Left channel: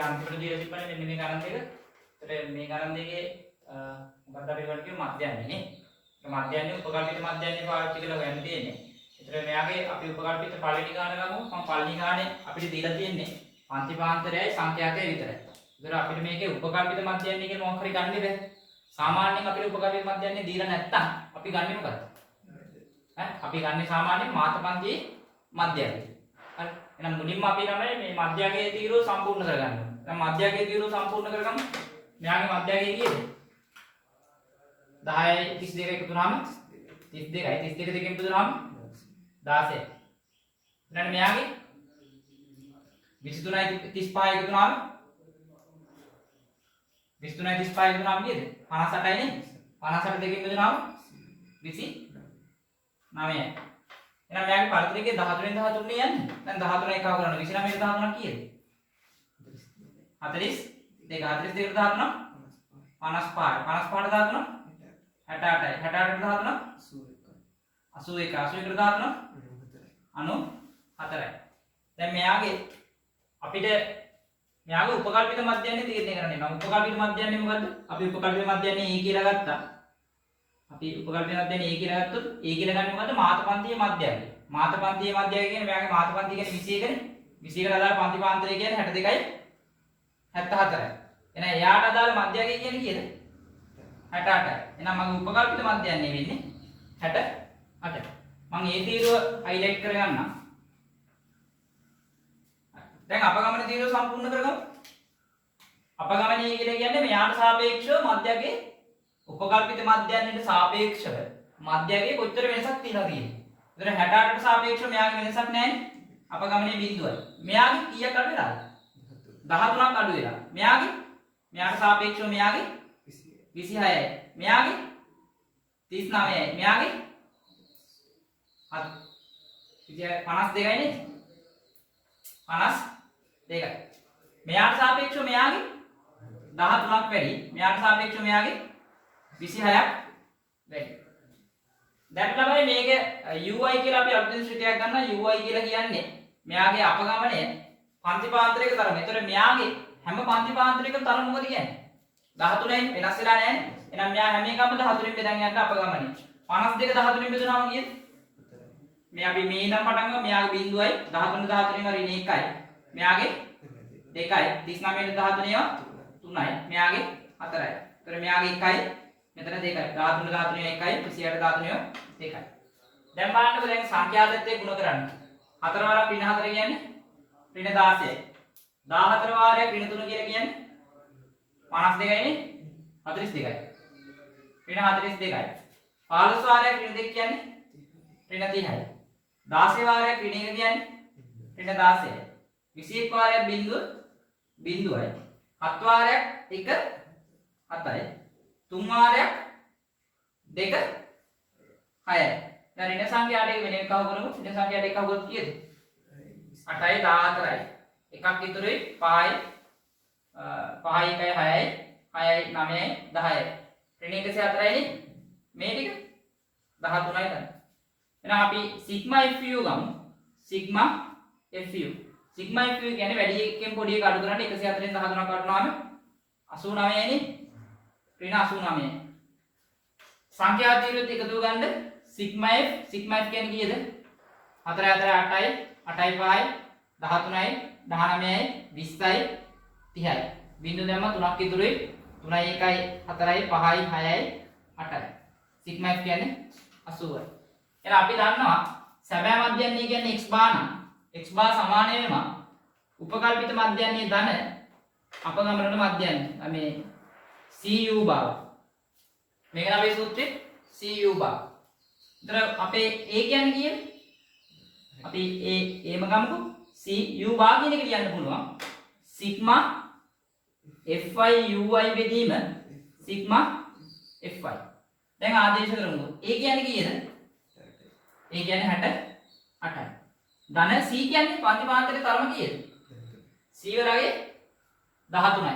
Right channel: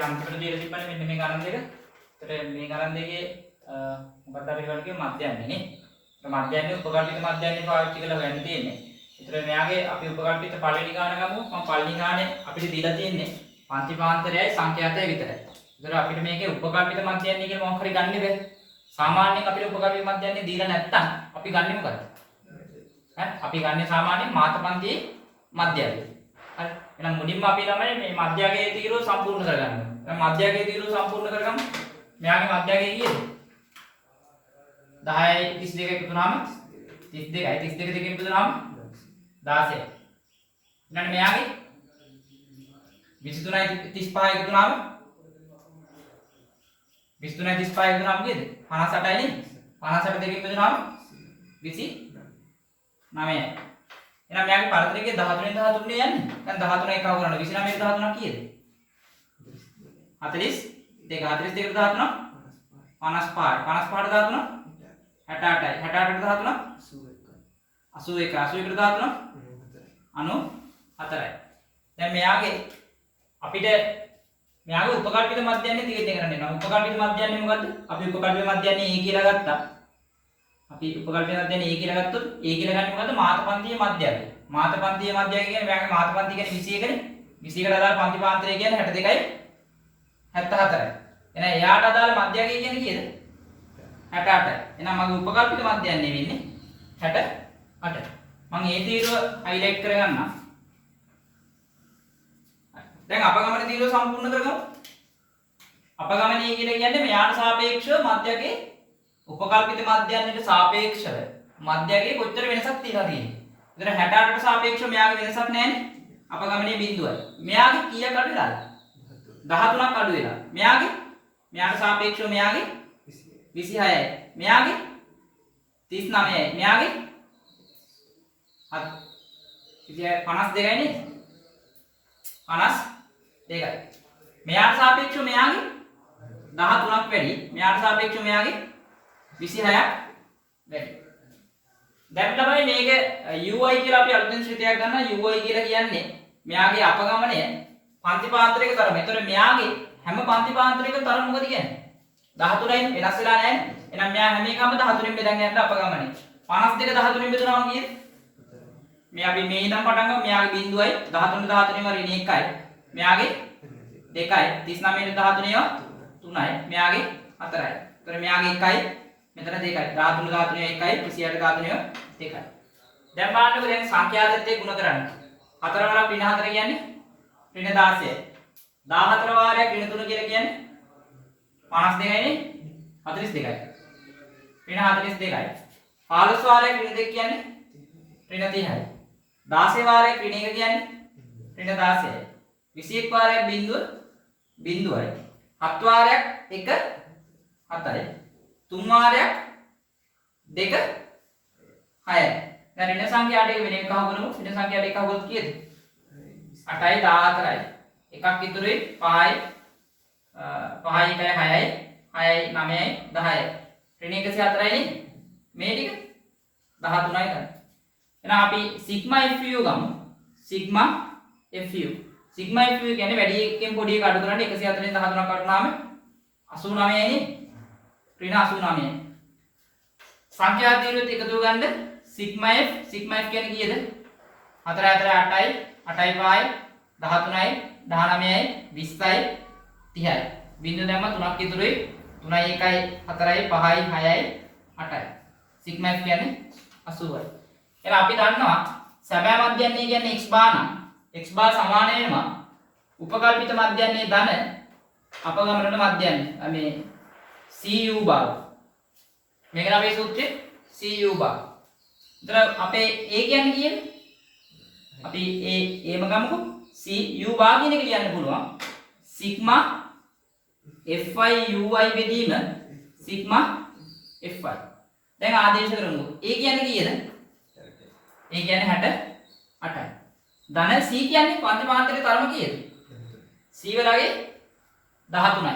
ඒකේ අන්තිමට දීලා තිබ්බනේ මෙන්න මේ ගණන් දෙක. ඒතර මේ ගණන් දෙකේ මොකක්ද අපි කරන්නේ කිව්ව මධ්‍යන්නේ නේ. ඒ මධ්‍යන්නේ උපකල්පිත මධ්‍යන්නේ පාවිච්චි කරලා හොයන්න තියෙන්නේ. ඒතර මෙයාගේ අපි උපකල්පිත පළවෙනි ගාන ගමු. මම පළවෙනි ගානේ අපිට දීලා තියෙන්නේ පන්තිපාන්තරයයි සංඛ්‍යාතයයි විතරයි. ඒතර අපිට මේකේ උපකල්පිත මධ්‍යන්නේ කියන මොකක් හරි ගන්න බෑ. සාමාන්‍යයෙන් අපිට උපකල්පිත මධ්‍යන්නේ දීලා නැත්තම් අපි ගන්නෙ මොකද්ද? අපි ගන්නේ සාමාන්‍යයෙන් මාතපන්තියේ මධ්‍යයගේ. හරි. එහෙනම් මුලින්ම අපි තමයි මේ මධ්‍යයගේ තීරුව සම්පූර්ණ කරගන්න ඕනේ. දැන් මධ්‍යයගේ තීරුව සම්පූර්ණ කරගමු. මෙයාගේ මධ්‍යයගේ කීයද? 10යි 32 එකතු වුණාම 32යි 32 දෙකෙන් බෙදුනහම 16යි. ඊළඟ මෙයාගේ 23යි 35යි එකතු වුණාම 23යි 35යි එකතු වුණාම කීයද? 58යි නේ. 58 දෙකෙන් බෙදුනහම 29යි. එහෙනම් මෙයාගේ පරතරයේ 13න් 13 නේ යන්නේ. දැන් 13 එකව කරන්න 29න් 13 කීයද? 42 42ට 13 55යි 55ට 13 68යි 68ට 13 81යි 81ට 13 94යි. දැන් මෙයාගේ අපිට මෙයාගේ උපකල්පිත මධ්‍යන්නේ තීරණය කරන්න වෙනවා. උපකල්පිත මධ්‍යන්නේ මොකද්ද? අපි උපකල්පිත මධ්‍යන්නේ A කියලා ගත්තා. අපි උපකල්පිත මධ්‍යන්නේ A කියලා ගත්තොත් A කියලා ගන්නේ මොකද්ද? මාතපන්තියේ මධ්‍යයගේ. මාතපන්තියේ මධ්‍යය කියන්නේ මෙයාගේ මාතපන්තිය කියන්නේ 21නේ. 21කට අදාළ පන්තිපාන්තරය කියන්නේ 62යි 74යි. එහෙනම් එයාට අදාළ මධ්‍යයගේ කියන්නේ කීයද? 68යි. එහෙනම් මගේ උපකල්පිත මධ්‍යන්නේ වෙන්නේ 68. මම ඒ තීරුව හයිලයිට් කරගන්නම්. දැන් අපගමන තීරුව සම්පූර්ණ කරගමු. අපගමනීය කියලා කියන්නේ මෙයාට සාපේක්ෂව මධ්‍යයගේ උපකල්පිත මධ්‍යන්නේට සාපේක්ෂව මධ්‍යයගේ කොච්චර වෙනසක් තියෙනවද කියන්නේ. එතන 68ට සාපේක්ෂව මෙයාගේ වෙනසක් නැහැනේ. අපගමනීය බිඳුවයි. මෙයාගේ කීයක් අඩු වෙලාද? 13ක් අඩු වෙලා. මෙයාට සාපේක්ෂව මෙයාගේ 26යි. මෙයාගේ 39යි. මෙයාගේ 52යි නේද? 52යි. මෙයාට සාපේක්ෂව මෙයාගේ 13ක් වැඩි. මෙයාට සාපේක්ෂව මෙයාගේ 26ක් වැඩි. දැන් තමයි මේක UI කියලා අපි අලුතෙන් ශ්‍රිතයක් ගන්නවා. UI කියලා කියන්නේ මෙයාගේ අපගමනය පන්තිපාන්තරයක තරම. ඒතර මෙයාගේ හැම පන්තිපාන්තරයකම තරම මොකද කියන්නේ? 13යි වෙනස් වෙලා නැහැ නේ. එහෙනම් මෙයා හැම එකම 13න් බෙදන් යන්න අපගමනය. 52 13න් බෙදුනම කීයද? මේ අපි මේ ඉඳන් පටන් ගමු. මෙයාගේ බිඳුවයි 13 13ම ඍණ 1යි. මෙයාගේ 2යි 39 13 3යි. මෙයාගේ 4යි. ඒතර මෙයාගේ 1යි මෙතන 2යි. 13 13 1යි 26 13 2යි. දැන් බලන්නකෝ දැන් සංඛ්‍යාතත්වයේ ගුණ කරන්න. 4 වරක් ඍණ 4 කියන්නේ ඍණ 16යි. 14 වාරයක් ඍණ 3 කියලා කියන්නේ 52යි නේ 42යි. ඍණ 42යි. 15 වාරයක් ඍණ 2 කියන්නේ ඍණ 30යි. 16 වාරයක් ඍණ 1 කියන්නේ ඍණ 16යි. 21 වාරයක් බිඳුවයි. 7 වාරයක් 1 7යි. 3 වාරයක් 2 6යි. දැන් ඍණ සංඛ්‍යාට එක වෙන එකව කරමු. ඍණ සංඛ්‍යාට එකව කරොත් කීයද? 8යි 14යි. එකක් ඉතුරුයි 5යි 5යි 1යි 6යි 6යි 9යි 10යි. ඍණ 104යි නේ. මේ ටික 13යි තමයි. එහෙනම් අපි සිග්මා fu ගමු. Sigma fu. සිග්මා fu කියන්නේ වැඩි එකෙන් පොඩි එක අඩු කරන්නේ 104න් 13ක් අඩු වුණාම 89යි නේ. ඍණ 89යි. සංඛ්‍යා තීරුවත් එකතු ගන්න සිග්මා f කියන්නේ කීයද? 4 4 8යි 8යි 5යි 13යි 19යි 20යි 30යි. බිංදුව දැම්ම 3ක් ඉතුරුයි 3යි 1යි 4යි 5යි 6යි 8යි. සිග්මා f කියන්නේ 80යි. එහෙනම් අපි දන්නවා සැබෑ මධ්‍යන්නේ කියන්නේ x බාර නම් x බාර සමාන වෙනම උපකල්පිත මධ්‍යන්නේ ධන අපගමනට මධ්‍යන්නේ මේ cu බාර. මේක නම් අපේ සූත්‍රයේ cu බාර. එතන අපේ a කියන්නේ කීයද? අපි ඒම ගමුකෝ. cu බාර කියන එක ලියන්න පුළුවන්. සිග්මා fi ui බෙදීම සිග්මා fi. දැන් ආදේශ කරමු. a කියන්නේ කීයද? a කියන්නේ 68යි. ධන c කියන්නේ පන්තිපාන්තරයේ තරම කීයද? c වලගේ 13යි.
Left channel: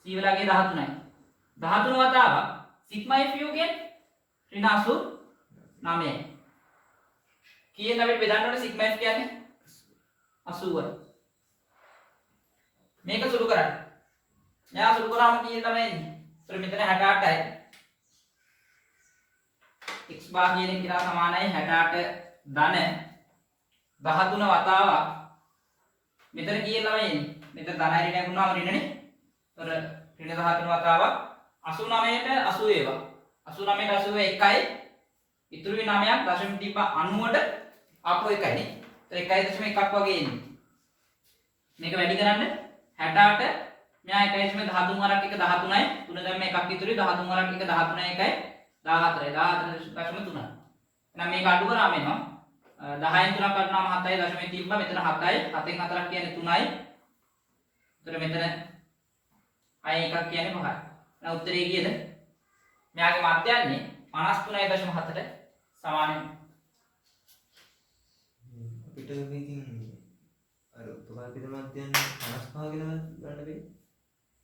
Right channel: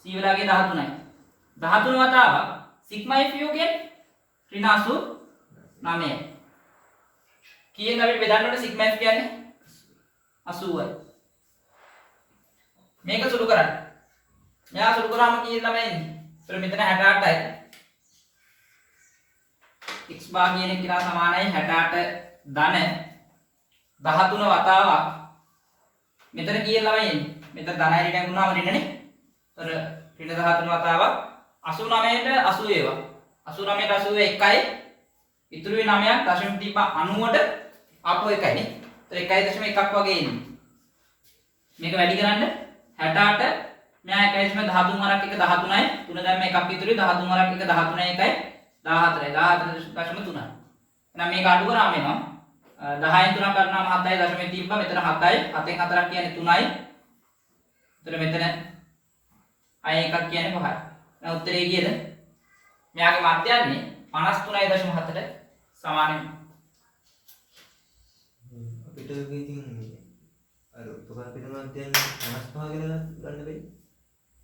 c වලගේ 13යි. 13 වතාවක් සිග්මා fu කියන්නේ ඍණ 89යි. කීයෙන් අපිට බෙදන්න ඕනේ සිග්මා f කියන්නේ 80යි. මේක සුළු කරන්න. මෙයා සුළු කරාම කීයද ළමයි එන්නේ? ඒතර මෙතන 68යි. x bar කියන එක කියලා සමානයි 68 ධන 13 වතාවක්. මෙතන කීයද ළමයි එන්නේ? මෙතන ධනයි ඍණයක් වුණාම ඍණනේ. ඒතර ඍණ 13 වතාවක් 89ට 80 ඒවා. 89ට 80 එකයි. ඉතුරු වෙන 9ක් දශම තිබ්බ 90ට ආපහු එකයි නේ. ඒතර 1.1ක් වගේ එන්නේ. මේක වැඩි කරන්න 68 මෙයා 1.13 වරක් එක 13යි 3 දැම්ම එකක් ඉතුරුයි 13 වරක් එක 13යි එකයි 14යි 14.3. එහෙනම් මේක අඩු කරාම එනවා 10න් 3ක් ගන්නාම 7යි දශමයේ තිබ්බා මෙතන 7යි 7න් 4ක් කියන්නේ 3යි. ඒතර මෙතන අය එකක් කියන්නේ 5යි. එහෙනම් උත්තරේ කීයද? මෙයාගේ මධ්‍යන්නේ 53.7ට සමානයි. අපිට ඉතින් අර උපකාර පිට මධ්‍යන්නේ 55 කියලා ගන්න බැරි.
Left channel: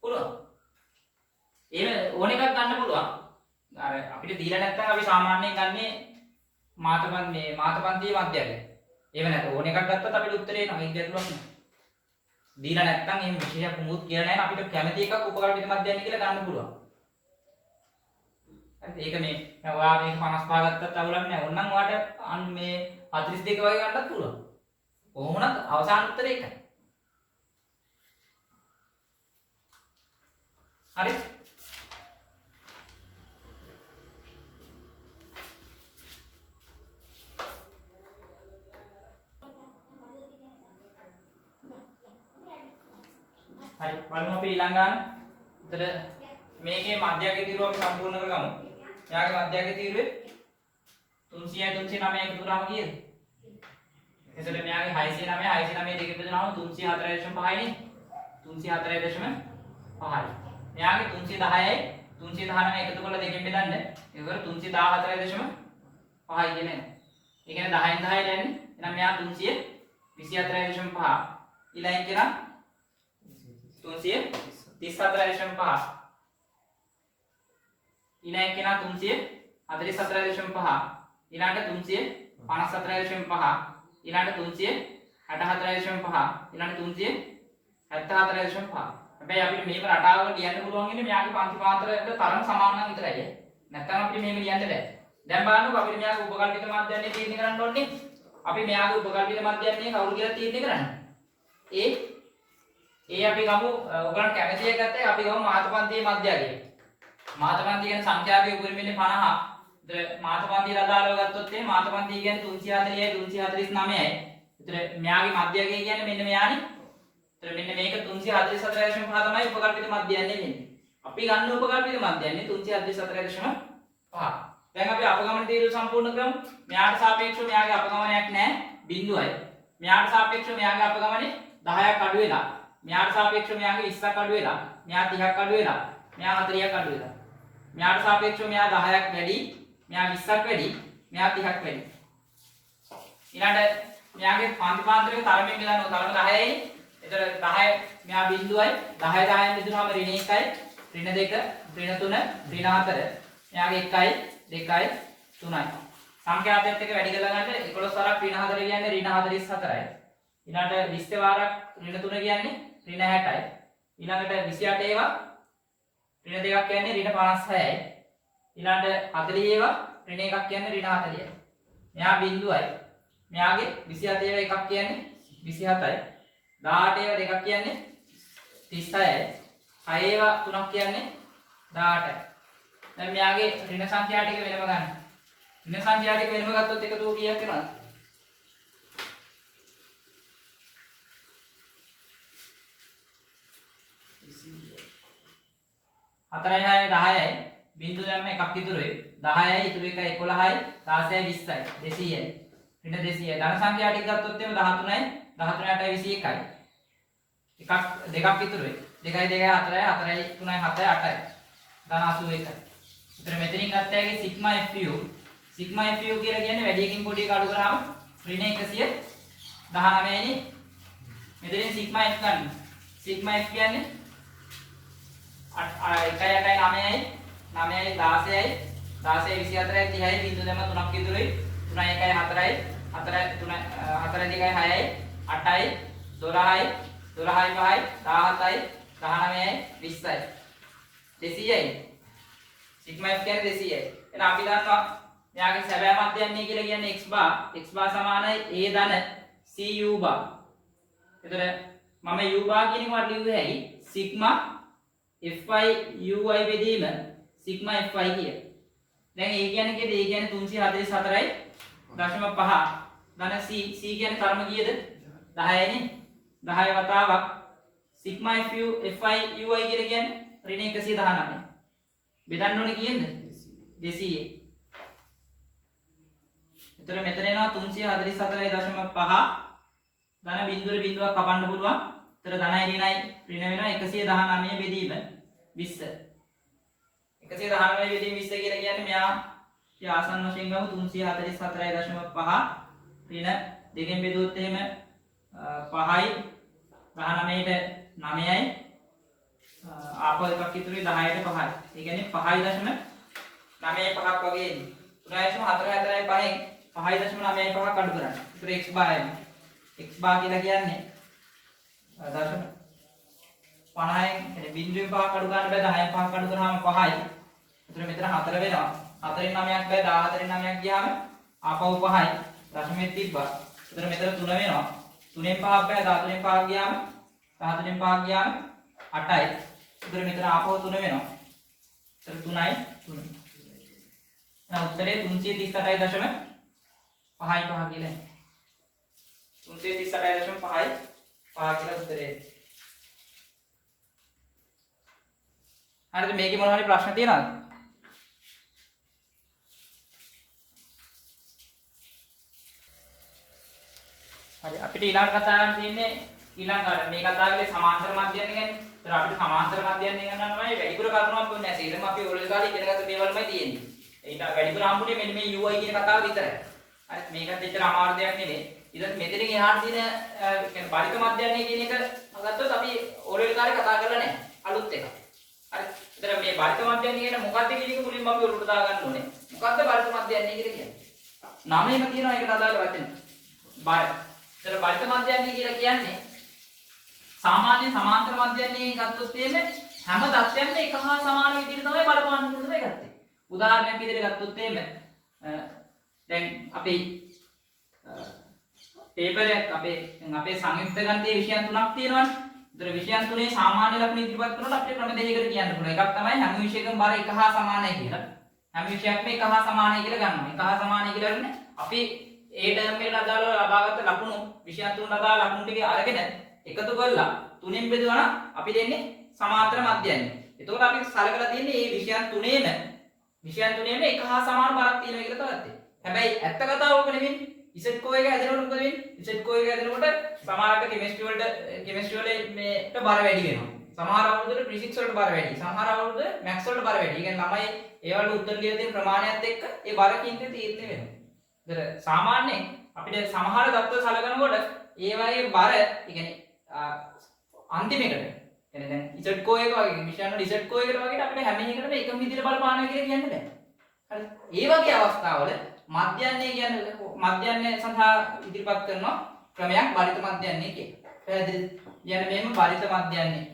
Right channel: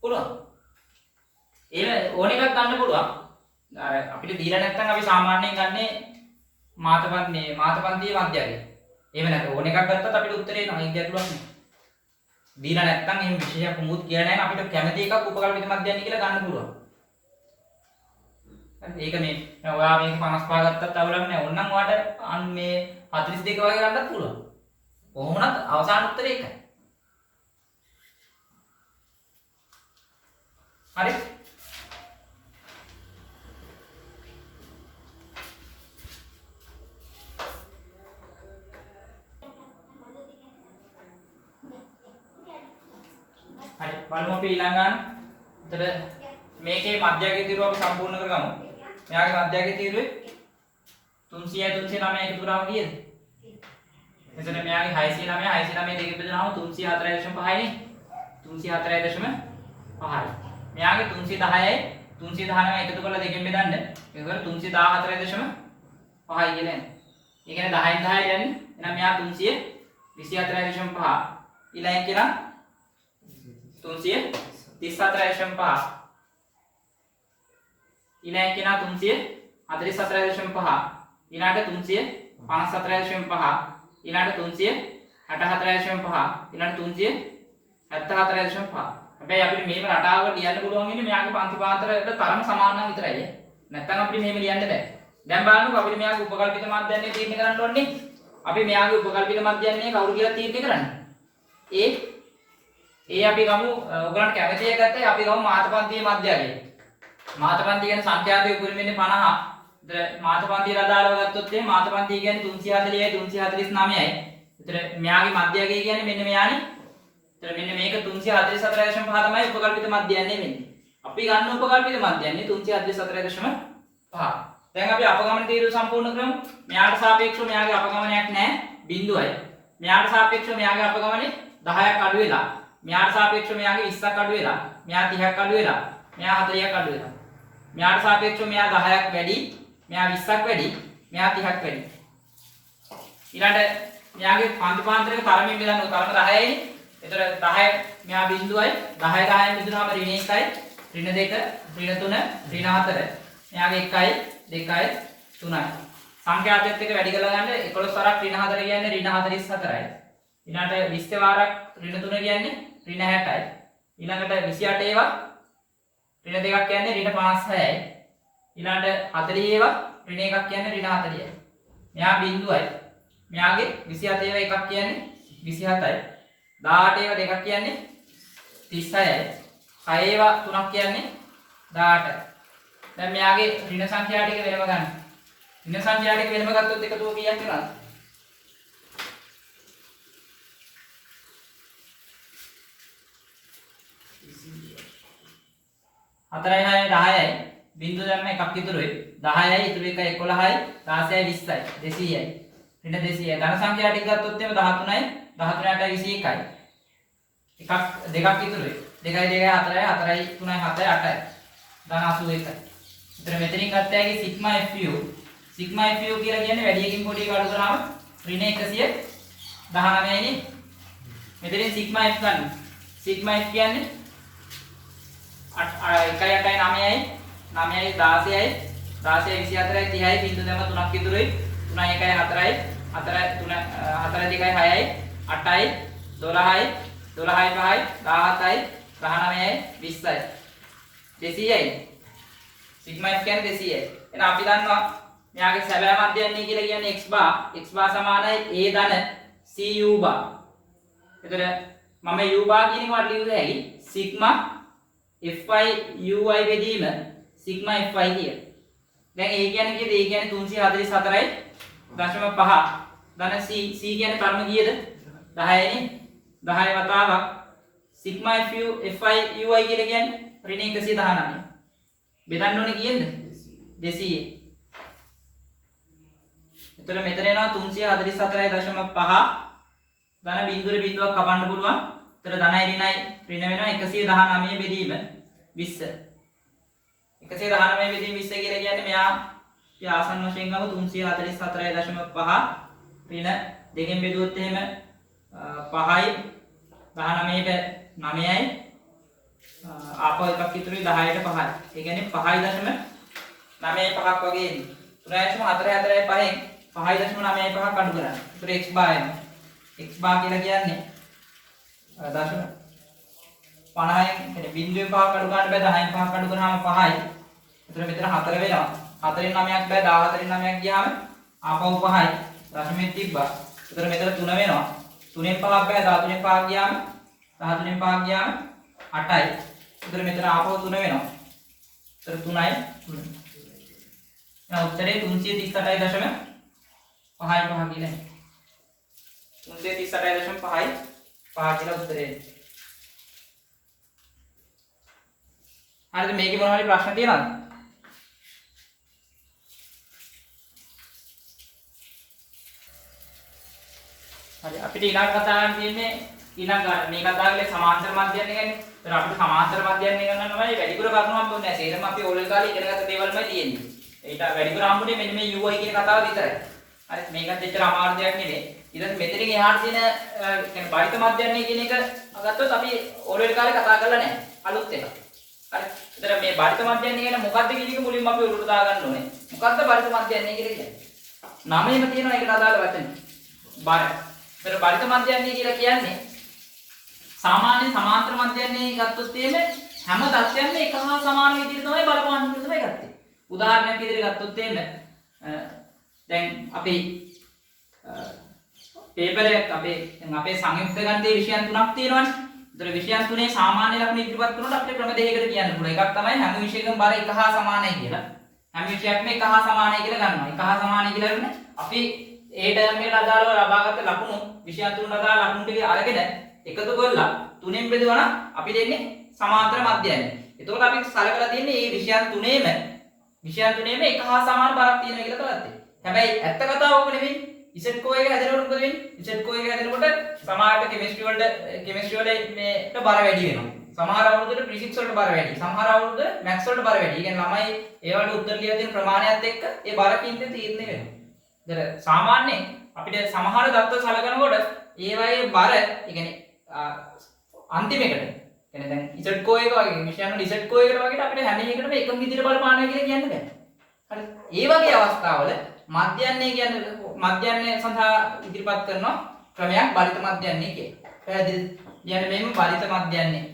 පුළුවන්. ඒ ඕන එකක් ගන්න පුළුවන්. අර අපිට දීලා නැත්නම් අපි සාමාන්‍යයෙන් ගන්නේ මාතපන්තියේ මධ්‍යය. එහෙම නැත්නම් ඕන එකක් ගත්තත් අපිට උත්තරේ එනවා. ඒක ගැටලුවක් නෑ. දීලා නැත්නම් එහෙම විශේෂයක් මොකුත් කියලා නැහැ. අපිට කැමති එකක් උපකල්පිත මධ්‍යයන් කියලා ගන්න පුළුවන්. හරිද? ඒක මේ ඔයා මේක 55 ගත්තත් අවුලක් නැහැ. ඕනනම් ඔයාට මේ 42 වගේ ගන්නත් පුළුවන්. කොහොම වුණත් අවසාන උත්තරේ එකයි. හරි? හරි බලමු අපි ඊළඟට. එතන මේකේ මධ්‍යකයේ තීරුව අපි සම්පූර්ණ කරගමු. මෙයාගේ මධ්‍යකයේ තීරුවේ 300යි 309 එකතු කරාම කීයද? එතකොට මෙයාගේ 609 609 දෙකෙන් බෙදුනහම 304.5යි නේ. 304.5යි. මෙයාගේ 310යි 319 එකතු කරලා දෙකෙන් බෙදන්න. ඒකවල 314.5යි කියන්නේ. ඒ කියන්නේ 10න් 10 කියන්නේ. එහෙනම් මෙයා 324.5. ඊළඟ කියලා 334.5. ඊළඟ කෙනා 344.5. ඊළඟට 354.5. ඊළඟට 364.5. ඊළඟට 374.5. හැබැයි අපිට මේක රටාවක ලියන්න පුළුවන් ඉන්නේ මෙයාගේ පන්ති පාන්තරවල තරම සමාන නම් විතරයි. නැත්නම් අපිට මෙහෙම ලියන්න බෑ. දැන් බලන්නකෝ අපිට මෙයාගේ උපකල්පිත මාධ්‍යන්නේ තීරණය කරන්න ඕනේ. අපි මෙයාගේ උපකල්පිත මාධ්‍යන්නේ කවුරු කියලා තීරණය කරන්නේ? ඒ අපි ගමු ඔයගලන්ට කැමති එක ගත්තේ අපි ගමු මාතපන්තියේ මධ්‍යය. මාතපන්තිය කියන්නේ සංඛ්‍යාවේ උපරිම වෙන්නේ 50. ඒතර මාතපන්තියට අදාළව ගත්තොත් මේ මාතපන්තිය කියන්නේ 340යි 349යි. ඒතර මෙයාගේ මධ්‍යය කියන්නේ මෙන්න මෙයානේ. ඒතර මෙන්න මේක 344.5 තමයි උපකල්පිත මධ්‍යයන්නේ වෙන්නේ. අපි ගන්න උපකල්පිත මධ්‍යයන්නේ 344.5. දැන් අපි අපගමන තීරුව සම්පූර්ණ කරමු. මෙයාට සාපේක්ෂව මෙයාගේ අපගමනයක් නැහැ 0යි. මෙයාට සාපේක්ෂව මෙයාගේ අපගමනේ 10ක් අඩු වෙලා. මෙයාට සාපේක්ෂව මෙයාගේ 20ක් අඩු වෙලා. මෙයා 30ක් අඩු වෙලා. මෙයා 40ක් අඩු වෙලා. මෙයාට සාපේක්ෂව මෙයා 10ක් වැඩි. මෙයා 20ක් වැඩි. මෙයා 30ක් වැඩි. ඊළඟට මෙයාගේ පන්ති පාන්තරයක තරමින් බෙදන්න ඕන. තරම 10යි. ඒතර 10 මෙයා බිඳුවයි. 10 10න් බෙදුනහම ඍණ 1යි, ඍණ 2, ඍණ 3, ඍණ 4. මෙයාගේ 1යි, 2යි, 3යි. සංඛ්‍යාතයත් එක්ක වැඩි කරලා ගන්න 11 වරක් ඍණ 4 කියන්නේ ඍණ 44යි. ඊළඟට 20 වාරක් ඍණ 3 කියන්නේ ඍණ 60යි. ඊළඟට 28 ඒවා ඍණ 2ක් කියන්නේ ඍණ 56යි. ඊළඟට 40 ඒවා ඍණ 1ක් කියන්නේ ඍණ 40යි. මෙයා බිඳුවයි. මෙයාගේ 27 ඒවා එකක් කියන්නේ 27යි. 18 ඒවා දෙකක් කියන්නේ 36යි. 6 ඒවා තුනක් කියන්නේ 18යි. දැන් මෙයාගේ ඍණ සංඛ්‍යා ටික වෙනම ගන්න. ඍණ සංඛ්‍යා ටික වෙනම ගත්තොත් එකතුව කීයක් වෙනවද? 4යි 6යි 10යි බිංදුව දැම්ම එකක් ඉතුරුයි 10යි ඉතුරු එකයි 11යි 16යි 20යි 200යි ඍණ 200යි ධන සංඛ්‍යා ටික ගත්තොත් එimhe 13යි 13යි 8යි 21යි එකක් දෙකක් ඉතුරුයි 2යි 2යි 4යි 4යි 3යි 7යි 8යි ධන 81යි. ඒතර මෙතනින් ගත්තාගේ සිග්මා fu කියලා කියන්නේ වැඩියකින් පොඩි එක අඩු කරාම ඍණ 119යි නේ. මෙතනින් සිග්මා f ගන්න. සිග්මා f කියන්නේ 1යි 8යි 9යි 9යි 16යි 16යි 24යි 30යි බිංදුව දැම්ම 3ක් ඉතුරුයි 3යි 1යි 4යි 4යි 3යි 4යි 2යි 6යි 8යි 12යි 12යි 5යි 17යි 19යි 20යි 200යි සිග්මා f කියන්නේ 200යි. එහෙනම් අපි දන්නවා මෙයාගේ සැබෑ මධ්‍යයන්නේ කියලා කියන්නේ x bar සමානයි a ධන c u bar. එතකොට මම u bar කියන එකට ලියුවේ හැකි සිග්මා fi ui බෙදීම සිග්මා fi කිය. දැන් a කියන්නේ කීයද? a කියන්නේ 344යි 0.5 ධන c කියන්නේ කර්ම කීයද? 10 නේ. 10 වතාවක් සිග්මා fi ui කියලා කියන්නේ ඍණ 119. බෙදන්න ඕනේ කීයද? 200. එතකොට මෙතන එනවා 344.5 ධන බිංදුවේ බිංදුවක් කපන්න පුළුවන්. එතකොට ධනයි ඍණයි ඍණ වෙනවා 119 බෙදීම 20. 119 බෙදීම 20 කියලා කියන්නේ මෙයා ආසන්න වශයෙන් ගමු 344.5 ඍණ දෙකෙන් බෙදුවොත් එහෙම 5යි 19ට 9යි ආපහු එකක් ඉතුරුයි 10ට 5යි. ඒ කියන්නේ 5.95ක් වගේ එන්නේ. 3.44යි 5න් 5.95ක් අඩු කරන්න. ඒතර x bar එනවා. x bar කියලා කියන්නේ දශම 50න් කියන්නේ බිංදුවේ 5ක් අඩු ගන්න බෑ 10න් 5ක් අඩු කරාම 5යි. ඒතර මෙතන 4 වෙනවා. 4න් 9ක් බෑ 14න් 9ක් ගියාම ආපහු 5යි. දශමෙත් තිබ්බා. ඒතර මෙතන 3 වෙනවා. 3න් 5ක් බෑ 13න් 5ක් ගියාම 13න් 5ක් ගියාම 8යි. ඒතර මෙතන ආපහු 3 වෙනවා. ඒතර 3යි 3. එහෙනම් උත්තරේ 338.5 කියලා. 338.5 කියලා උත්තරේ. හරිද? මේකේ මොනවා හරි ප්‍රශ්න තියෙනවද? හරි අපිට ඊළඟ කතා කරන්න තියෙන්නේ ඊළඟ මේ කතා කරේ සමාන්තර මධ්‍යයන් ගැන. ඒතර අපිට සමාන්තර මධ්‍යයන් ගන්න නම් වැඩිපුර කරුණු හම්බුනේ නැහැ. ඒකම අපි ඕලෙල් කාලේ ඉගෙනගත්ත දේවල්මයි තියෙන්නේ. ඒක වැඩිපුර හම්බුනේ මෙන්න මේ UI කියන කතාව විතරයි. හරි මේකත් එච්චර අමාරු දෙයක් නෙමෙයි. ඉතින් මෙතනින් එහාට තියෙන කියන්නේ බාහිත මධ්‍යයන් කියන එක ගත්තොත් අපි ඕලෙල් කාලේ කතා කරලා නැහැ. අලුත් එකක්. හරි. ඒතර මේ බාහිත මධ්‍යයන් කියන්නේ මොකක්ද කියන එක මුලින්ම අපි ඔලුවට දා ගන්න ඕනේ. මොකක්ද බාහිත මධ්‍යයන් කියලා කියන්නේ? නමෙම තියෙනවා ඒකට අදාළ වචන. බාහිත. ඒතර බාහිත මධ්‍යයන් කියලා කියන්නේ සාමාන්‍ය සමාන්තර මධ්‍යයන්නේ ගත්තොත් එimhe හැම තත්ත්වයක්ම එක හා සමාන විදිහට තමයි බලපාන විදිහට තමයි ගත්තේ. උදාහරණයක් විදිහට ගත්තොත් එimhe දැන් අපි පේපර් එකක් අපේ සංයුක්ත ගණිතයේ විෂයන් තුනක් තියෙනවානේ. ඒතර විෂයන් තුනේ සාමාන්‍ය ලක්ෂණ ඉදිරිපත් කරනකොට අපිට ක්‍රම දෙකකට කියන්න පුළුවන්. එකක් තමයි හැම විෂයකම බර එක හා සමානයි කියලා. හැම විෂයක්ම එක හා සමානයි කියලා ගන්නවා. එක හා සමානයි කියලා කියන්නේ අපි ඒ ටර්ම් එකට අදාළව ලබාගත් ලකුණු විෂයන් තුනට අදාළ ලකුණු ටික අරගෙන එකතු කරලා තුනෙන් බෙදුවා නම් අපි දෙන්නේ සමාන්තර මධ්‍යයන්. එතකොට අපි සලකලා තියෙන්නේ මේ විෂයන් තුනේම එක හා සමාන බරක් තියෙනවා කියලා තමයි. හැබැයි ඇත්ත කතාව ඔක නෙවෙයි. Z කෝ එක හැදෙනකොට මොකද වෙන්නේ? Z කෝ එක හැදෙනකොට සමහරට කෙමිස්ට්‍රි වල මේට බර වැඩි වෙනවා. සමහර අවුරුද්දට ෆිසික්ස් වලට බර වැඩි. සමහර අවුරුද්ද මැත්ස් වලට බර වැඩි. ඒ කියන්නේ ළමයි ඒ වල උත්තර ලියලා තියෙන ප්‍රමාණයත් එක්ක ඒ බර කින්දේ තීරණය වෙනවා. ඒතර සාමාන්‍යයෙන් අපිට සමහර தত্ত্ব සලකනකොට ඒ වගේ බර ඒ කියන්නේ අන්තිමේකට කියන්නේ දැන් Z කෝ එක වගේ විෂයන් වල Z කෝ එකට වගේ අපිට හැම එකකටම එකම විදිහට බලපානවා කියලා කියන්න බෑ. හරි. ඒ වගේ අවස්ථාවල මධ්‍යයන්නේ කියන්නේ මධ්‍යයන්නේ සඳහා ඉදිරිපත් කරන ක්‍රමයක් බරිත මධ්‍යයන්නේ කියනවා. පැහැදිලිද? කියන්නේ මේම බරිත මධ්‍යයන්නේ.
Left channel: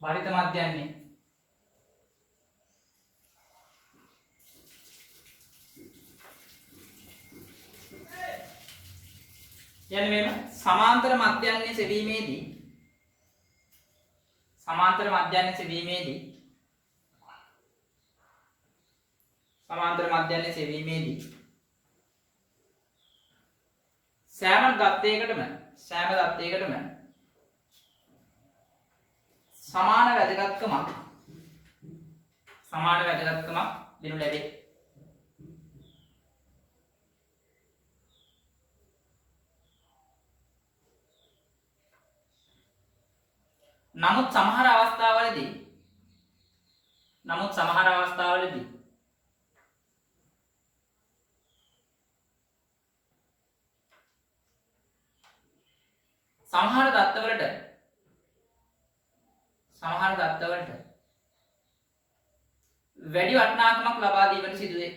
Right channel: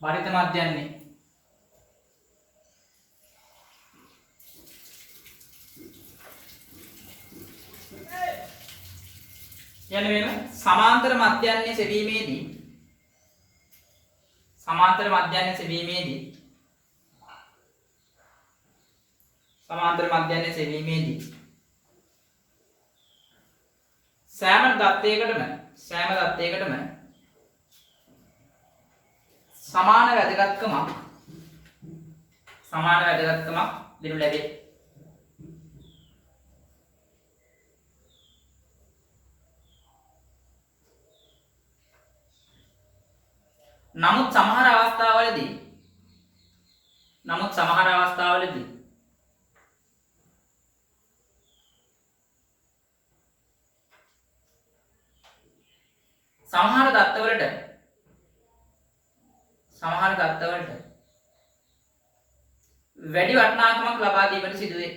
බරිත මධ්‍යයන්නේ. කියන්නේ මේම සමාන්තර මධ්‍යයන්නේ සෙවීමේදී සමාන්තර මධ්‍යයන්නේ සෙවීමේදී සෑම දත්තයකටම සමාන වැදගත්කමක් දෙනු ලැබේ. නමුත් සමහර අවස්ථාවලදී සමහර දත්තවලට වැඩි වටිනාකමක් ලබා දීමට සිදුවේ.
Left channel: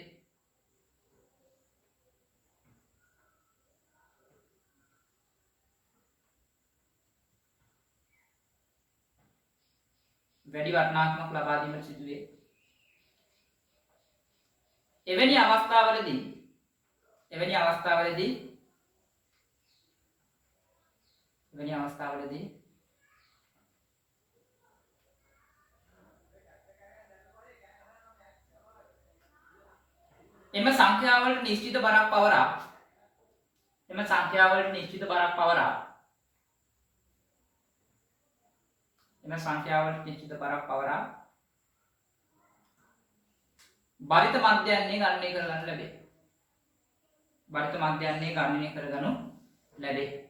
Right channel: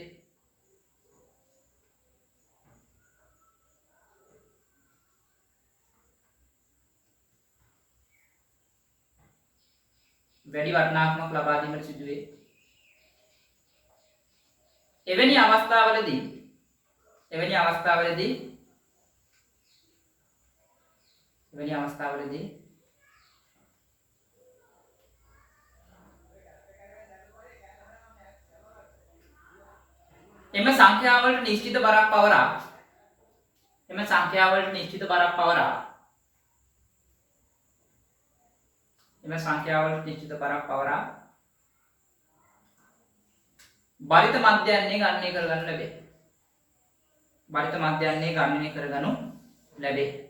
වැඩි වටිනාකමක් ලබා දීමට සිදු වේ. එවැනි අවස්ථාවලදී එම සංඛ්‍යාවලට නිශ්චිත බරක් පවරා බරිත මධ්‍යයන්හි ගණනය කරගනු ලැබේ.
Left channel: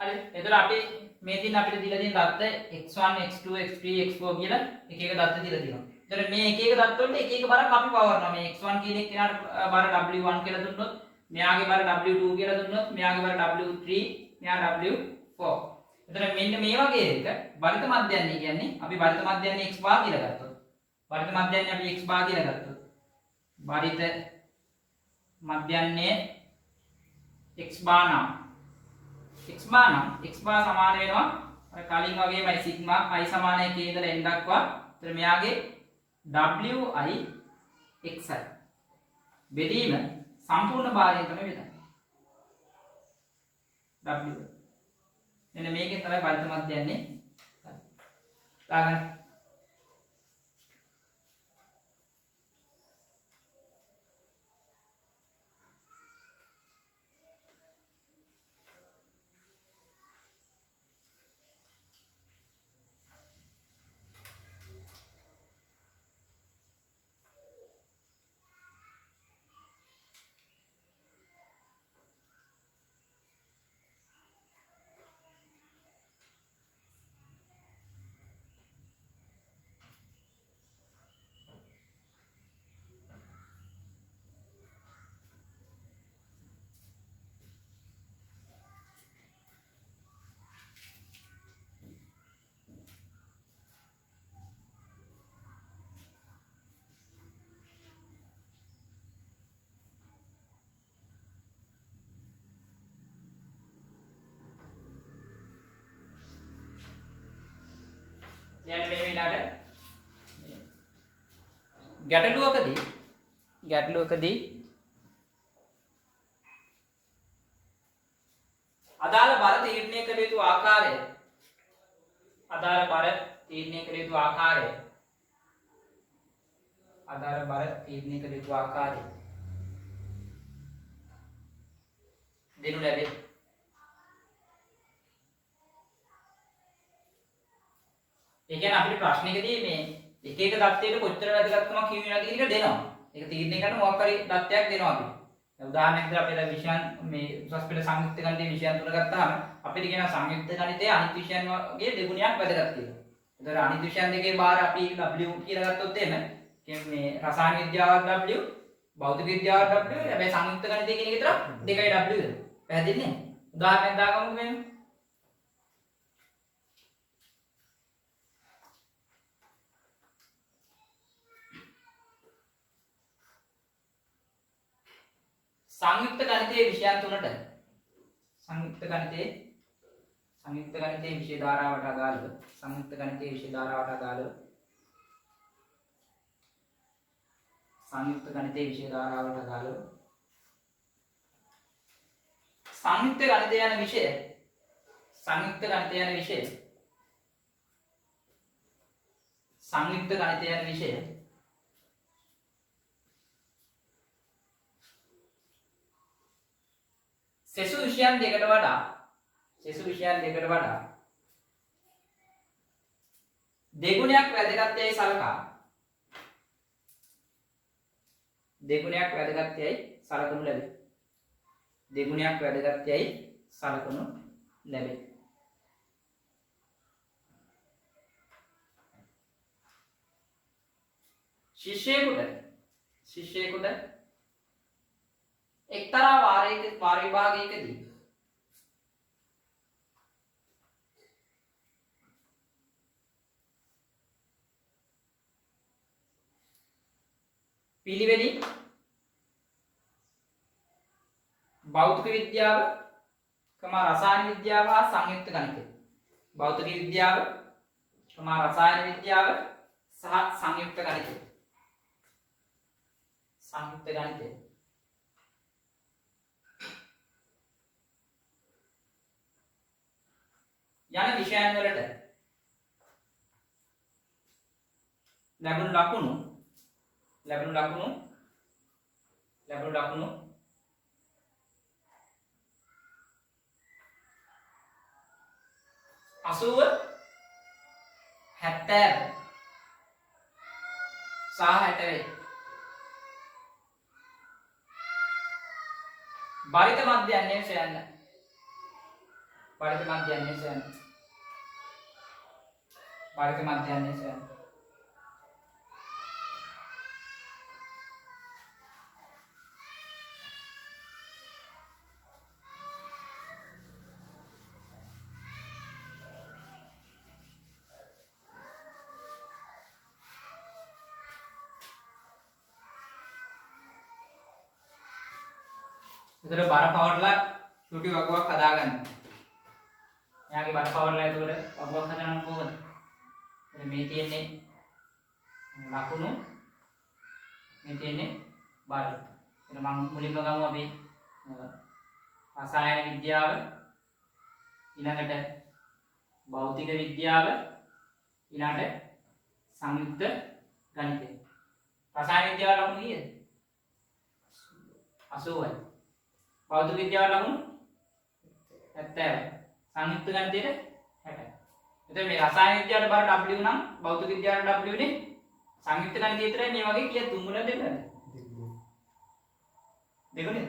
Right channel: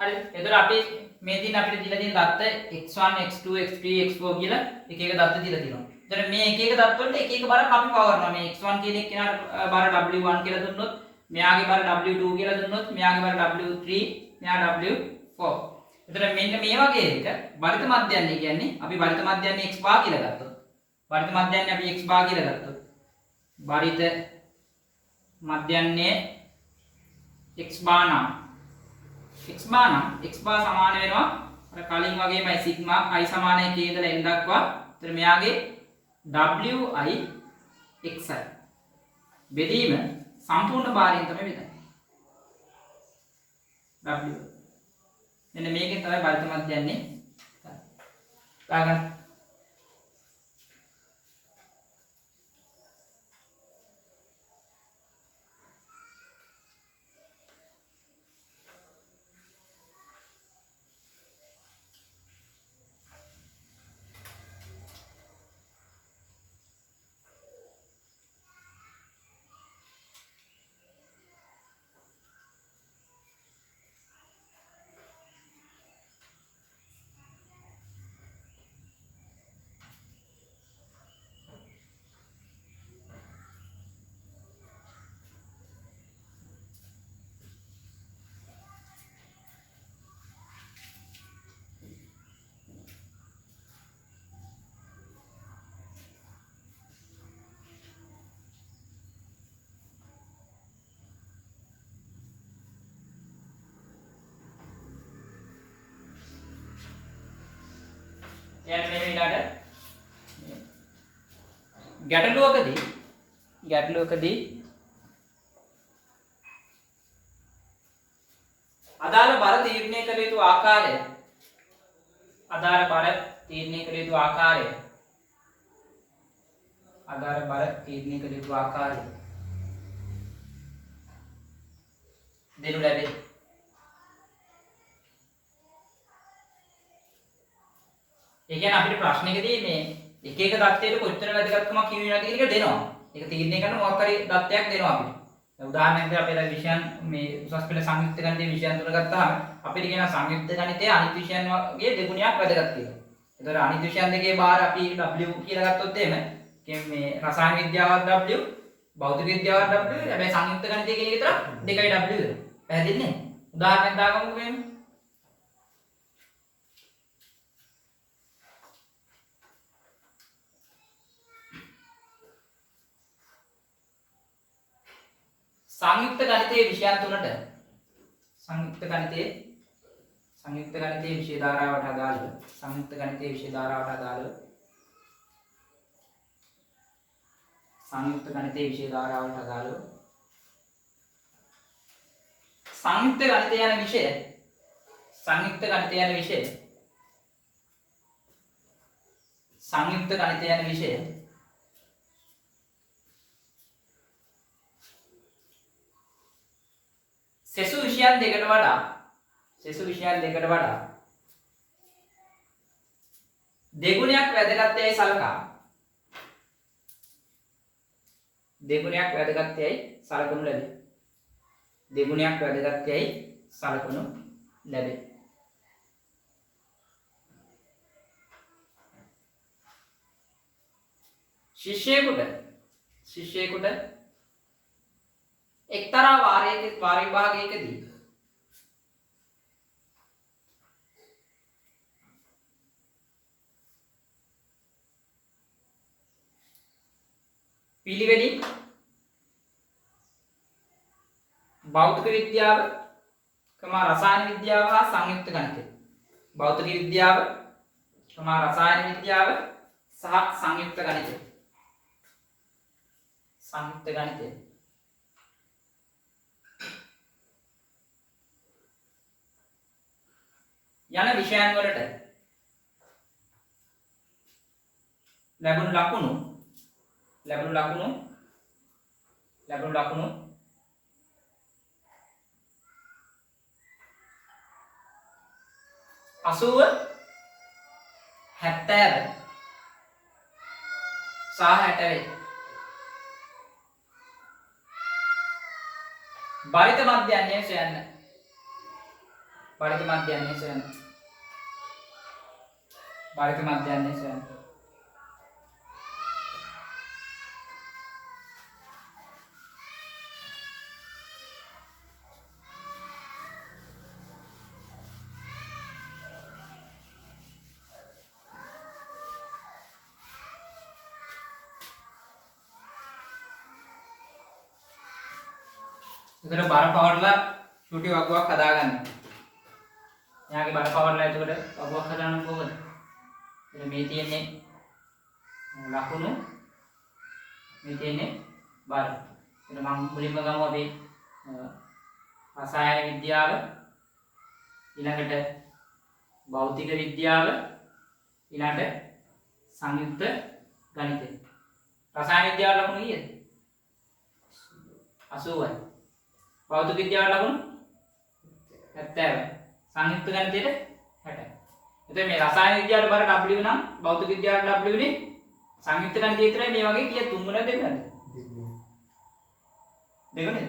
හරි. එතකොට අපි මේ දින අපිට දීලා තියෙන දත්ත x1 x2 x3 x4 කියලා එක එක දත්ත දීලා තියෙනවා. එතකොට මේ එක එක දත්ත වලට එක එක බරක් අපි පවරනවා. මේ x1 කියන එක කෙනාට බර w1 කියලා දුන්නොත්, මෙයාගේ බර w2 කියලා දුන්නොත්, මෙයාගේ බර w3, මෙයා w4. එතකොට මෙන්න මේ වගේ එක බරිත මධ්‍යයන්හි කියන්නේ අපි බරිත මධ්‍යයන්හි x bar කියලා ගත්තොත්. බරිත මධ්‍යයන්හි අපි x bar කියලා ගත්තොත්. බරිත මධ්‍යයන්හි x bar නම් x bar සමාන වෙනවා අර කලින් වගේමයි සිග්මා i සමානයි k ඉඳලා n දක්වා. එතන මෙයාගේ wi xi බෙදීම සම්පූර්ණ භාරයෙන් තමයි බෙදන්නේ. w මෙන්න මේකෙන් තමයි බරිත මධ්‍යයන්හි දාගන්න. යන්න මේ විලාට ගැටලුවකදී අදාළ බර තීරණය කළ යුතු ආකාරය දෙනු ලැබේ. ඒ කියන්නේ අපිට ප්‍රශ්නයකදී මේ එක එක දත්තයට කොච්චර වැදගත්කමක් හිමි වෙනවද කියන එක දෙනවා. ඒක තීරණය කරන මොකක් හරි දත්තයක් දෙනවා අපිට. උදාහරණයකට අපි දැන් විෂයන් මේ උසස් පෙළ සංයුක්ත ගණිතයේ විෂයන් තුන ගත්තාම අපිට කියන සංයුක්ත ගණිතයේ අනිත් විෂයන් වගේ දෙගුණයක් වැදගත් කියලා. ඒතර අනිත් විෂයන් දෙකේ බාර අපි W කියලා ගත්තොත් එහෙම මේ රසායන විද්‍යාව W, භෞතික විද්‍යාව W, හැබැයි සංයුක්ත ගණිතය කියන එක විතර දෙකයි W. පැහැදිලි නේ? උදාහරණයක් දාගමුකෝ මෙන්න. සංයුක්ත ගණිතයේ විෂයන් තුනට සංයුක්ත ගණිතයේ විෂය ධාරාවට අදාළව සංයුක්ත ගණිතයේ විෂය ධාරාවට අදාළව සංයුක්ත ගණිතයේ විෂය ධාරාවට අදාළව සංයුක්ත ගණිතය යන විෂය සංයුක්ත ගණිතය යන විෂය සෙසු විෂයන් දෙකට වඩා දෙගුණයක් වැදගත් යයි සලකා දෙගුණයක් වැදගත් යයි සලකනු ලැබේ. දෙගුණයක් වැදගත් යයි සලකනු ලැබේ. ශිෂ්‍යයෙකුට එක්තරා වාර විභාගයකදී පිළිවෙලින් භෞතික විද්‍යාව, රසායන විද්‍යාව හා සංයුක්ත ගණිතය. භෞතික විද්‍යාව, රසායන විද්‍යාව සහ සංයුක්ත ගණිතය. සංයුක්ත ගණිතය. යන විෂයන් වලට ලැබුණු ලකුණු 80 70 සහ 60 වේ. බරිත මධ්‍යයන්ය සොයන්න. බරිත මධ්‍යයන්ය සොයන්න. इधर बार पावरला छोटी वगुවක් හදාගන්න. එයාගේ බර පාවරලා එතකොට වගුවක් හදාන්න කොහොමද? එතන මේ තියෙන්නේ ලකුණු, මේ තියෙන්නේ බර. එතන මම මුලින්ම ගමු අපි රසායන විද්‍යාව, ඊළඟට භෞතික විද්‍යාව, ඊළඟට සංයුක්ත ගණිතය. රසායන විද්‍යාව ලකුණු කීයද? 80යි. භෞතික විද්‍යාව ලකුණු 70යි. සංයුක්ත ගණිතයට 60යි. එතකොට මේ රසායන විද්‍යාවට බර W නම් භෞතික විද්‍යාවට W නේ. සංයුක්ත ගණිතය විතරයි මේ වගේ කීයක් තුන් ගුණයක් දෙන්නද? දෙක නේද?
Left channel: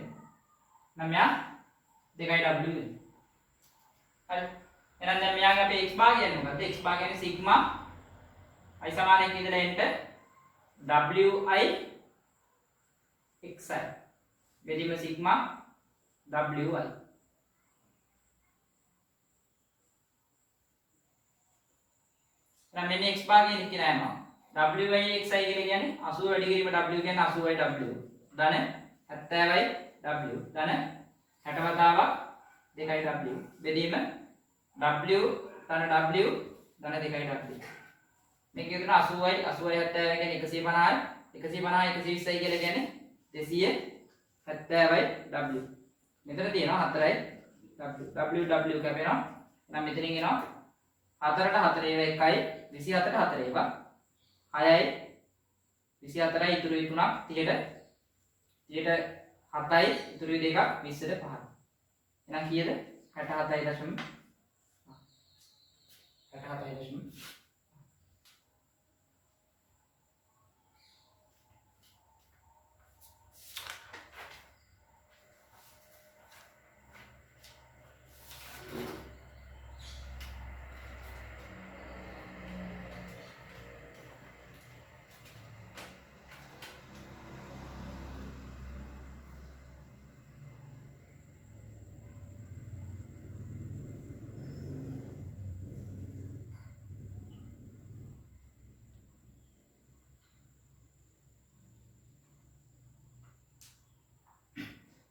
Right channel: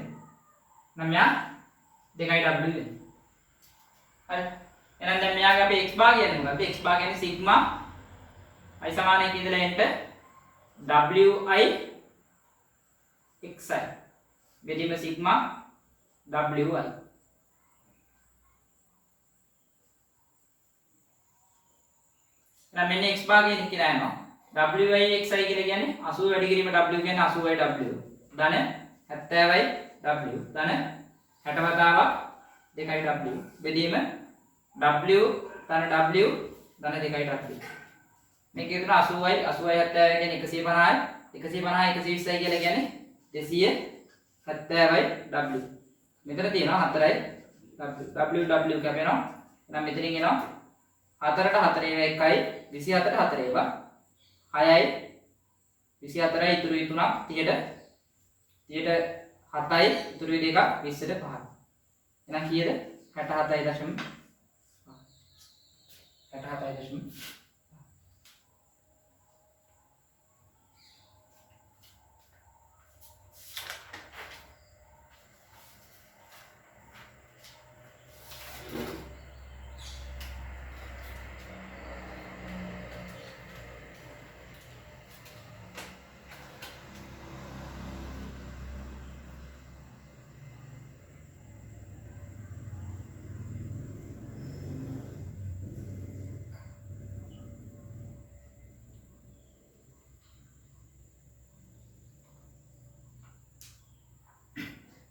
නම් මෙයා 2යි W වෙන්නේ. හරි. එහෙනම් දැන් මෙයාගේ අපේ x භාගය කියන්නේ මොකද්ද? x භාගය කියන්නේ සිග්මා i සමානයි කියලා එන්ට wi xi. බෙදීම සිග්මා wi. එහෙනම් මෙන්න x භාගය කියලා යනවා. wi xi කියලා කියන්නේ 80 වැඩි කිරීම w කියන්නේ 80යි w. ධන 70යි w. ධන 60 වතාවක් 2යි w. බෙදීම w ධන w ධන 2යි w. මේක කියන 80යි 80යි 70යි කියන්නේ 150යි 150යි 120යි කියලා කියන්නේ 270යි w. මෙතන තියෙනවා 4යි w කැපෙනවා. එහෙනම් මෙතනින් එනවා 4ට 4 ඒවා 1යි 24ට 4 ඒවා 6යි 24යි ඉතුරුයි 3ක් 30ට 7යි ඉතුරුයි 2ක් 20ට 5ක්. එහෙනම් කීයද? 67.5. 67.5.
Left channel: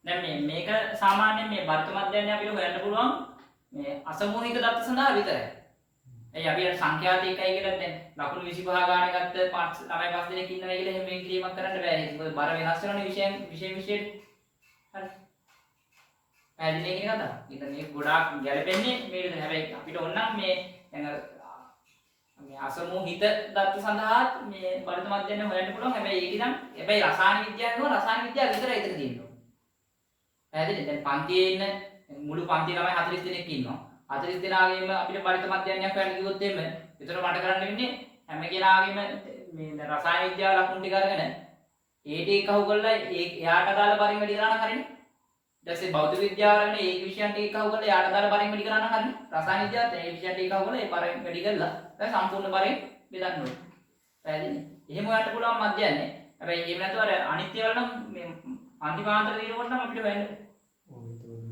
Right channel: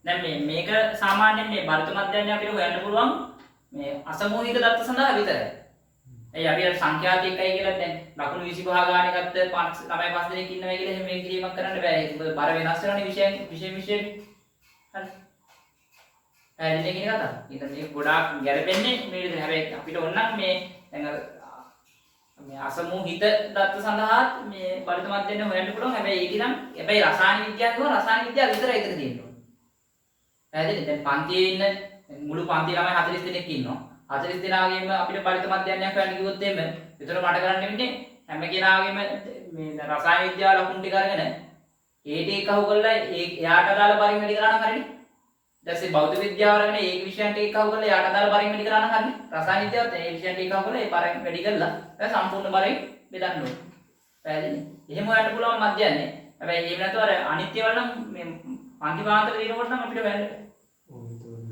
දැන් මේක සාමාන්‍යයෙන් මේ බරිත මධ්‍යයන්ය අපිට හොයන්න පුළුවන් මේ අසමූහික දත්ත සඳහා විතරයි. එයි අපි සංඛ්‍යාත එකයි කියලා දැන් ලකුණු 25 ගානේ ගත්ත 9 5 දෙනෙක් ඉන්නවා කියලා එහෙම මේ කිරීමක් කරන්න බෑ. ඒක බර වෙනස් වෙනවනේ විෂයෙන්. හරි. පැහැදිලි කියන කතාව. ඊට මේක ගොඩාක් ගැළපෙන්නේ මේ විදිහට. හැබැයි අපිට ඕන නම් මේ දැන් මේ අසමූහිත දත්ත සඳහා මේ බරිත මධ්‍යයන්ය හොයන්න පුළුවන්. හැබැයි ඒක නම් රසායන විද්‍යාව විතරයි එතන තියෙන්නේ. පැහැදිලි? දැන් පන්තියේ ඉන්න මුළු පන්ති ළමයි 40 දෙනෙක් ඉන්නවා. 40 දෙනාගේම අපිට බරිත මධ්‍යයන්යක් හොයන්න කිව්වොත් එහෙම විතර මට කරන්න වෙන්නේ හැම කෙනාගේම මේ රසායන විද්‍යාව ලකුණු ටික අරගෙන ඒ ටික අහු කරලා එයාට අදාළ බරින් වැඩි කරලා නම් හරිනේ. ඊට භෞතික විද්‍යාව අරගෙන ඒ විෂයන් ටික අහු කරලා එයාට අදාළ බරින් වැඩි කරලා නම් හරිනේ. රසායන විද්‍යාවත් ඒ විෂයන් ටික අහු කරලා ඒ බරින් වැඩි කරලා දැන් සම්පූර්ණ බරින් බෙදන්න ඕනේ. පැහැදිලි? එහෙම හොයන්න පුළුවන් මධ්‍යයන්නේ. හැබැයි එහෙම නැතුව අර අනිත්‍ය වල නම් මේ පන්තිපාන්තර දිනකොට නම් අපිට වැරද්ද.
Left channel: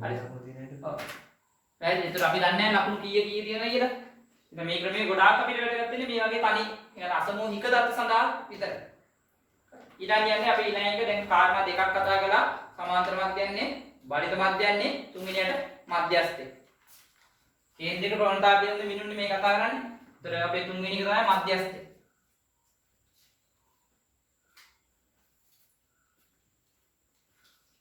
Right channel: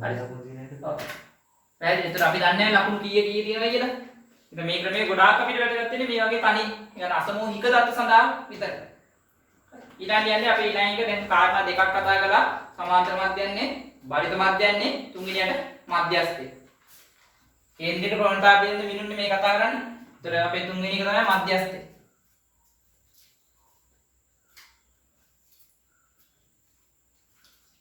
හරි. ඔව්. පැහැදිලි. ඒතර අපි දන්නේ නැහැ ලකුණු කීයේ කීයේ තියෙනවා කියලා. ඉතින් මේ ක්‍රමයේ ගොඩාක් අපිට වැදගත් වෙන්නේ මේ වගේ තනි يعني අසමෝහික දත්ත සඳහා විතරයි. ඊළඟ යන්නේ අපි ඊළඟ එක දැන් කාරණා දෙකක් කතා කළා. සමාන්තර මධ්‍යයන්නේ, බලිත මධ්‍යයන්නේ, තුන්වෙනියට මධ්‍යස්ථේ. කේන්ද්‍රික ප්‍රවණතා පිළිබඳ මිනුන්නේ මේ කතා කරන්නේ. ඒතර අපේ තුන්වෙනි එක තමයි මධ්‍යස්ථේ.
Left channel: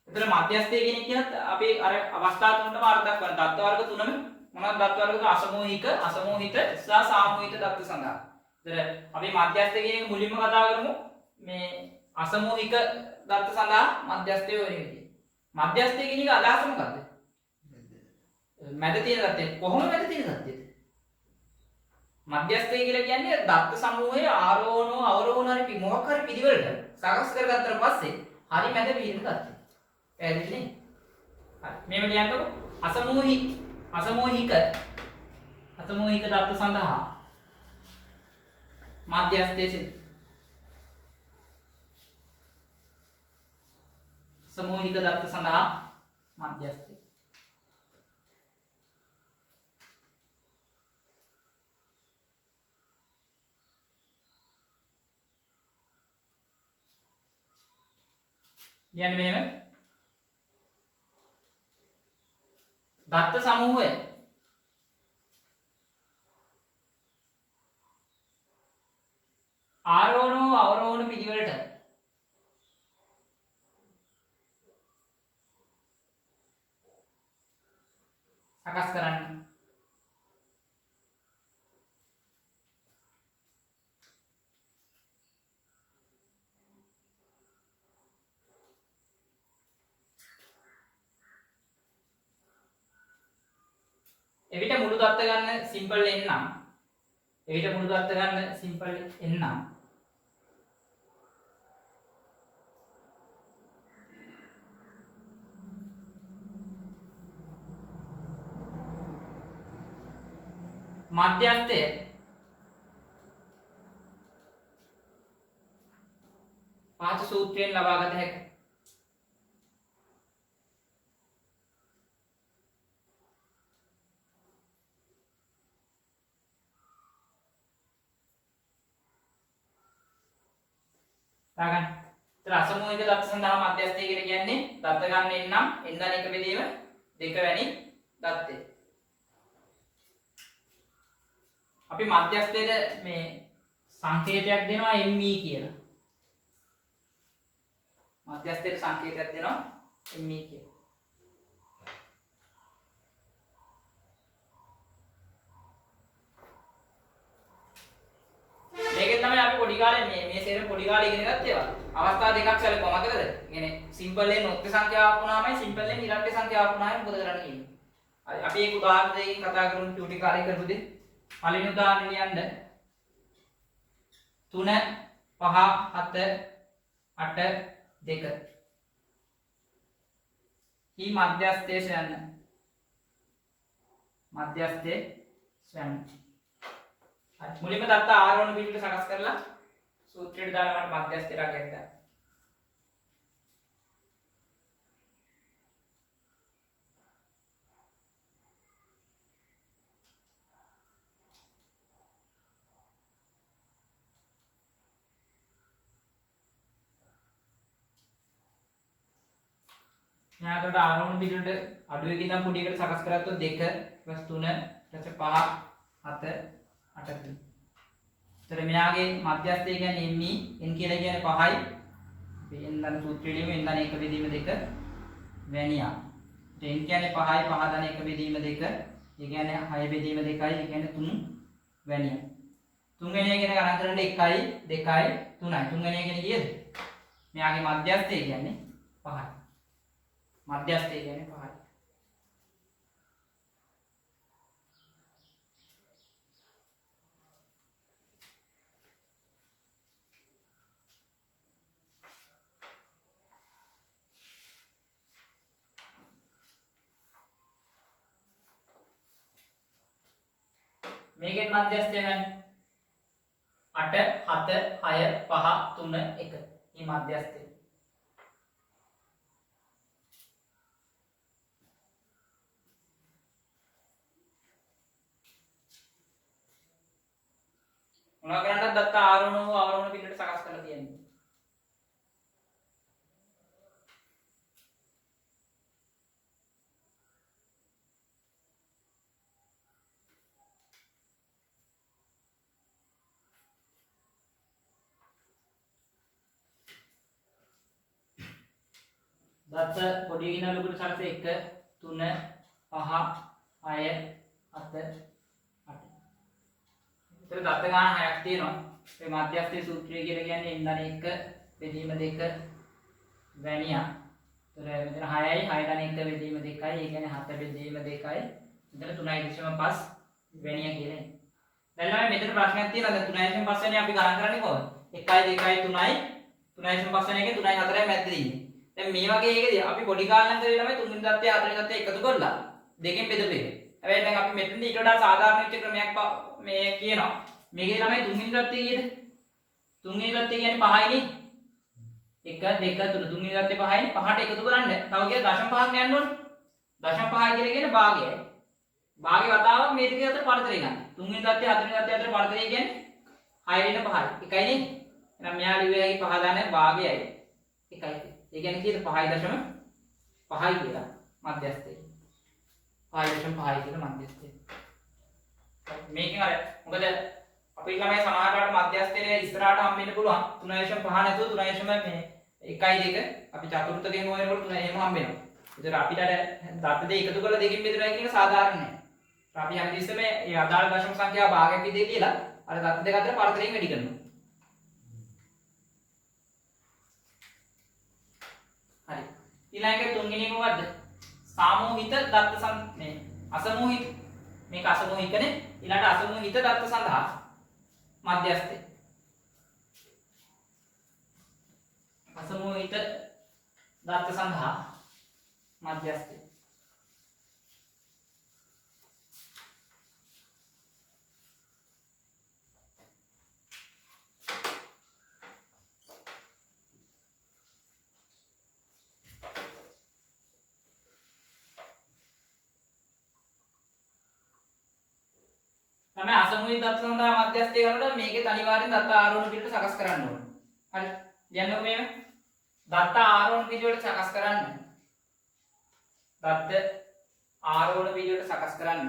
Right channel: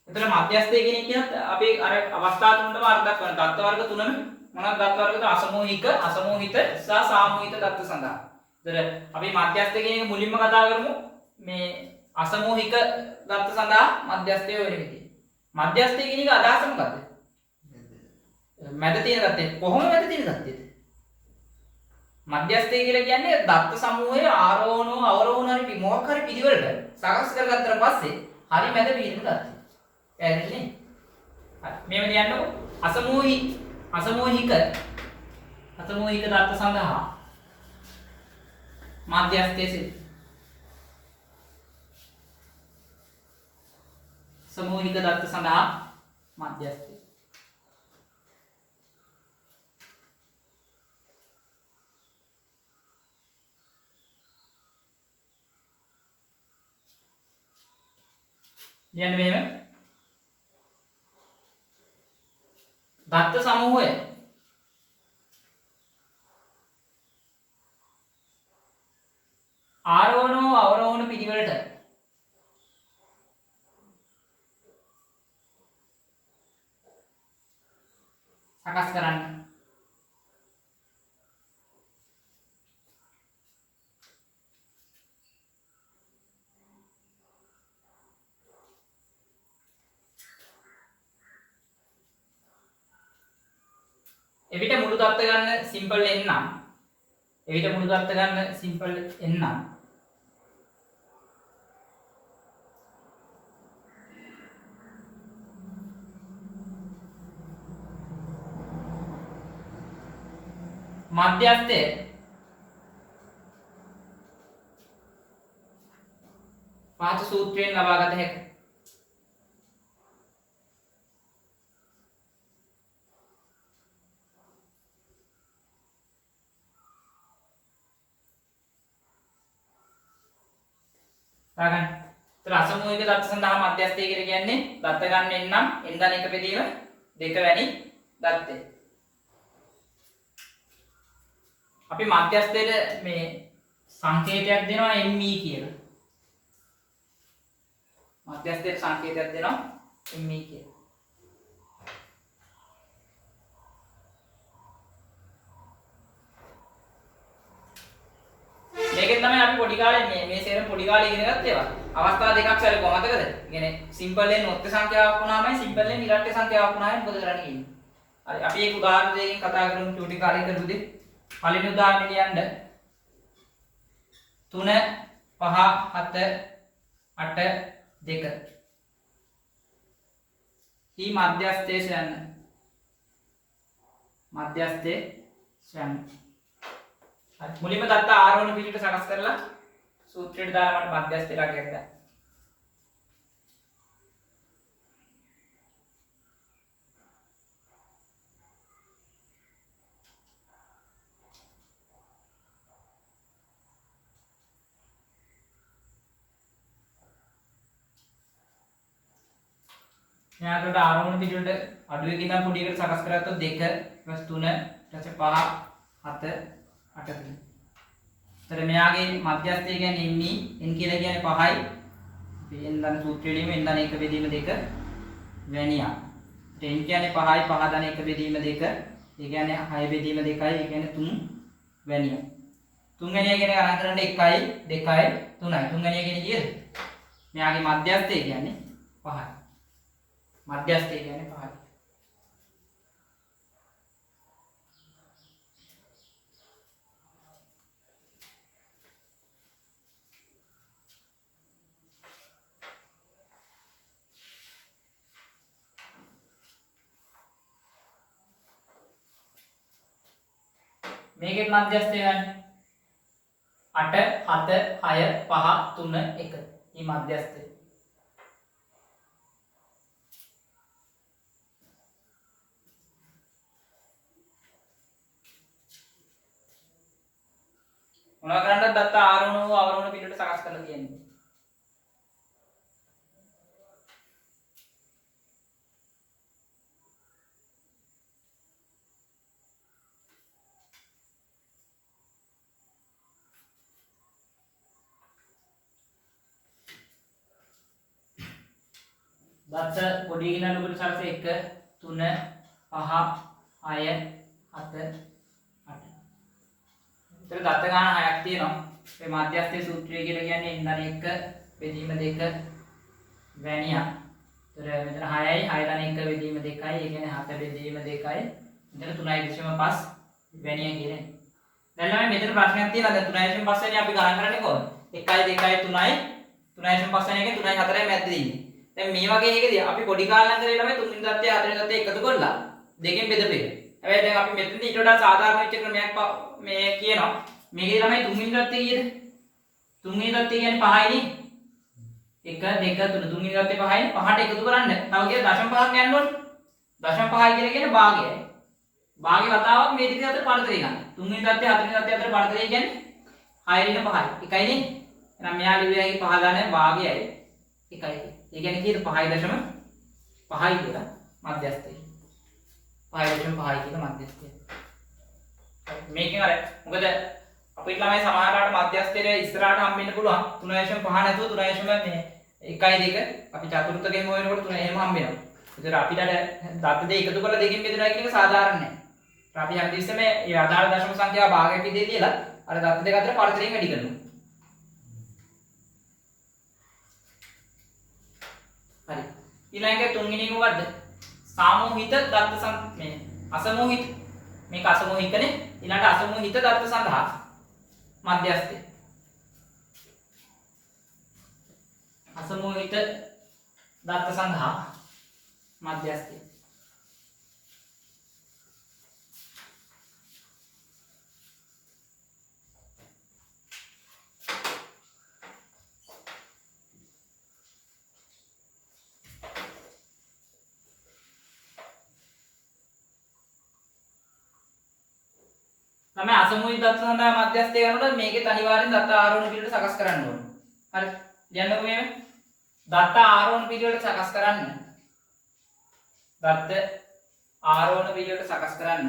එතන මධ්‍යස්ථය කියන එක කියනත් අපි අර අවස්ථා තුනටම අර්ථ දක්වන දත්ත වර්ග තුනම මොනවද දත්ත වර්ගද අසමෝහික, අසමෝහිත සහ සාමෝහිත දත්ත සඳහා. ඒතර අපි මධ්‍යස්ථය කියන එක මුලින්ම කතා කරමු. මේ අසමෝහික දත්ත සඳහා මධ්‍යස්ථය වෙන විදිහ. මධ්‍යස්ථය කියන එක අදහස මොකද්ද? මැද තියෙන දත්තේ. කොහොම මැද තියෙන දත්තේද? මධ්‍යස්ථය කියලා කියන්නේ දත්ත සමූහයේ ආරෝහණෝ අවරෝහණ හරි මොකක් හරි පිළිවෙලට සකස් කරගත්තට පස්සේ හරි මැද පිළින දත්තේ. පැහැදිලි නේ? හරි. මේව ලියන්නකො. අසමෝහික දත්ත සඳහා මධ්‍යස්ථයේ සිට සමෝහික දත්ත සඳහා මධ්‍යස්ථය. ලියන්න මෙහෙම. දත්ත සමූහය ආරෝහණ අවරෝහණ පිළිවෙලට සකස් කරන්න. එවිට මුළු දත්ත ගන්න සිම්පල් n නම් එවිට මුළු දත්ත ගන්න සිම්පල් n නම් මධ්‍යස්ථය පහත සූත්‍රයෙන් ලබා ගත හැකියි. ගන්න. ඒතර අසමෝහික දත්ත සඳහා මධ්‍යස්ථය කියලා කියන්නේ දත්ත ගන්න නම් n ධන එක බෙදීම 2 වැනි දත්තේ. අපි මධ්‍යස්ථයට මේ සංකේතයක් දෙනවා me කියලා. මධ්‍යස්ථයට සංකේතයක් දෙනවා me කියලා. මේකෙන් තමයි අපි පොඩි කාලේ මේ සේරම පොඩි කාලේ ඉගෙන ගත්ත ඒවා. අවස්ථා දෙකක් සැලකුවා මතකද? කියන්නේ සිම්පල් n ඔත්ත සංඛ්‍යාවක් වුණාමයි සිම්පල් n ඉරට්ට සංඛ්‍යාවක් වුණාම මොකද කරන්නේ කියන්නේ. හරි අපි ඒක උදාහරණ දෙකකින් කතා කරමු චූටි කාලේ කරපු දේ. පළවෙනි උදාහරණය ලියන්න 3 5 7 8 2 කී මධ්‍යස්ථයේ සොයන්න. මධ්‍යස්ථයේ සොයන්න. හරි මුලින්ම දත්ත ආරෝහණ පිළිවෙල සකස් කරලා සූත්‍රයට දාලා මට මධ්‍යස්ථය රැකගන්න. ඥානකට ආරෝහණ පිළිවෙලට අඩුවකින් ඉඳන් පොඩි එකට සකස් කරගත්තොත් 2 + 3 + 5 7 8 තියෙනවා. ඒතර මෙයාගේ මධ්‍යස්ථය කියන්නේ m n කියලා කියන්නේ 5යි. අපි n ධන සූත්‍රයේදීම n ධන 1 බෙදීම 2 වැනියා. n කියන්නේ 5යි 5 ධන 1 බෙදීම 2. ඒ කියන්නේ 6 බෙදීම 2යි. ඒ කියන්නේ 3 වැනියා. 3 වැනියා කියන ගණන් කරන්න 1යි 2යි 3යි. 3 වැනියා කියන්නේ කීයද? මෙයාගේ මධ්‍යස්ථය කියන්නේ 5යි. මධ්‍යස්ථය කියන්නේ 5යි. මේකෙත් මධ්‍යස්ථය ගන්න. 8 7 6 5 3 1 මේ මධ්‍යස්ථය. මොනවා කරන්නද දත්ත ආරෝහණ හෝ අවරෝහණ පිළිවෙලට සකස් කරලා කියන්නේ. දත්ත පොඩි ගිනන ලොකුට සරස 1 3 5 6 7 8. ඒතර දත්ත ගාන 6ක් තියෙනවා. මේ මධ්‍යස්ථයේ සූත්‍රය කියලා කියන්නේ එන්නන 1 බෙදීම 2 වැනියා. ඒතර මෙතන 6යි 6 ගාන 1 බෙදීම 2යි. ඒ කියන්නේ 7 බෙදීම 2යි. මෙතන 3.5 වැනියා කියන්නේ. දැන් ළමයි මෙතන ප්‍රශ්නයක් තියෙනවා. දැන් 3.5 වෙනි අපි ගණන් කරන්නේ කොහොමද? 1යි 2යි 3යි 3.5 වෙනි එකේ 3යි 4යි මැද්දේ ඉන්නේ. දැන් මේ වගේ එකකදී අපි පොඩි කාලෙන් කරේ ළමයි තුන්වෙනි தත්ත්වය හතරවෙනි தත්ත්වය එකතු කරලා දෙකෙන් බෙදපු එක. හැබැයි දැන් අපි මෙතනදී ඊට වඩා සාධාරණ වෙච්ච ක්‍රමයක් මේ කියනවා. මේකේ ළමයි තුන්වෙනි தත්ත්වය කීයද? තුන්වෙනි தත්ත්වය කියන්නේ 5යිනේ. 1 2 3 තුන්වෙනි தත්ත්වය 5යිනේ. 5ට එකතු කරන්න. තව කියලා දශම 5ක් යන්න ඕනේ. දශම 5යි කියලා කියන්නේ භාගයයි. භාගයේ වතාවක් මේ දෙක අතර පරතරය ගන්න. තුන්වෙනි தත්ත්වය හතරවෙනි தත්ත්වය අතර පරතරය කියන්නේ 6 × 5යි. එකයිනේ. එහෙනම් මෙයා ලිව්වේ ඇයි 5 දාන්නේ භාගයයි. එකයි. ඒ කියන්නේ කීයද 5.5යි කියලා මධ්‍යස්ථය. 5.5යි කියලා මධ්‍යස්ථය. මේකෙන් අර මොකද අපේ ළමයි සමහරකට මධ්‍යස්ථයේ ඉස්සරහට හම්බෙන්න පුළුවන් 3.5 නැතුව 3.1 මේ 1යි 2 අපි චතුර්ථකයෙන් හොයනකොට 3 එහෙම හම්බෙනවා. ඒතර අපිට දත්ත දෙක එකතු කරලා දෙකෙන් බෙදනවා කියන එක සාධාරණ නැහැ. අපි හැමතිස්සෙම මේ අදාළ දශම සංඛ්‍යාව භාගයක් විදිහට තියලා අර දත්ත දෙක අතර පරතරයෙන් වැඩි කරනවා. හරි. ඊළඟට තුන්වෙනි එක මොකද්ද? සාමූහිත දත්ත මේ අසමූහිත මේක අසමූහිකනේ. ඊළඟට අසමූහිත දත්ත සඳහා මධ්‍යස්ථය. අසමූහිත දත්ත සඳහා මධ්‍යස්ථය. තමයි අසමූහිත දත්ත සඳහා මධ්‍යස්ථය කරනකොට මේකේ අනිවාර්යෙන් දත්ත ආරෝහණ පිළිවෙල සකස් කරන්න ඕනේ. හරි. ලියන්නකො මේ දත්ත ආරෝහණ පිළිවෙල සකස් කරන්න. දත්ත ආරෝහණ පිළිවෙල සකස් කරන්න.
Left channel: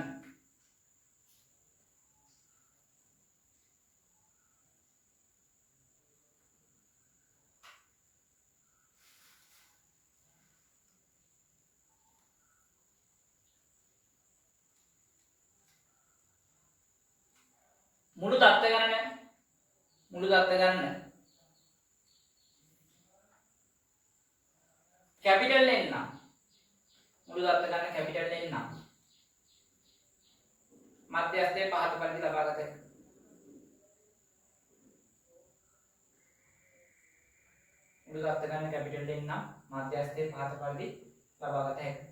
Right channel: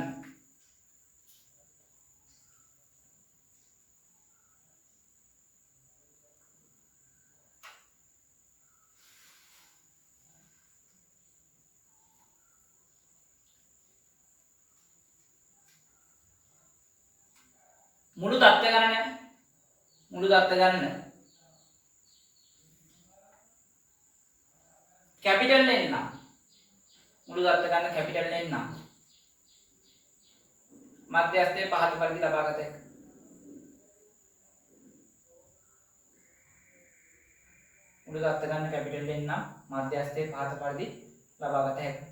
මුළු දත්ත ගණන කැපිටල් N නම් මුළු දත්ත ගණන කැපිටල් N නම් මධ්‍යස්ථයේ පහත පරිදි ලබාගත හැකියි. මුළු දත්ත ගණන කැපිටල් N නම් මධ්‍යස්ථයේ පහත පරිදි ලබාගත හැකියි.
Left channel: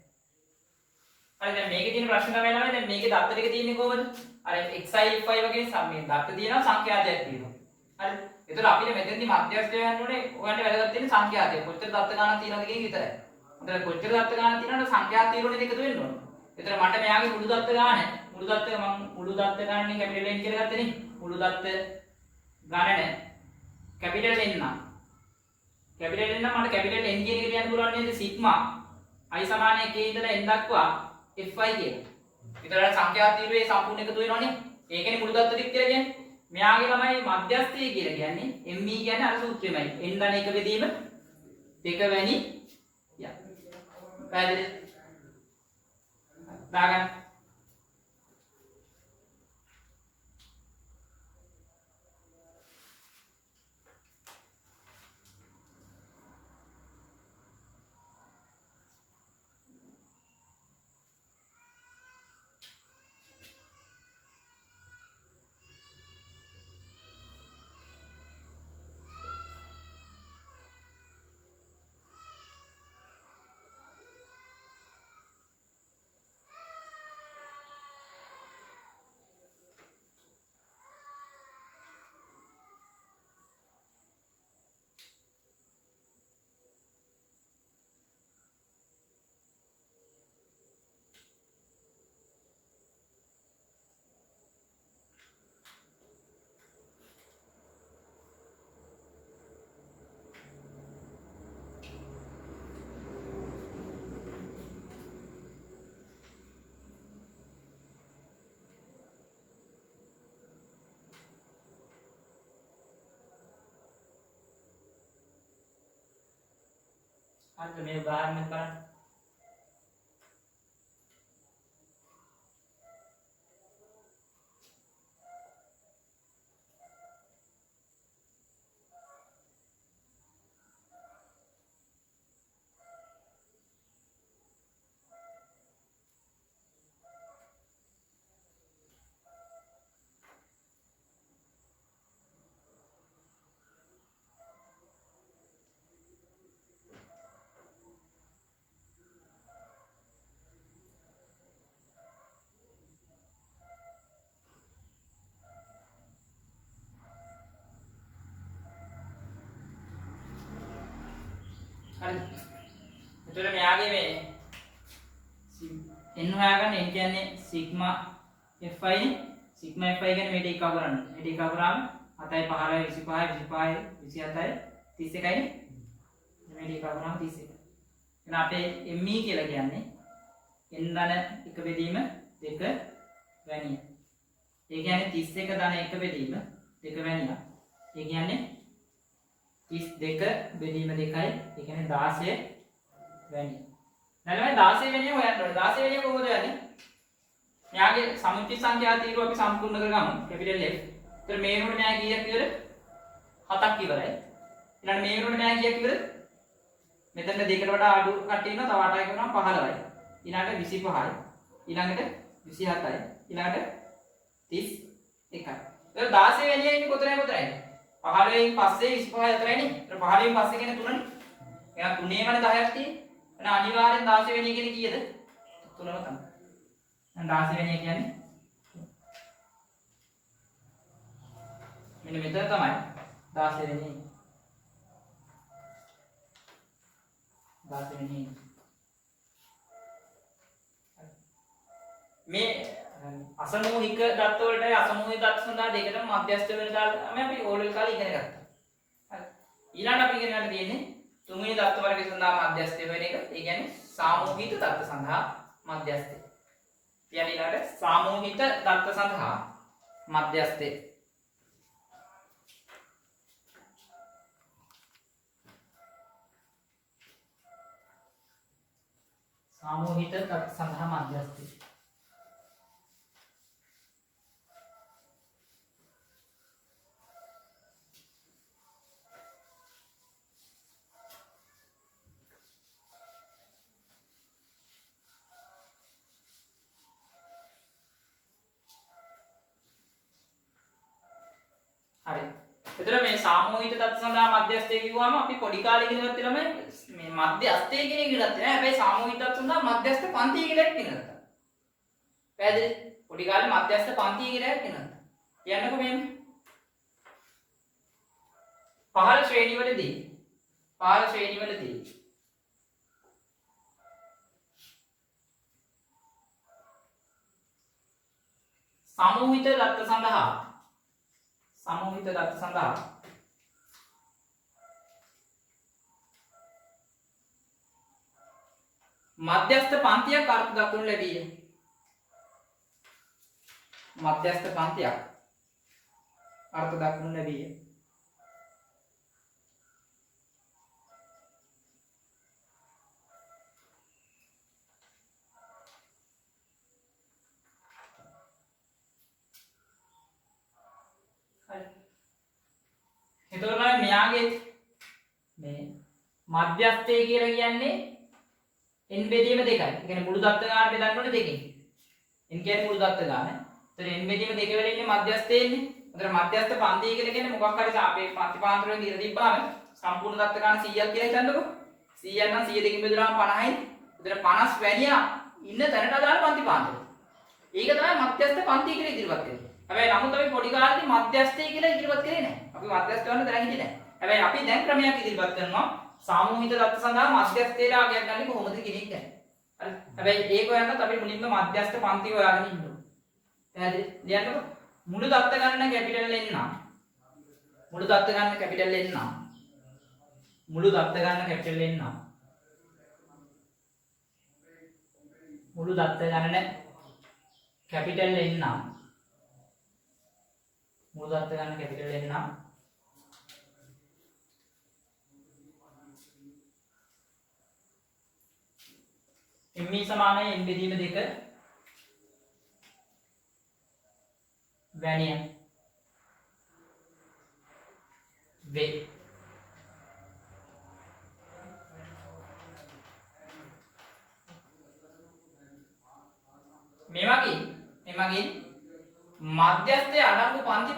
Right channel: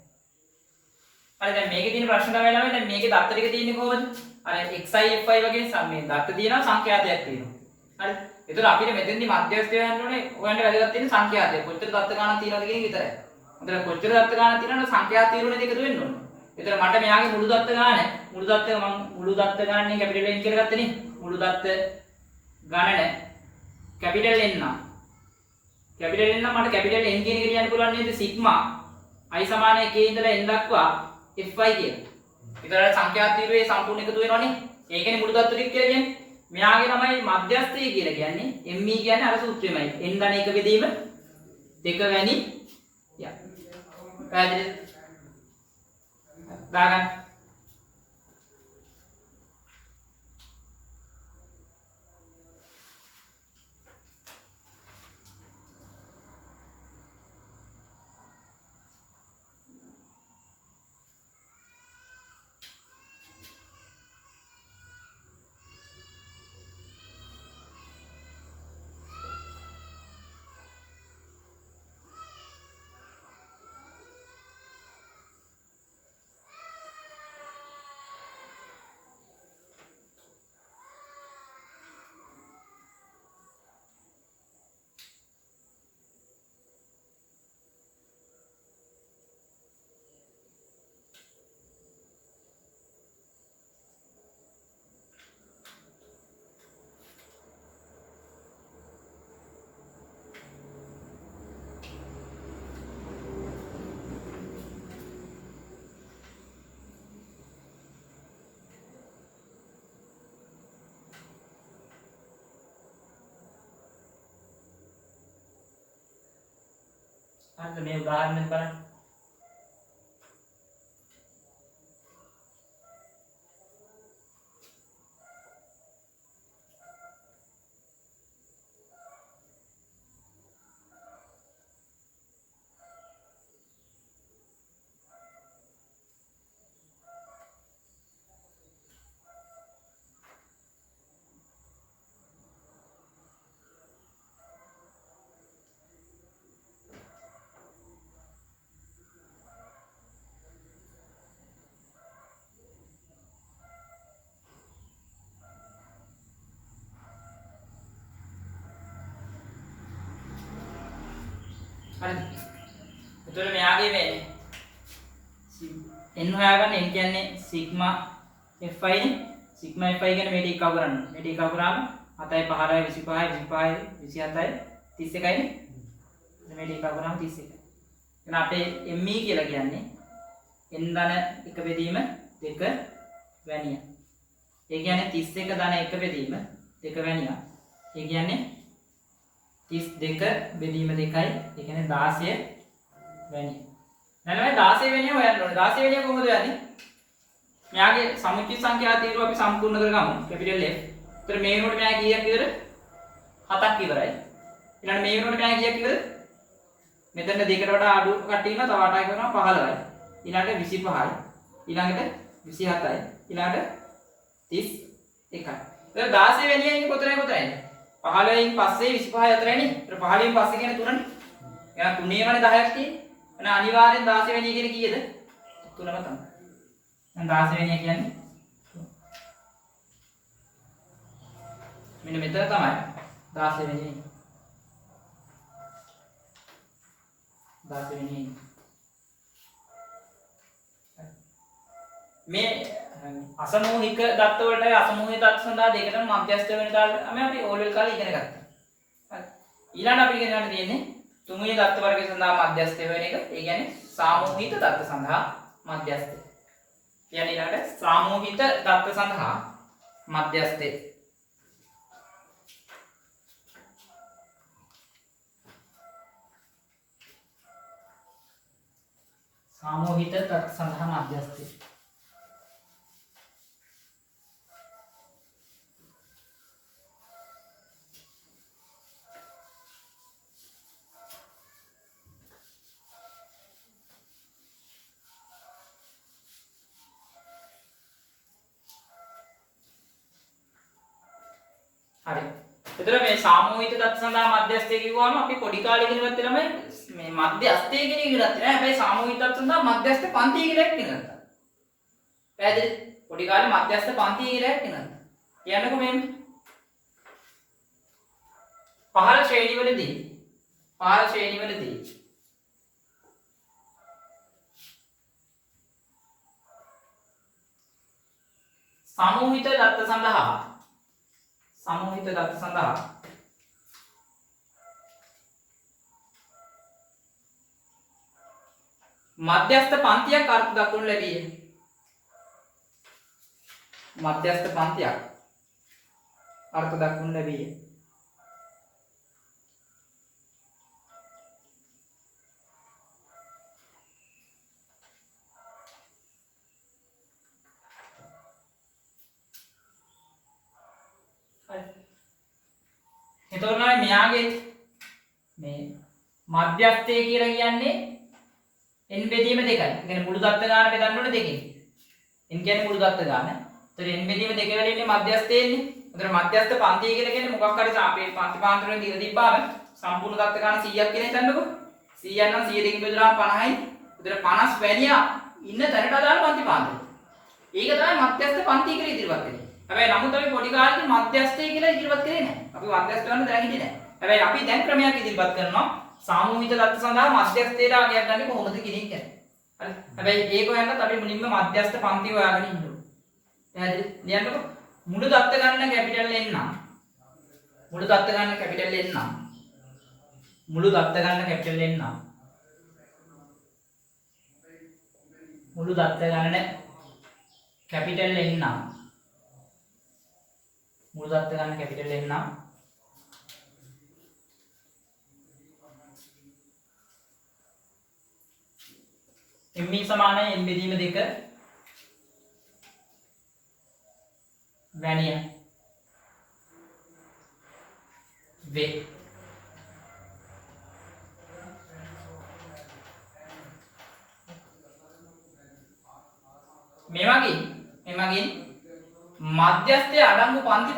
හරි දැන් මේකේ තියෙන ප්‍රශ්න තමයි නේද? දැන් මේකේ දත්ත ටික තියෙන්නේ කොහොමද? අර xi fy වගේ සම්මේ දත්ත තියෙනවා සංඛ්‍යාතයක් තියෙනවා. හරි. ඒතර අපිට මෙතෙන්දි මධ්‍යස්ථය හොයන්න ඕනේ. ඔයන්ට වැදගත් තියෙන්නේ සංඛ්‍යාතය. කොච්චර දත්ත ගණන් තියෙනවද කියන එක විතරයි. හොඳට කොච්චර දත්ත ගණන් තියෙනවද සංඛ්‍යාත තීරණය දෙක එකතු වෙන්න ඕනේ. ඒතර මට මෙයාගේ මුළු දත්ත ගණන මුළු දත්ත ගණනේ කැපිටල් N කියලා ගත්තනේ. මුළු දත්ත ගණන කැපිටල් N නම් කැපිටල් N නම් මට කැපිටල් N කියන එක කියන්න පුළුවන් නේද? සිග්මා i සමාන 1 ඉඳලා n දක්වා fy කියලා. ඒතර සංඛ්‍යාත තීරයේ සම්පූර්ණ එකතු වෙනවනේ. ඒකනේ මුළු දත්ත ටික කියලා කියන්නේ. මෙයාගේ ළමයි මධ්‍යස්ථය කියලා කියන්නේ me කියන්නේ අර සූත්‍රෙමයි. n ධන 1 බෙදීම 2 වැනි ය. පැහැදිලිද? දාගන්න. හරිද මේ උදාහරණයක් බලන්න. හරිද? එතකොට මෙයාගේ මේ n හොයාගන්න n කියන්නේ සිග්මා fi නේ. සිග්මා fi කියන්නේ මේ ටික කව කරන්න. මේ ටික කව කරාම 7යි 15යි 25යි 25යි 27යි 31යි නේ. මේ ටික කව කරාම 31යි. එහෙනම් අපේ me කියලා කියන්නේ n ධන 1 බෙදීම 2 වැනිය. ඒ කියන්නේ 31 ධන 1 බෙදීම 2 වැනිය. ඒ කියන්නේ 32 බෙදීම 2යි. ඒ කියන්නේ 16 වැනිය. නැත්නම් 16 වෙනිය හොයන්න ඕනේ. 16 වෙනිය කොහොමද හොයන්නේ? මෙයාගේ සමුච්චිත සංඛ්‍යා තීරුව අපි සම්පූර්ණ කරගමු. Capital F. ඒතර මේ වෙනකොට මෙයා කීයක් ඉවර? 7ක් ඉවරයි. ඊළඟ මේ වෙනකොට මෙයා කීයක් ඉවර? මෙතන දෙකට වඩා අඩු කට්ටිය ඉන්නවා. තව 8ක් කරනවා 15යි. ඊළඟට 25යි. ඊළඟට 27යි. ඊළඟට 31යි. ඒතර 16 වෙනිය ඉන්නේ කොතනද? 15න් පස්සේ 25 අතරයිනේ. ඒතර 15න් පස්සේ කියන්නේ 3නේ. එහෙනම් 3 වනේ 10ක් තියෙන්නේ. එහෙනම් අනිවාර්යෙන් 16 වෙනිය කියන්නේ කීයද? 3ම තමයි. දැන් 16 වෙනිය කියන්නේ මෙන්න මෙතන තමයි 16 වෙනිය. 16 වෙනිය. මේ අසමූහික දත්ත වලටයි අසමූහික දත්ත සඳහා දෙකටම මධ්‍යස්ථ වෙන දාලා අපි ඕලෙල් කාලේ ඉගෙන ගත්තා. හරි. ඊළඟ අපි ඉගෙන ගන්න තියෙන්නේ තුන්වෙනි දත්ත වර්ගය සඳහා මධ්‍යස්ථ වෙන එක. ඒ කියන්නේ සාමූහික දත්ත සඳහා මධ්‍යස්ථය. කියන්නේ ඊළඟට සාමූහික දත්ත සඳහා මධ්‍යස්ථය. සාමූහික දත්ත සඳහා මධ්‍යස්ථය. හරි. එතන මේ සාමූහික தත්ත්ව සඳහා මධ්‍යස්ථය කිව්වම අපි පොඩි කාලේ ඉගෙන ගත්තේ ළමයි මේ මධ්‍යස්ථය කියන එක ඉගෙන ගත්තේ නෑ. හැබැයි සාමූහික தත්ත්ව සඳහා මධ්‍යස්ථ පන්තිය කියලා එකක් ඉගෙන ගත්තා. පැහැදිලි? පොඩි කාලේ මධ්‍යස්ථ පන්තිය කියලා එකක් ඉගෙන ගත්තා. කියන්නකෝ මෙන්න. පහළ ශ්‍රේණිවලදී සාමූහික தත්ත්ව සඳහා මධ්‍යස්ථ පන්තියක් අර්ථ දක්වනු ලැබීය. මධ්‍යස්ථ පන්තියක් අර්ථ දක්වනු ලැබීය. එතකොට නම් මෙයාගේ මේ මධ්‍යස්ථය කියලා කියන්නේ n බෙදීම 2යි. ඒ කියන්නේ මුළු දත්ත ගාන බෙදන්න ඕනේ 2කින්. n කියන්නේ මුළු දත්ත ගාන. ඒතර n බෙදීම 2 වෙල ඉන්නේ මධ්‍යස්ථයේ ඉන්නේ. ඒතර මධ්‍යස්ථ පන්තිය කියලා කියන්නේ මොකක් හරි අපේ පන්තිපාන්තරයෙන් දීලා තිබ්බාම සම්පූර්ණ දත්ත ගාන 100ක් කියලා හිතන්නකෝ. 100ක් නම් 100 දෙකකින් බෙදුවාම 50යි. ඒතර 50 වැනියා ඉන්න තැනට අදාළ පන්තිපාන්තරය. ඒක තමයි මධ්‍යස්ථ පන්තිය කියලා ඉදිරිපත් කරන්නේ. හැබැයි නමුත් අපි පොඩි කාලේදී මධ්‍යස්ථය කියලා ඉදිරිපත් කරේ නැහැ. අපි මධ්‍යස්ථ ගන්න දැන හිටියේ නැහැ. හැබැයි අපි දැන් ක්‍රමයක් ඉදිරිපත් කරනවා සාමූහික දත්ත සඳහා මධ්‍යස්ථයට ආගයක් ගන්න කොහොමද කියන එක. හරි. හැබැයි ඒක හොයන්නත් අපි මුලින්ම මධ්‍යස්ථ පන්තිය හොයාගෙන ඉන්න ඕනේ. පැහැදිලි? ලියන්නකෝ. මුළු දත්ත ගන්න කැපිටල් N නම් මුළු දත්ත ගන්න කැපිටල් N නම් මුළු දත්ත ගන්න කැපිටල් N නම් මුළු දත්ත ගන්න කැපිටල් N නම් මුළු දත්ත ගන්න කැපිටල් N නම් me සමානයි n බෙදීම 2 වැනිය වේ. මේ වගේ මධ්‍යස්ථයේ අඩංගු පන්ති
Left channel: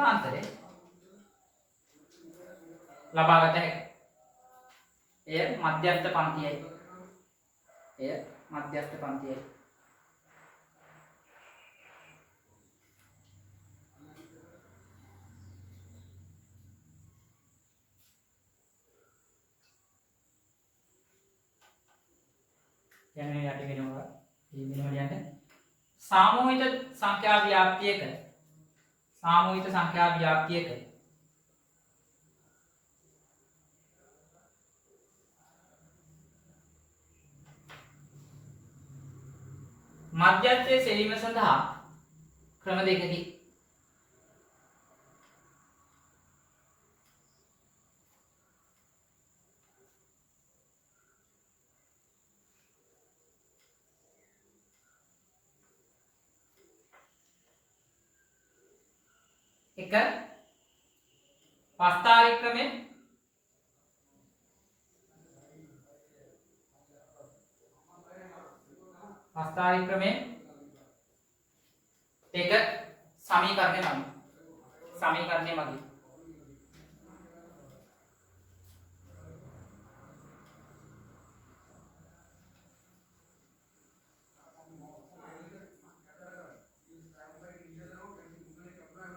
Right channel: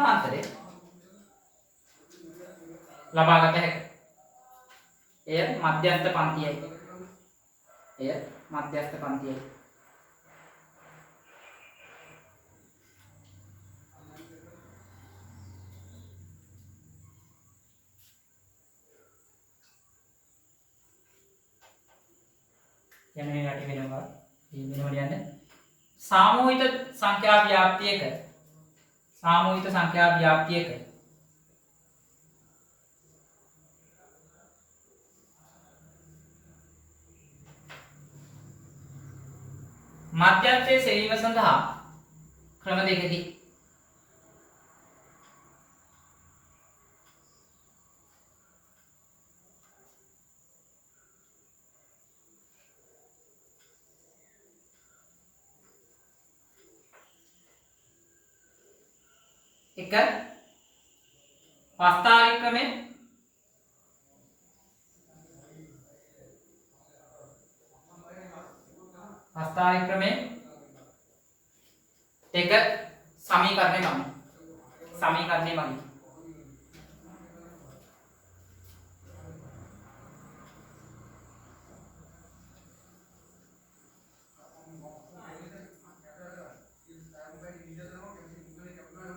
පාන්තරය ලබාගත හැකියි. එය මධ්‍යස්ථ පන්තියයි. යන මේ රටි වෙනවා. යන්නේ සාමූහික සංඛ්‍යා ව්‍යාප්තියක මධ්‍යස්ථයේ සෙවීම සඳහා ක්‍රම දෙකකි. එක පස්තාරික ක්‍රමය දෙක සමීකරණය මගින්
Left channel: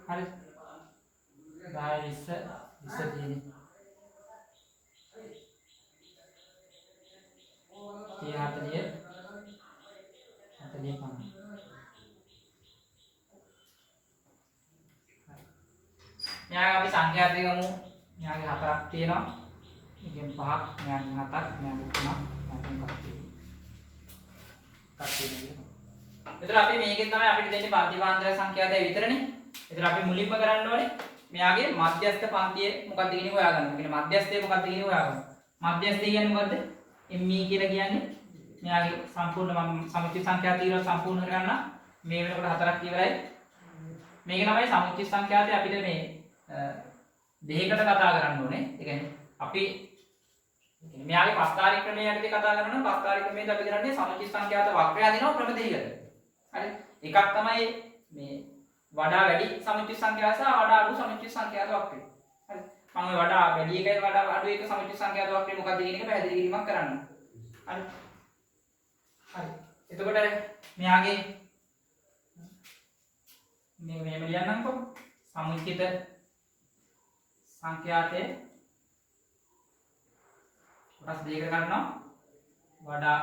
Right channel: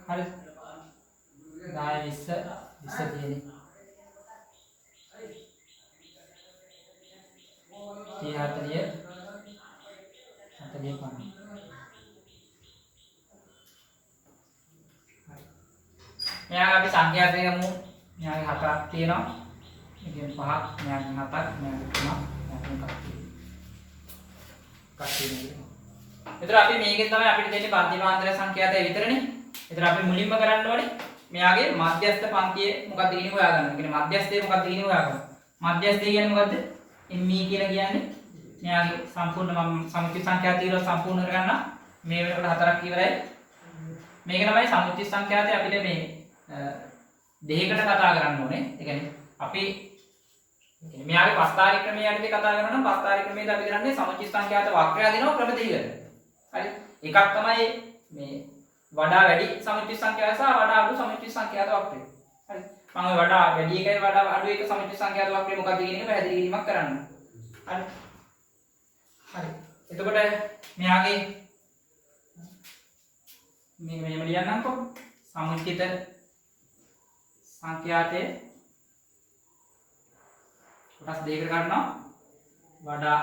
හරි 10 20 තියෙන්නේ 30 40 50. මෙයාගේ අපි සංඛ්‍යා දෙක ගමු. මෙයාගේ 7ක් තියෙනවා. මේකෙන් 5ක්, මෙයාගේ 7ක්, මෙයාගේ 3ක්, මෙයාගේ 3ක් තියෙනවා. එතකොට අපි මේකෙන් තමයි අපිට දෙන්නේ පන්ති මාන්තර සංඛ්‍යා දෙක විතරනේ. එතකොට අපි මුලින්ම කරන්න ඕනේ මෙයාගේ මධ්‍යස්ථ පන්තියේ මොකක්ද කියන්නේ හොයාගන්න. ඒ කියන්නේ මධ්‍යස්ථයේ මොකක්ද කියන්නේ හොයාගන්න. මධ්‍යස්ථය කියන්නේ මොකද්ද? ME කියලා කියන්නේ මෙයාගේ සම්පූර්ණ සමුච්චිත සංඛ්‍යා තීරව සම්පූර්ණ කරගන්න මේ වෙනකොට 4ක් ඉවරයි. මේක තමයි සමුච්චිත සංඛ්‍යාතේ අපිට මේ දෙකකට කතා කරන්න ඕනේ. ඒ කියන්නේ අපි මෙයාගේ පස්තාරික ක්‍රමය යටතේ කතා කරනවා නම් පස්තාරික ක්‍රමයේදී අපි කරන්නේ සමුච්චිත සංඛ්‍යාත වක්‍රය දිනව ක්‍රම දෙකකට. හරි. එකක් තමයි මේ වඩා වැඩි සමුච්චිත සංඛ්‍යාව සහ වඩා අඩු සමුච්චිත සංඛ්‍යාත වක්‍රය. හරි. මම ඔය වඩා වැඩි එකයි වඩා අඩු එක සමුච්චිත සංඛ්‍යාත වක්‍රය මොකක්ද කියන එක පැහැදිලි කිරීමක් කරන්න. හරි. හරි. එතකොට මෙයාගේ මේක මෙහෙම ලියන්නම්කෝ. සමුච්චිත සංඛ්‍යාතේ කොටස් දෙකකට ගන්නවා. වඩා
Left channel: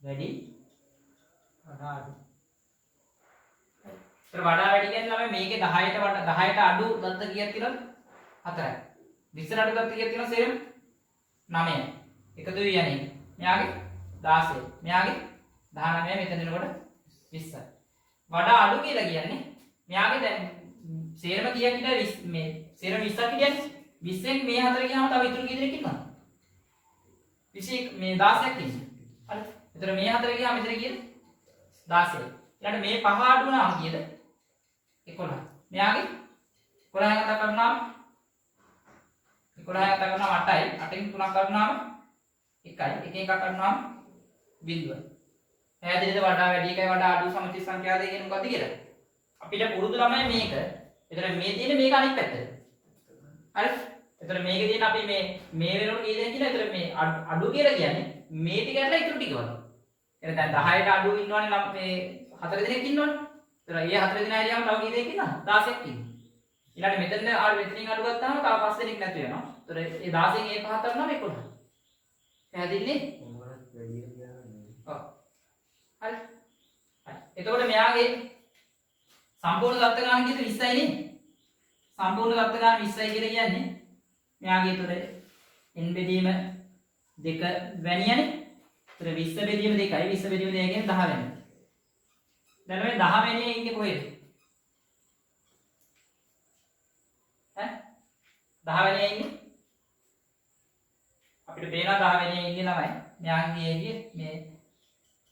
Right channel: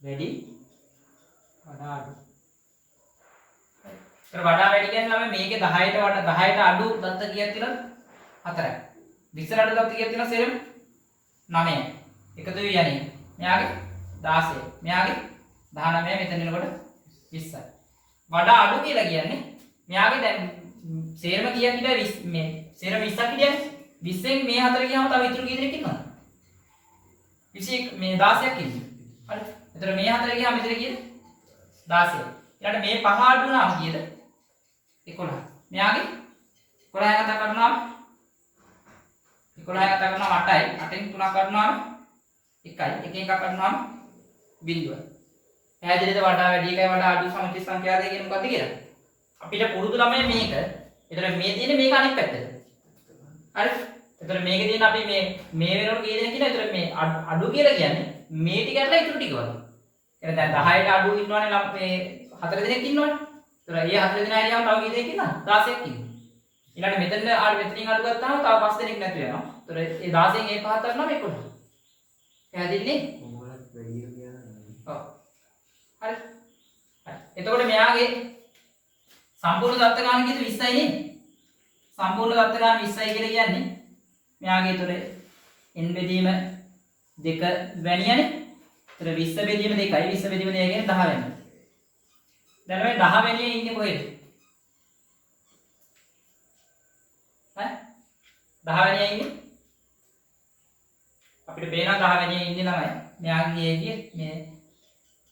වැඩි වඩා අඩු. ඒතර වඩා වැඩි කියන්නේ ළමයි මේකේ 10ට වඩා 10ට අඩු දත්ත කීයක් තියෙනවද? 4යි. 20ට අඩු දත්ත කීයක් තියෙනවද? සෙරම් 9යි. එකතු වෙ යන්නේ. මෙයාගේ 16. මෙයාගේ 19 මෙතන එනකොට 20යි. වඩා අඩු කියලා කියන්නේ මෙයාගේ දැන් සේරම කීයක් කියලා මේ සේරම 20ක් කියන්නේ 20න් මේ හතර ගියාම තව ඉතුරු කී දෙනෙක් ඉන්නවද? 21 මේ 16ක් ඉන්නේ. හරි. එතන මේ හතර ගියාම ඉතුරු කීයද? 16. ඊළඟට මේ පහ අඩු වුණාම කීයද? 11. මෙයාගේ 11 ගත කරනවා 11 ගත කරනවා 8යි. 8න් 3ක් ගන්නවා 1යි. 1 එකක් ගන්නවා 0. පැහැදිලිද වඩා වැඩි එකයි වඩා අඩු සමචිත සංඛ්‍යා දෙක කියන්නේ මොකද්ද කියලා? අපිට පුරුදු ළමයි මේක. එතන මේ තියෙන්නේ මේක අනිත් පැත්තට. හරි? එතන මේකේ තියෙන අපි මේ වෙනකොට කී දෙනෙක් කියලා එතන මේ අඩු කියලා කියන්නේ මේ ටික ඇරලා ඉතුරු ටික වගේ. එතන දැන් 10ට අඩු ඉන්නවනේ මේ 4 දෙනෙක් ඉන්නවනේ. එතන ඒ 4 දෙනා හරියම තව කී දෙනෙක් ඉන්නවද? 16ක් ඉන්නවා. ඊළඟට මෙතන මෙතනින් අඩු ගත්තාම තව 5 දෙනෙක් නැතු වෙනවා. එතන ඒ 16න් ඒ 5 කරනවා 11. පැහැදිලිනේ? ඔව්. හරි. එතකොට මෙයාගේ සම්පූර්ණ දත්ත ගාන කීයද 20යි නේ. සම්පූර්ණ දත්ත ගාන 20යි කියලා කියන්නේ මෙයාගේ උතර n බෙදීම 2 වැනියනේ. උතර 20 බෙදීම 2යි 20 බෙදීම 2 කියන්නේ 10 වෙනි. දැන් මේ 10 වෙනියේ ඉන්නේ කොහෙද? ඈ 10 වෙනියේ ඉන්නේ අපිට පේනවා 10 වැනියේ ඉන්නේ ළමයි. මෙයාගේ ගියේ මේ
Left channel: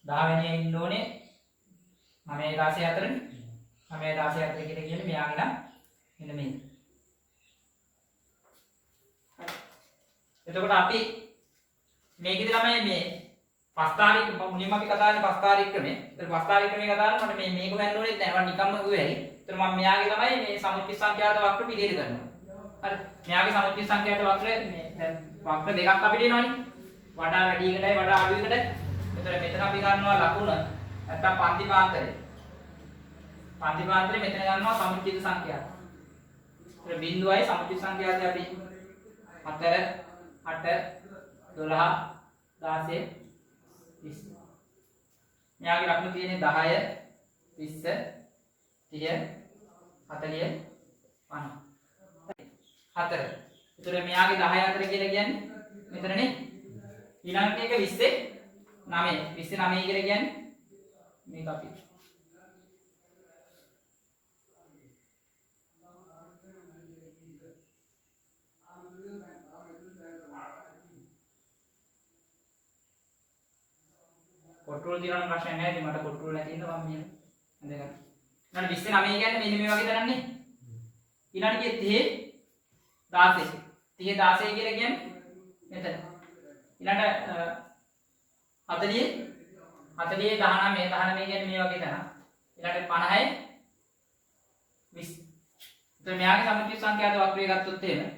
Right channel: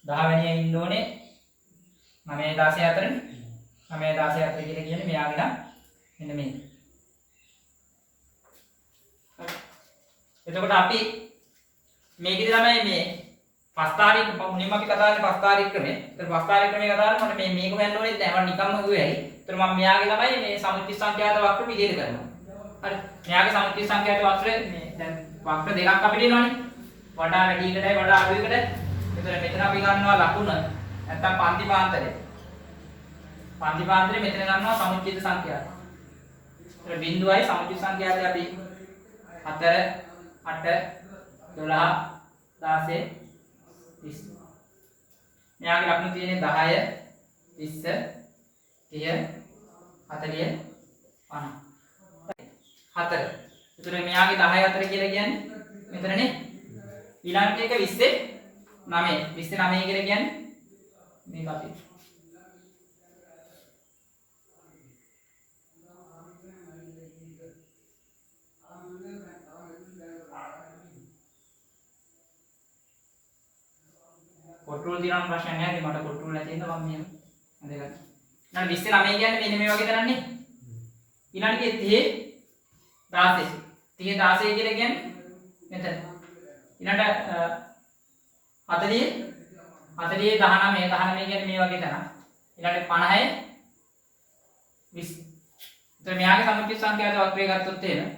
10 වැනියේ ඉන්න ඕනේ 9 16 අතරනේ. 9 16 අතර කියලා කියන්නේ මෙයාගේ නම් මෙන්න මේක. එතකොට අපි මේකෙදි ළමයි මේ පස්තාරික මුලින්ම අපි කතා කරන්නේ පස්තාරික ක්‍රමය. ඒතර පස්තාරික ක්‍රමය කතා කරනකොට මේක හොයන්න ඕනේ නැහැ. මම නිකම්ම කිව්වේ ඇයි. ඒතර මම මෙයාගේ ළමයි මේ සමුච්චි සංඛ්‍යාත වක්‍ර පිළියෙල කරනවා. හරි. මෙයාගේ සමුච්චි සංඛ්‍යාත වක්‍රය මේ දැන් වක්‍ර දෙකක් අපිට එනවනේ. වඩා වැඩි එකටයි වඩා අඩු එකටයි. ඒතර මෙතන අපි ගන්නවා ලකුණ නැත්තම් පන්ති පාන්තරය. පන්ති පාන්තරය මෙතන ගන්නවා සමුච්චිත සංඛ්‍යාත. ඒතර බිඳුවයි සමුච්චිත සංඛ්‍යාතය අපි 4 8 12 16 20. මෙයාගේ ලකුණු තියෙන්නේ 10 20 30 40 50. 4. ඒතර මෙයාගේ 10 4 කියලා කියන්නේ මෙතනනේ. ඊළඟට එක 20 9. 20 9 කියලා කියන්නේ මේක අපි. කොට්ටෝල් දිනන ප්‍රශ්න නැහැ. මට කොට්ටෝල් නැති හින්දා මම මෙහෙම හඳගන්න. ඊළඟ 29 කියන්නේ මෙන්න මේ වගේ තරන්නේ. ඊළඟට 30 16 කියලා කියන්නේ මෙතන. ඊළඟට 40 19 කියන්නේ මේ වගේ තරම්. ඊළඟට 50 20. ඒතර මෙයාගේ සමුච්චිත සංඛ්‍යාත වක්‍රය ගත්තොත් එහෙම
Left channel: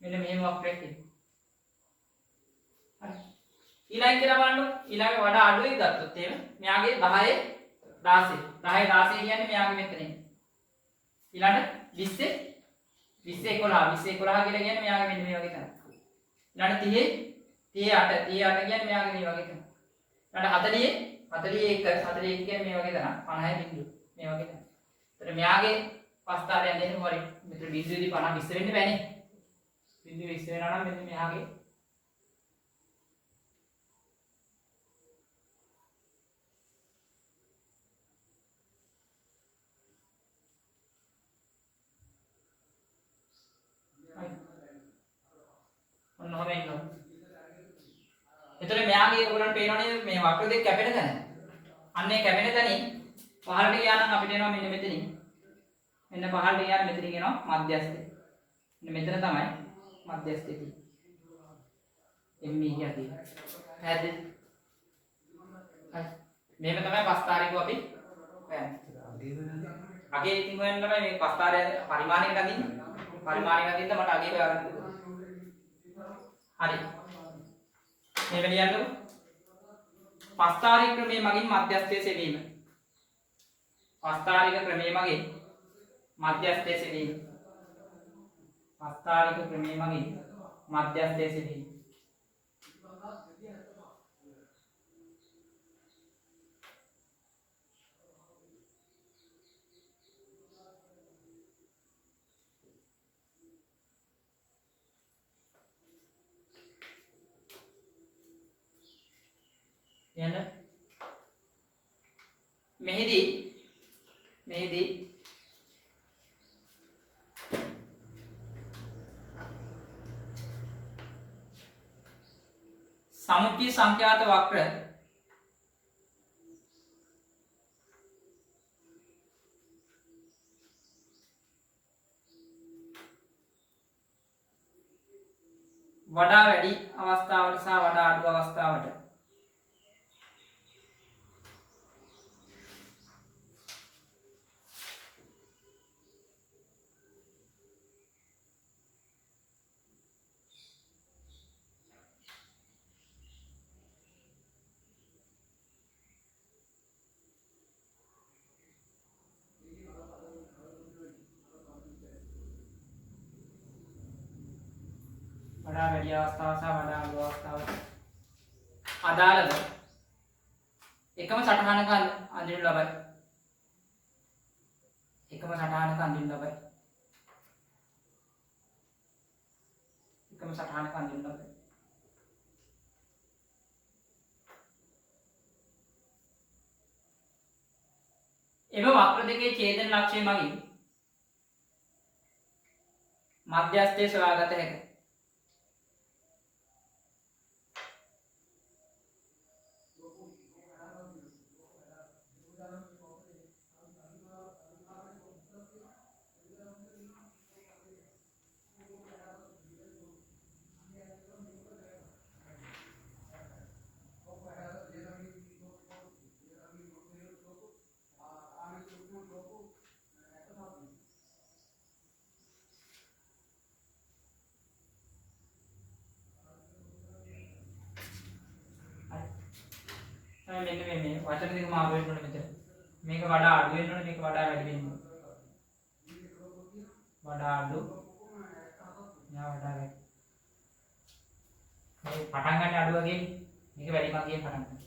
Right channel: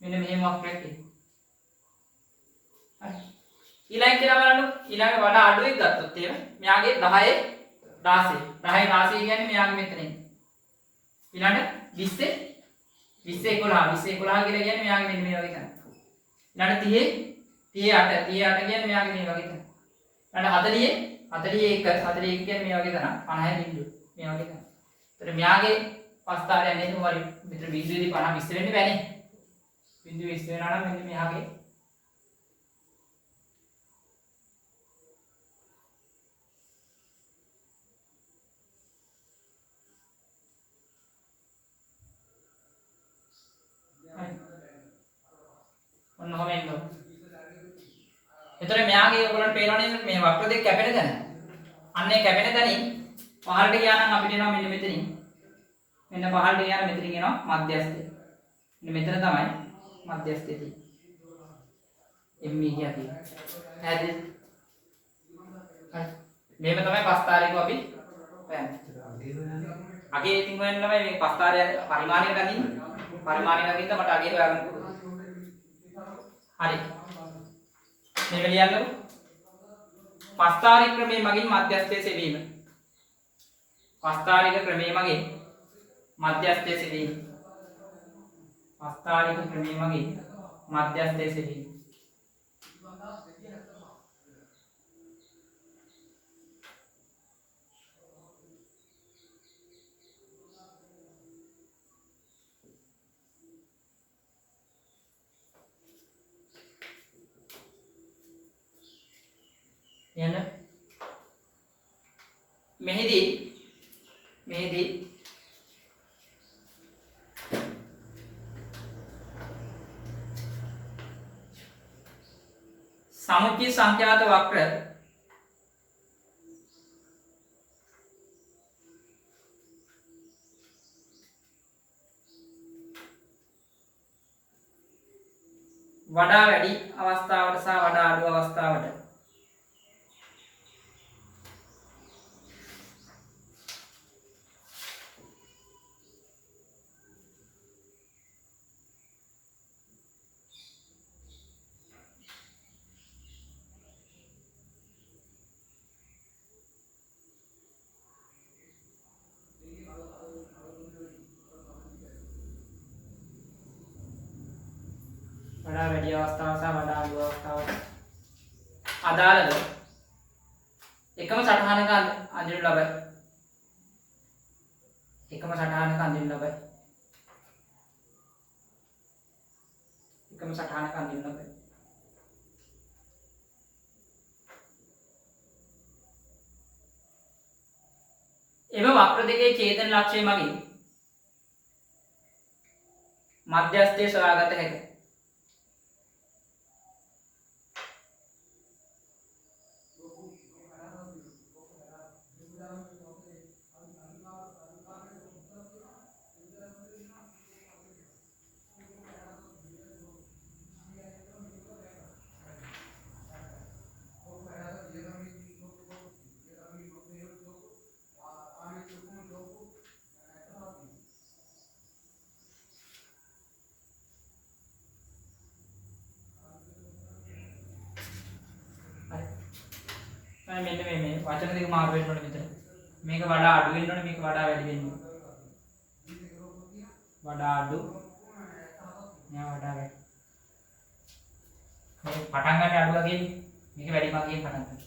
මෙන්න මෙහෙම වක්‍රයක් තියෙනවා. ඊළඟ කියලා බලන්න ඊළඟ වඩා අඩු එක ගත්තොත් එහෙම මෙයාගේ 10 16 කියන්නේ මෙයාගේ මෙතනින් ඊළඟ 20 11 කියලා කියන්නේ මෙයාගේ මෙන්න මේ වගේ තැන ඊළඟ 30 38 කියන්නේ මෙයාගේ මේ වගේ තැන ඊළඟ 41 කියන්නේ මේ වගේ තැන 50 බිඳුව මේ වගේ තැන. ඒතර මෙයාගේ පස්තාරය යන්නේ කොහොමද මෙතන බිඳුවේදී 50 20 වෙන්න බෑනේ. බිඳුව 20 වෙනවා නම් මෙන්න මෙයාගේ ඔන්නෝම එන්න. එතකොට මෙයාගේ ඔයගොල්ලන්ට පේනවනේ මේ වක්‍ර දෙක කැපෙන තැන. අන්නේ කැපෙන තැනින් පහළට ගියා නම් අපිට එනවා මෙන්න මෙතනින්. මෙන්න පහළට ගියාම මෙතනින් එනවා මධ්‍යස්ථය. මෙන්න මෙතන තමයි මධ්‍යස්ථය තියෙන්නේ. ME කියතියි. හරිද? හරි. මේක තමයි පස්තාරිකව අපි හොයන්නේ. අගේ ඉතින් හොයන්න තමයි මේ පස්තාරය පරිමාණය ගනින්න. පරිමාණය ගනින්න මට අගේ හොයාගන්න පුළුවන්. හරි. මේක ලියන්නකො. පස්තාරික ක්‍රමයේ මගින් මධ්‍යස්ථය සෙවීම. පස්තාරික ක්‍රමයේ මගින් මධ්‍යස්ථය සෙවීම. පස්තාරික ක්‍රමයේ මගින් මධ්‍යස්ථය සෙවීම. යන්න මෙහිදී සමුච්චි සංඛ්‍යාත වක්‍ර වඩා වැඩි අවස්ථාවට සහ වඩා අඩු අවස්ථාවට වැඩි අවස්ථාව සහ වඩා අඩු අවස්ථාවට අදාළව එකම සටහනක අඳිනු ලබයි. එකම සටහනක අඳිනු ලබයි. එකම සටහනක අඳිනු ලබයි. එම වක්‍ර දෙකේ ඡේදන ලක්ෂය මගින් මධ්‍යස්ථයේ සොයාගත හැකියි. මෙන්න මේ වචන දෙක මාරු වෙන්න ඕනේ මෙතන. මේක වඩා අඩු වෙන්න ඕනේ, මේක වඩා වැඩි වෙන්න ඕනේ. වඩා අඩු, මෙයා වඩා වැඩි. මේ පටන් ගන්න අඩු වගේ, මේක වැඩි වගේ පටන් ගන්න.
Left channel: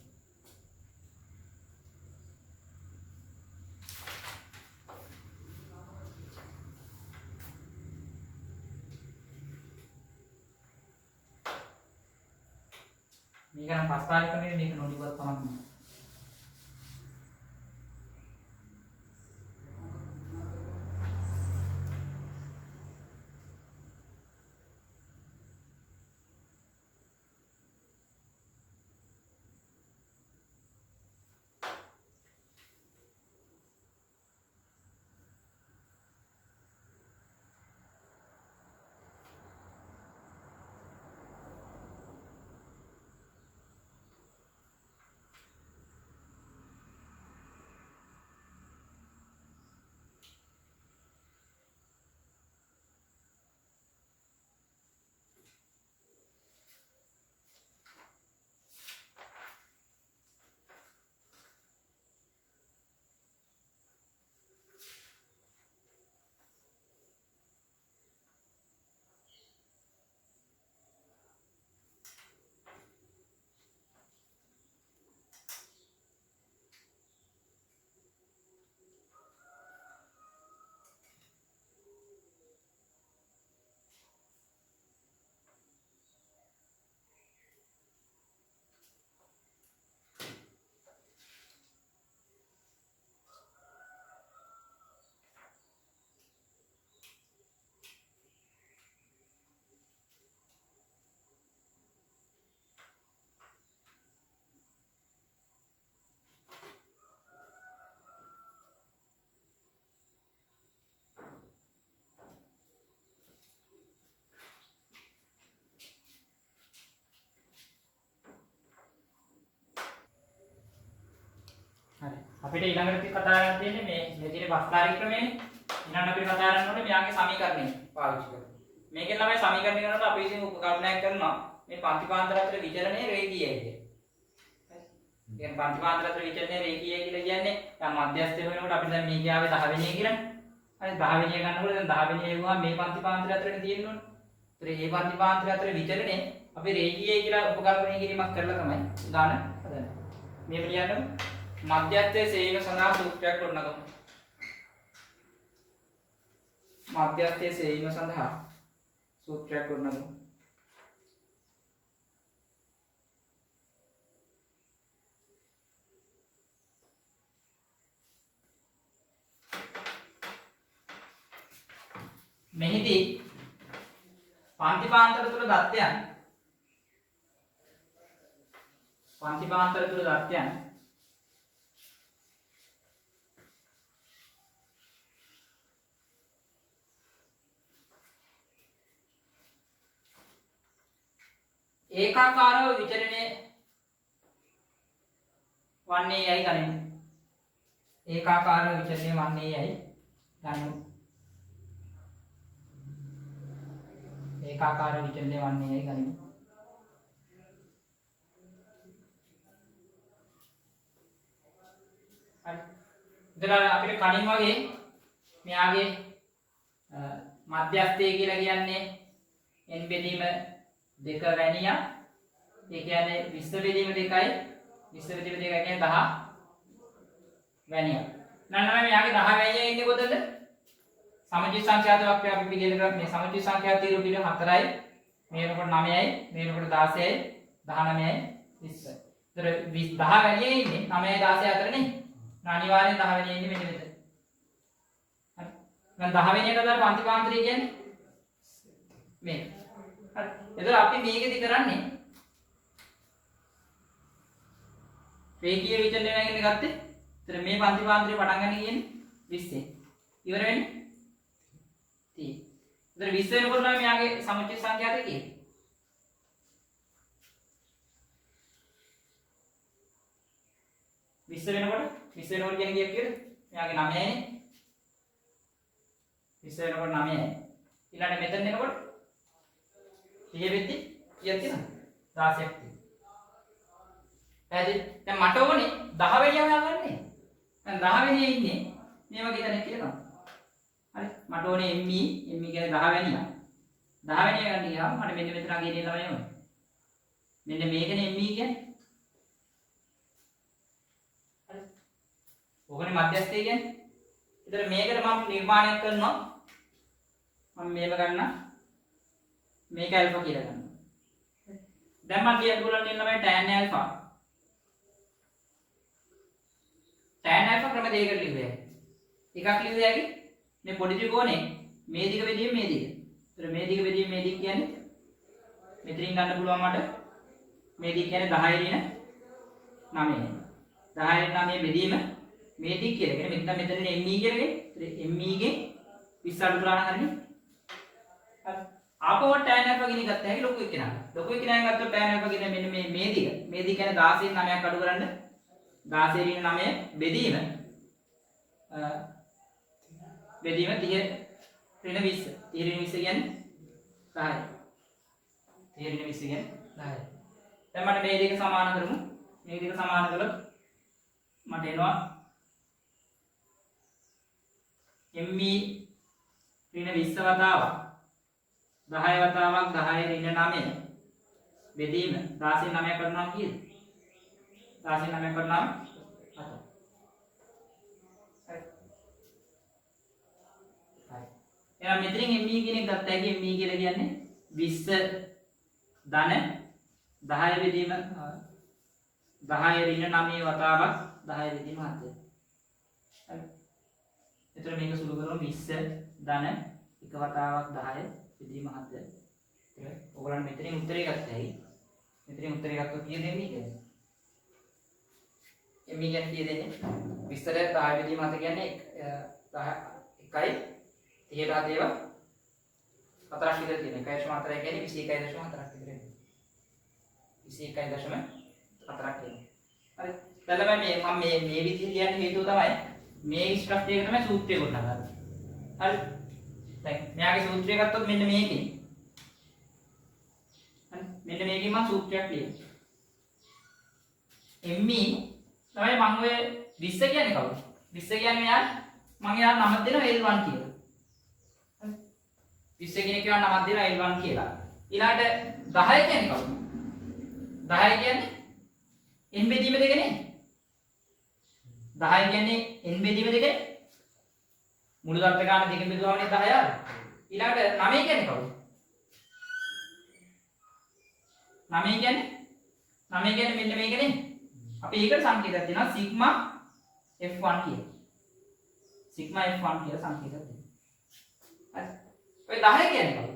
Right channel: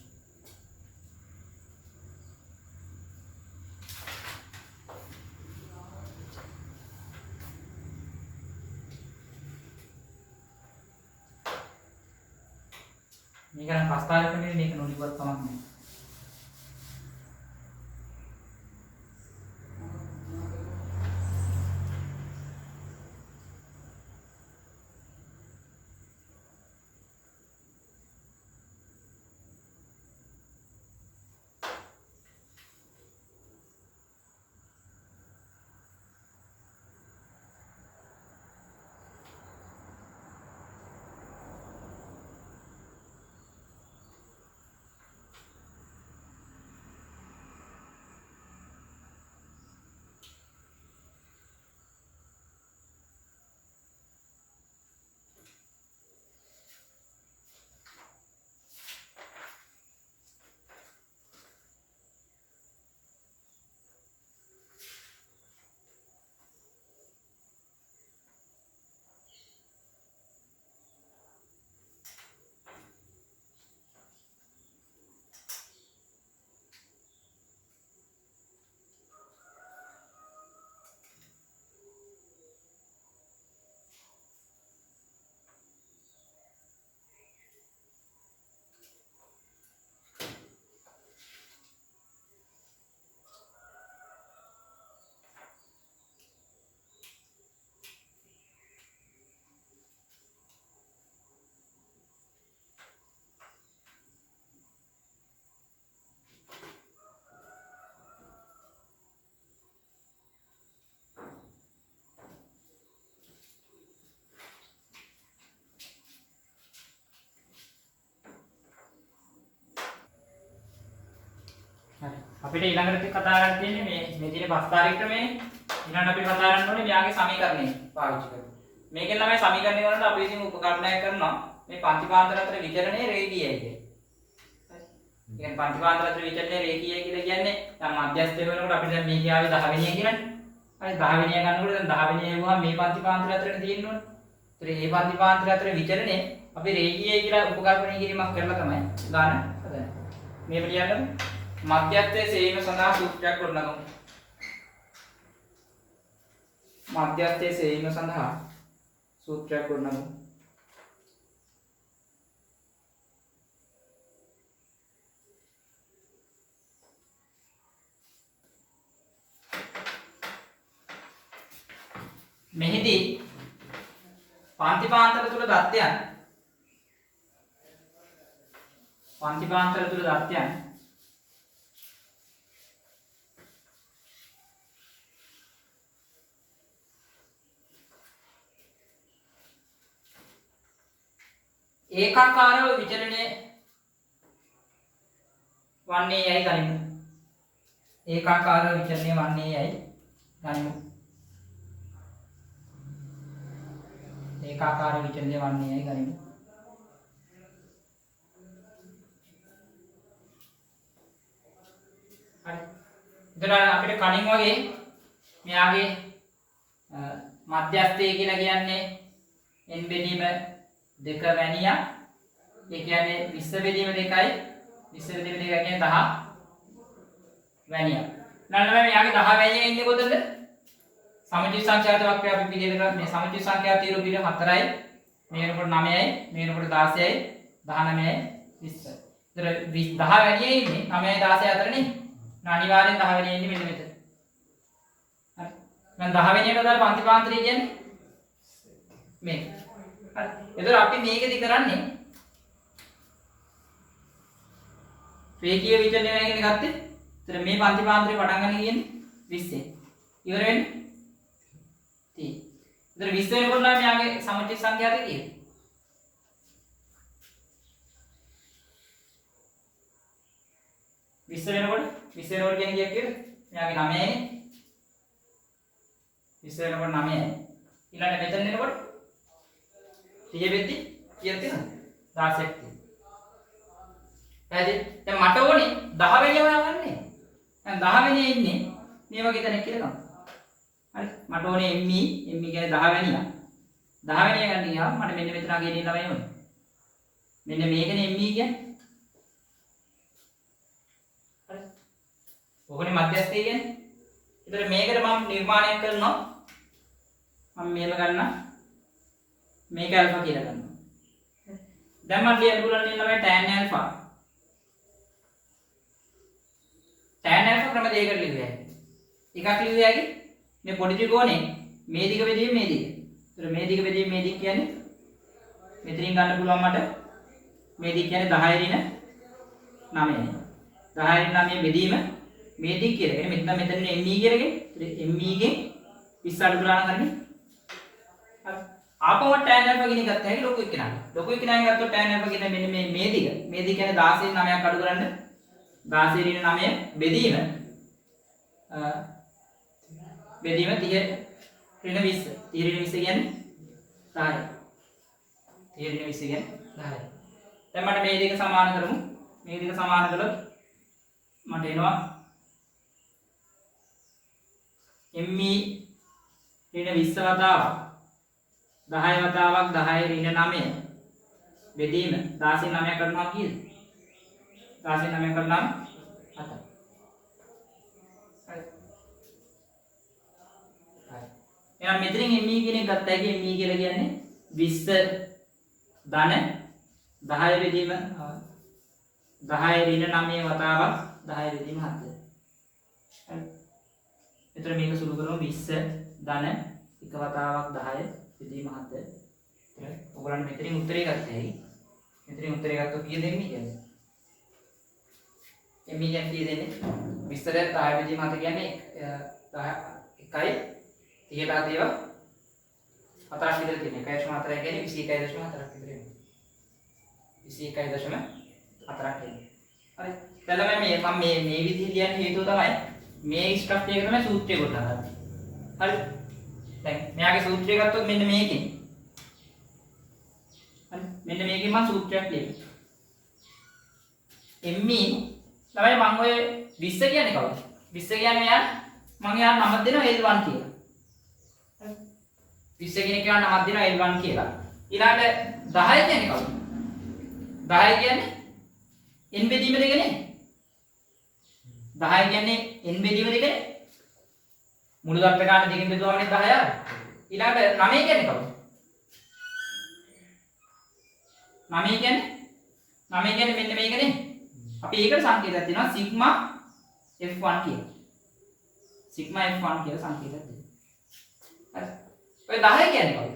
මේක නම් ප්‍රස්තාවික කරන්නේ මේක නොනිවත් කමක් නෑ. හරි. අපිට ඊළඟට කතා කරන්න තියෙන්නේ මේ තියෙන ප්‍රස්තාරික ක්‍රමයනේ. ඊළඟට අපි කතා කරන්න ඕනේ මෙයාගේ සමීකරණය පාවිච්චි කරලා. මේකෙන් තමයි සමීකරණය කරනකොට අපි ඉතින් උපකරණයක් කරනවා මේ පන්තිපාන්තර අතර විචලනයේ රේඛීයයි කියන්නේ. හරි. කියන්නේ පන්තිපාන්තර අතර විචලනයේ රේඛීයයි කියලා කියන්නේ දැන් මධ්‍යස්ථය වෙනකොට අපිට දැන් මේකේ ආවේ 10 වෙනිය කියලානේ. හරි 10 වෙනිය ගන්නකොට දැන් 10 වෙනිය හෙවුවාම මේ පන්තිපාන්තර අතරේ තියෙන්න ඕනේ. ඒතර මේ පන්තිපාන්තර අතර විචලනයේ අපි රේඛීයයි කියලා උපකල්පනය කිරීමක් කරලා තමයි ගන්න හදන්නේ. මේ පිළියන්නද? මධ්‍යස්ථයේ සේම සඳහා සූත්‍රයක් ගොඩනගමු. මධ්‍යස්ථයේ සේම සඳහා සූත්‍රයක් ගොඩනගමු. මෙහිදී පන්තිපාන්තර තුල දත්තයන් ඒකාකාරව විචලනය වන්නේ යයි ගනිමු. ඒකාකාරව විචලනය වන්නේ යයි ගනිමු. ඒකාකාර විචලනය වන්නේ යයි ගනිමු. හරි. එතන අපිට කලින් වගේ මෙයාගේ මධ්‍යස්ථය කියලා කියන්නේ n බෙදීම 2 වැනියක්. ඒ කියන්නේ 20 බෙදීම 2යි 20 බෙදීම 2 කියන්නේ 10 වැනියක්. නන්නම මෙයාගේ 10 වැනිය ඉන්නේ කොතනද? සමජි සංඛ්‍යාත වක්‍රය අපි පිළිගන්න මේ සමජි සංඛ්‍යාත තීරු පිළ 4යි මේ වෙනකොට 9යි මේ වෙනකොට 16යි 19යි 20යි. ඒතර 10 වැනියේ ඉන්නේ 9යි 16යි අතර නේ. අනිවාර්යෙන් 10 වෙනිය ඉන්නේ මෙන්න මෙතන. හරි. මම 10 වෙනියට දාලා පන්තිපාන්තරය කියන්නේ මේක. හරි. එතකොට අපි මේකෙදි කරන්නේ රේඛීය විචලනය ගැන ගත්තේ. එතන මේ පන්ති පාන්තරේ පටන් ගන්න කියන්නේ 20. ඉවර වෙන්නේ 30. එතන 20 වෙනකොට නම් මෙයාගේ සමුච්චිත සංඛ්‍යාත කීයද? 20 වෙනකොට කියන්නේ කීයක් කියද? මෙයාගේ 9යිනේ. 20 වෙනකොට 9යි. ඊළඟට මෙතන එනකොට 30 වෙද්දි කීයක් තියෙනවද? 16ක් තියෙනවා. හරිද? දැන් මට ඕනේ 10 වෙනිය හොයාගන්නේ. දැන් 10 වෙනිය ඉන්නේ මේ වගේ තැනක කියලා ගමු. හරි. මට ඕනේ ME කියන්නේ 10 වෙනිය. 10 වෙනිය ගන්න ගියාම මට මෙන්න මෙතන අගේ ඉන්න ළමයි ඕනේ. මෙන්න මේකනේ ME කියන්නේ. හරි. ඕකනේ මධ්‍යස්ථය කියන්නේ. ඒතර මේකට මම නිර්මාණයක් කරනවා. මම මේව ගන්නවා. මේක ඇල්ෆා කියලා ගන්නවා. දැන් මම ලියන්න පුළුවන් ළමයි tan ඇල්ෆා. tan alpha ක්‍රම දෙකකට ලියුවේ. එකක් ලියුවේ ඇයි? මේ පොඩි ත්‍රිකෝණේ මේ දිග බෙදීම මේ දිග. ඒතර මේ දිග බෙදීම මේ දිග කියන්නේ මෙතනින් ගන්න පුළුවන් මට මේ දිග කියන්නේ 10 ඍණ 9යි. 10 ඍණ 9 බෙදීම මේ දිග කියලා. කියන්නේ මෙතන ME කියලාගෙන. ඒතර ME ගෙන් 20 අඩු කරලා හරිනේ. හරි. ආපහු tan alpha කියන එක ගත්ත හැකි ලොකු එක්කෙනා. ලොකු එක්කෙනා ගත්තොත් tan alpha කියන්නේ මෙන්න මේ දිග. මේ දිග කියන්නේ 16 9ක් අඩු කරන්න 16 ඍණ 9 බෙදීම 30 ඍණ 20 30 ඍණ 20 කියන්නේ 10යි 30 ඍණ 20 කියන්නේ 10යි. දැන් මට මේ දෙක සමාන කරමු. මේ දෙක සමාන කළොත් මට එනවා ME ඍණ 20 වතාවක් 10 වතාවක් 10 ඍණ 9 බෙදීම 16 9 කරනවා කීයද? 16 9 කරනවා 7. හරි. හරි. එහෙනම් මෙතනින් ME කියන එක ගත්තා කිය ME කියලා කියන්නේ 20 ධන 10 බෙදීම 10 ඍණ 9 වතාවක් 10 බෙදීම 7. හරි. එතන මේක සුළු කරමු 20 ධන එක වතාවක් 10 බෙදීම 7. එතන ඔයගොල්ලන් මෙතනින් උත්තරේ ගත්තයි. මෙතනින් උත්තරේ ගත්තොත් කීයද ME කියන්නේ? ME කියන්නේ කීයද එන්නේ? 20 10 බෙදීම 7 කියන්නේ 1යි 30ට හදේව 4ක් විතර තියෙන 1.4 කියන්නේ 21.4ක් විතර එන්නේ 21.4ක් එන්නේ. හරි. දැන් මම මේ විදිහට කියන්න හේතුව තමයි මේ ස්ට්‍රක්චර් එක තමයි සූත්‍රය ගොඩනගා ගන්න. හරි. දැන් මෙයාගේ සූත්‍රය ගත්තොත් මෙන්න මේකෙන්. හරි. මෙන්න මේකෙන් මම සූත්‍රයක් ලියනවා. ME තමයි මම ඔය 20 කියන්නේ කවුද? 20 කියන්නේ මෙයා මම යාර නමක් දෙනවා L1 කියලා. හරි. 20 කියන කෙනා නමක් දෙනවා L1 කියලා. ඊළඟට 10 කියන්නේ කවුද? 10 කියන්නේ n බෙදීම දෙකනේ. 10 කියන්නේ n බෙදීම දෙකනේ. මුළු දත්ත ගන්න දෙකෙන් බෙදුවාමනේ 10 ආවේ. ඊළඟට 9 කියන්නේ කවුද? 9 කියන්නේ මෙන්න මේකනේ. අපි ඒකට සංකේතයක් දෙනවා සිග්මා f1 කියලා. සිග්මා f1 කියලා සංකේතයක් දෙනවා. හරි. ඔය 10 කියන්නේ කවුද?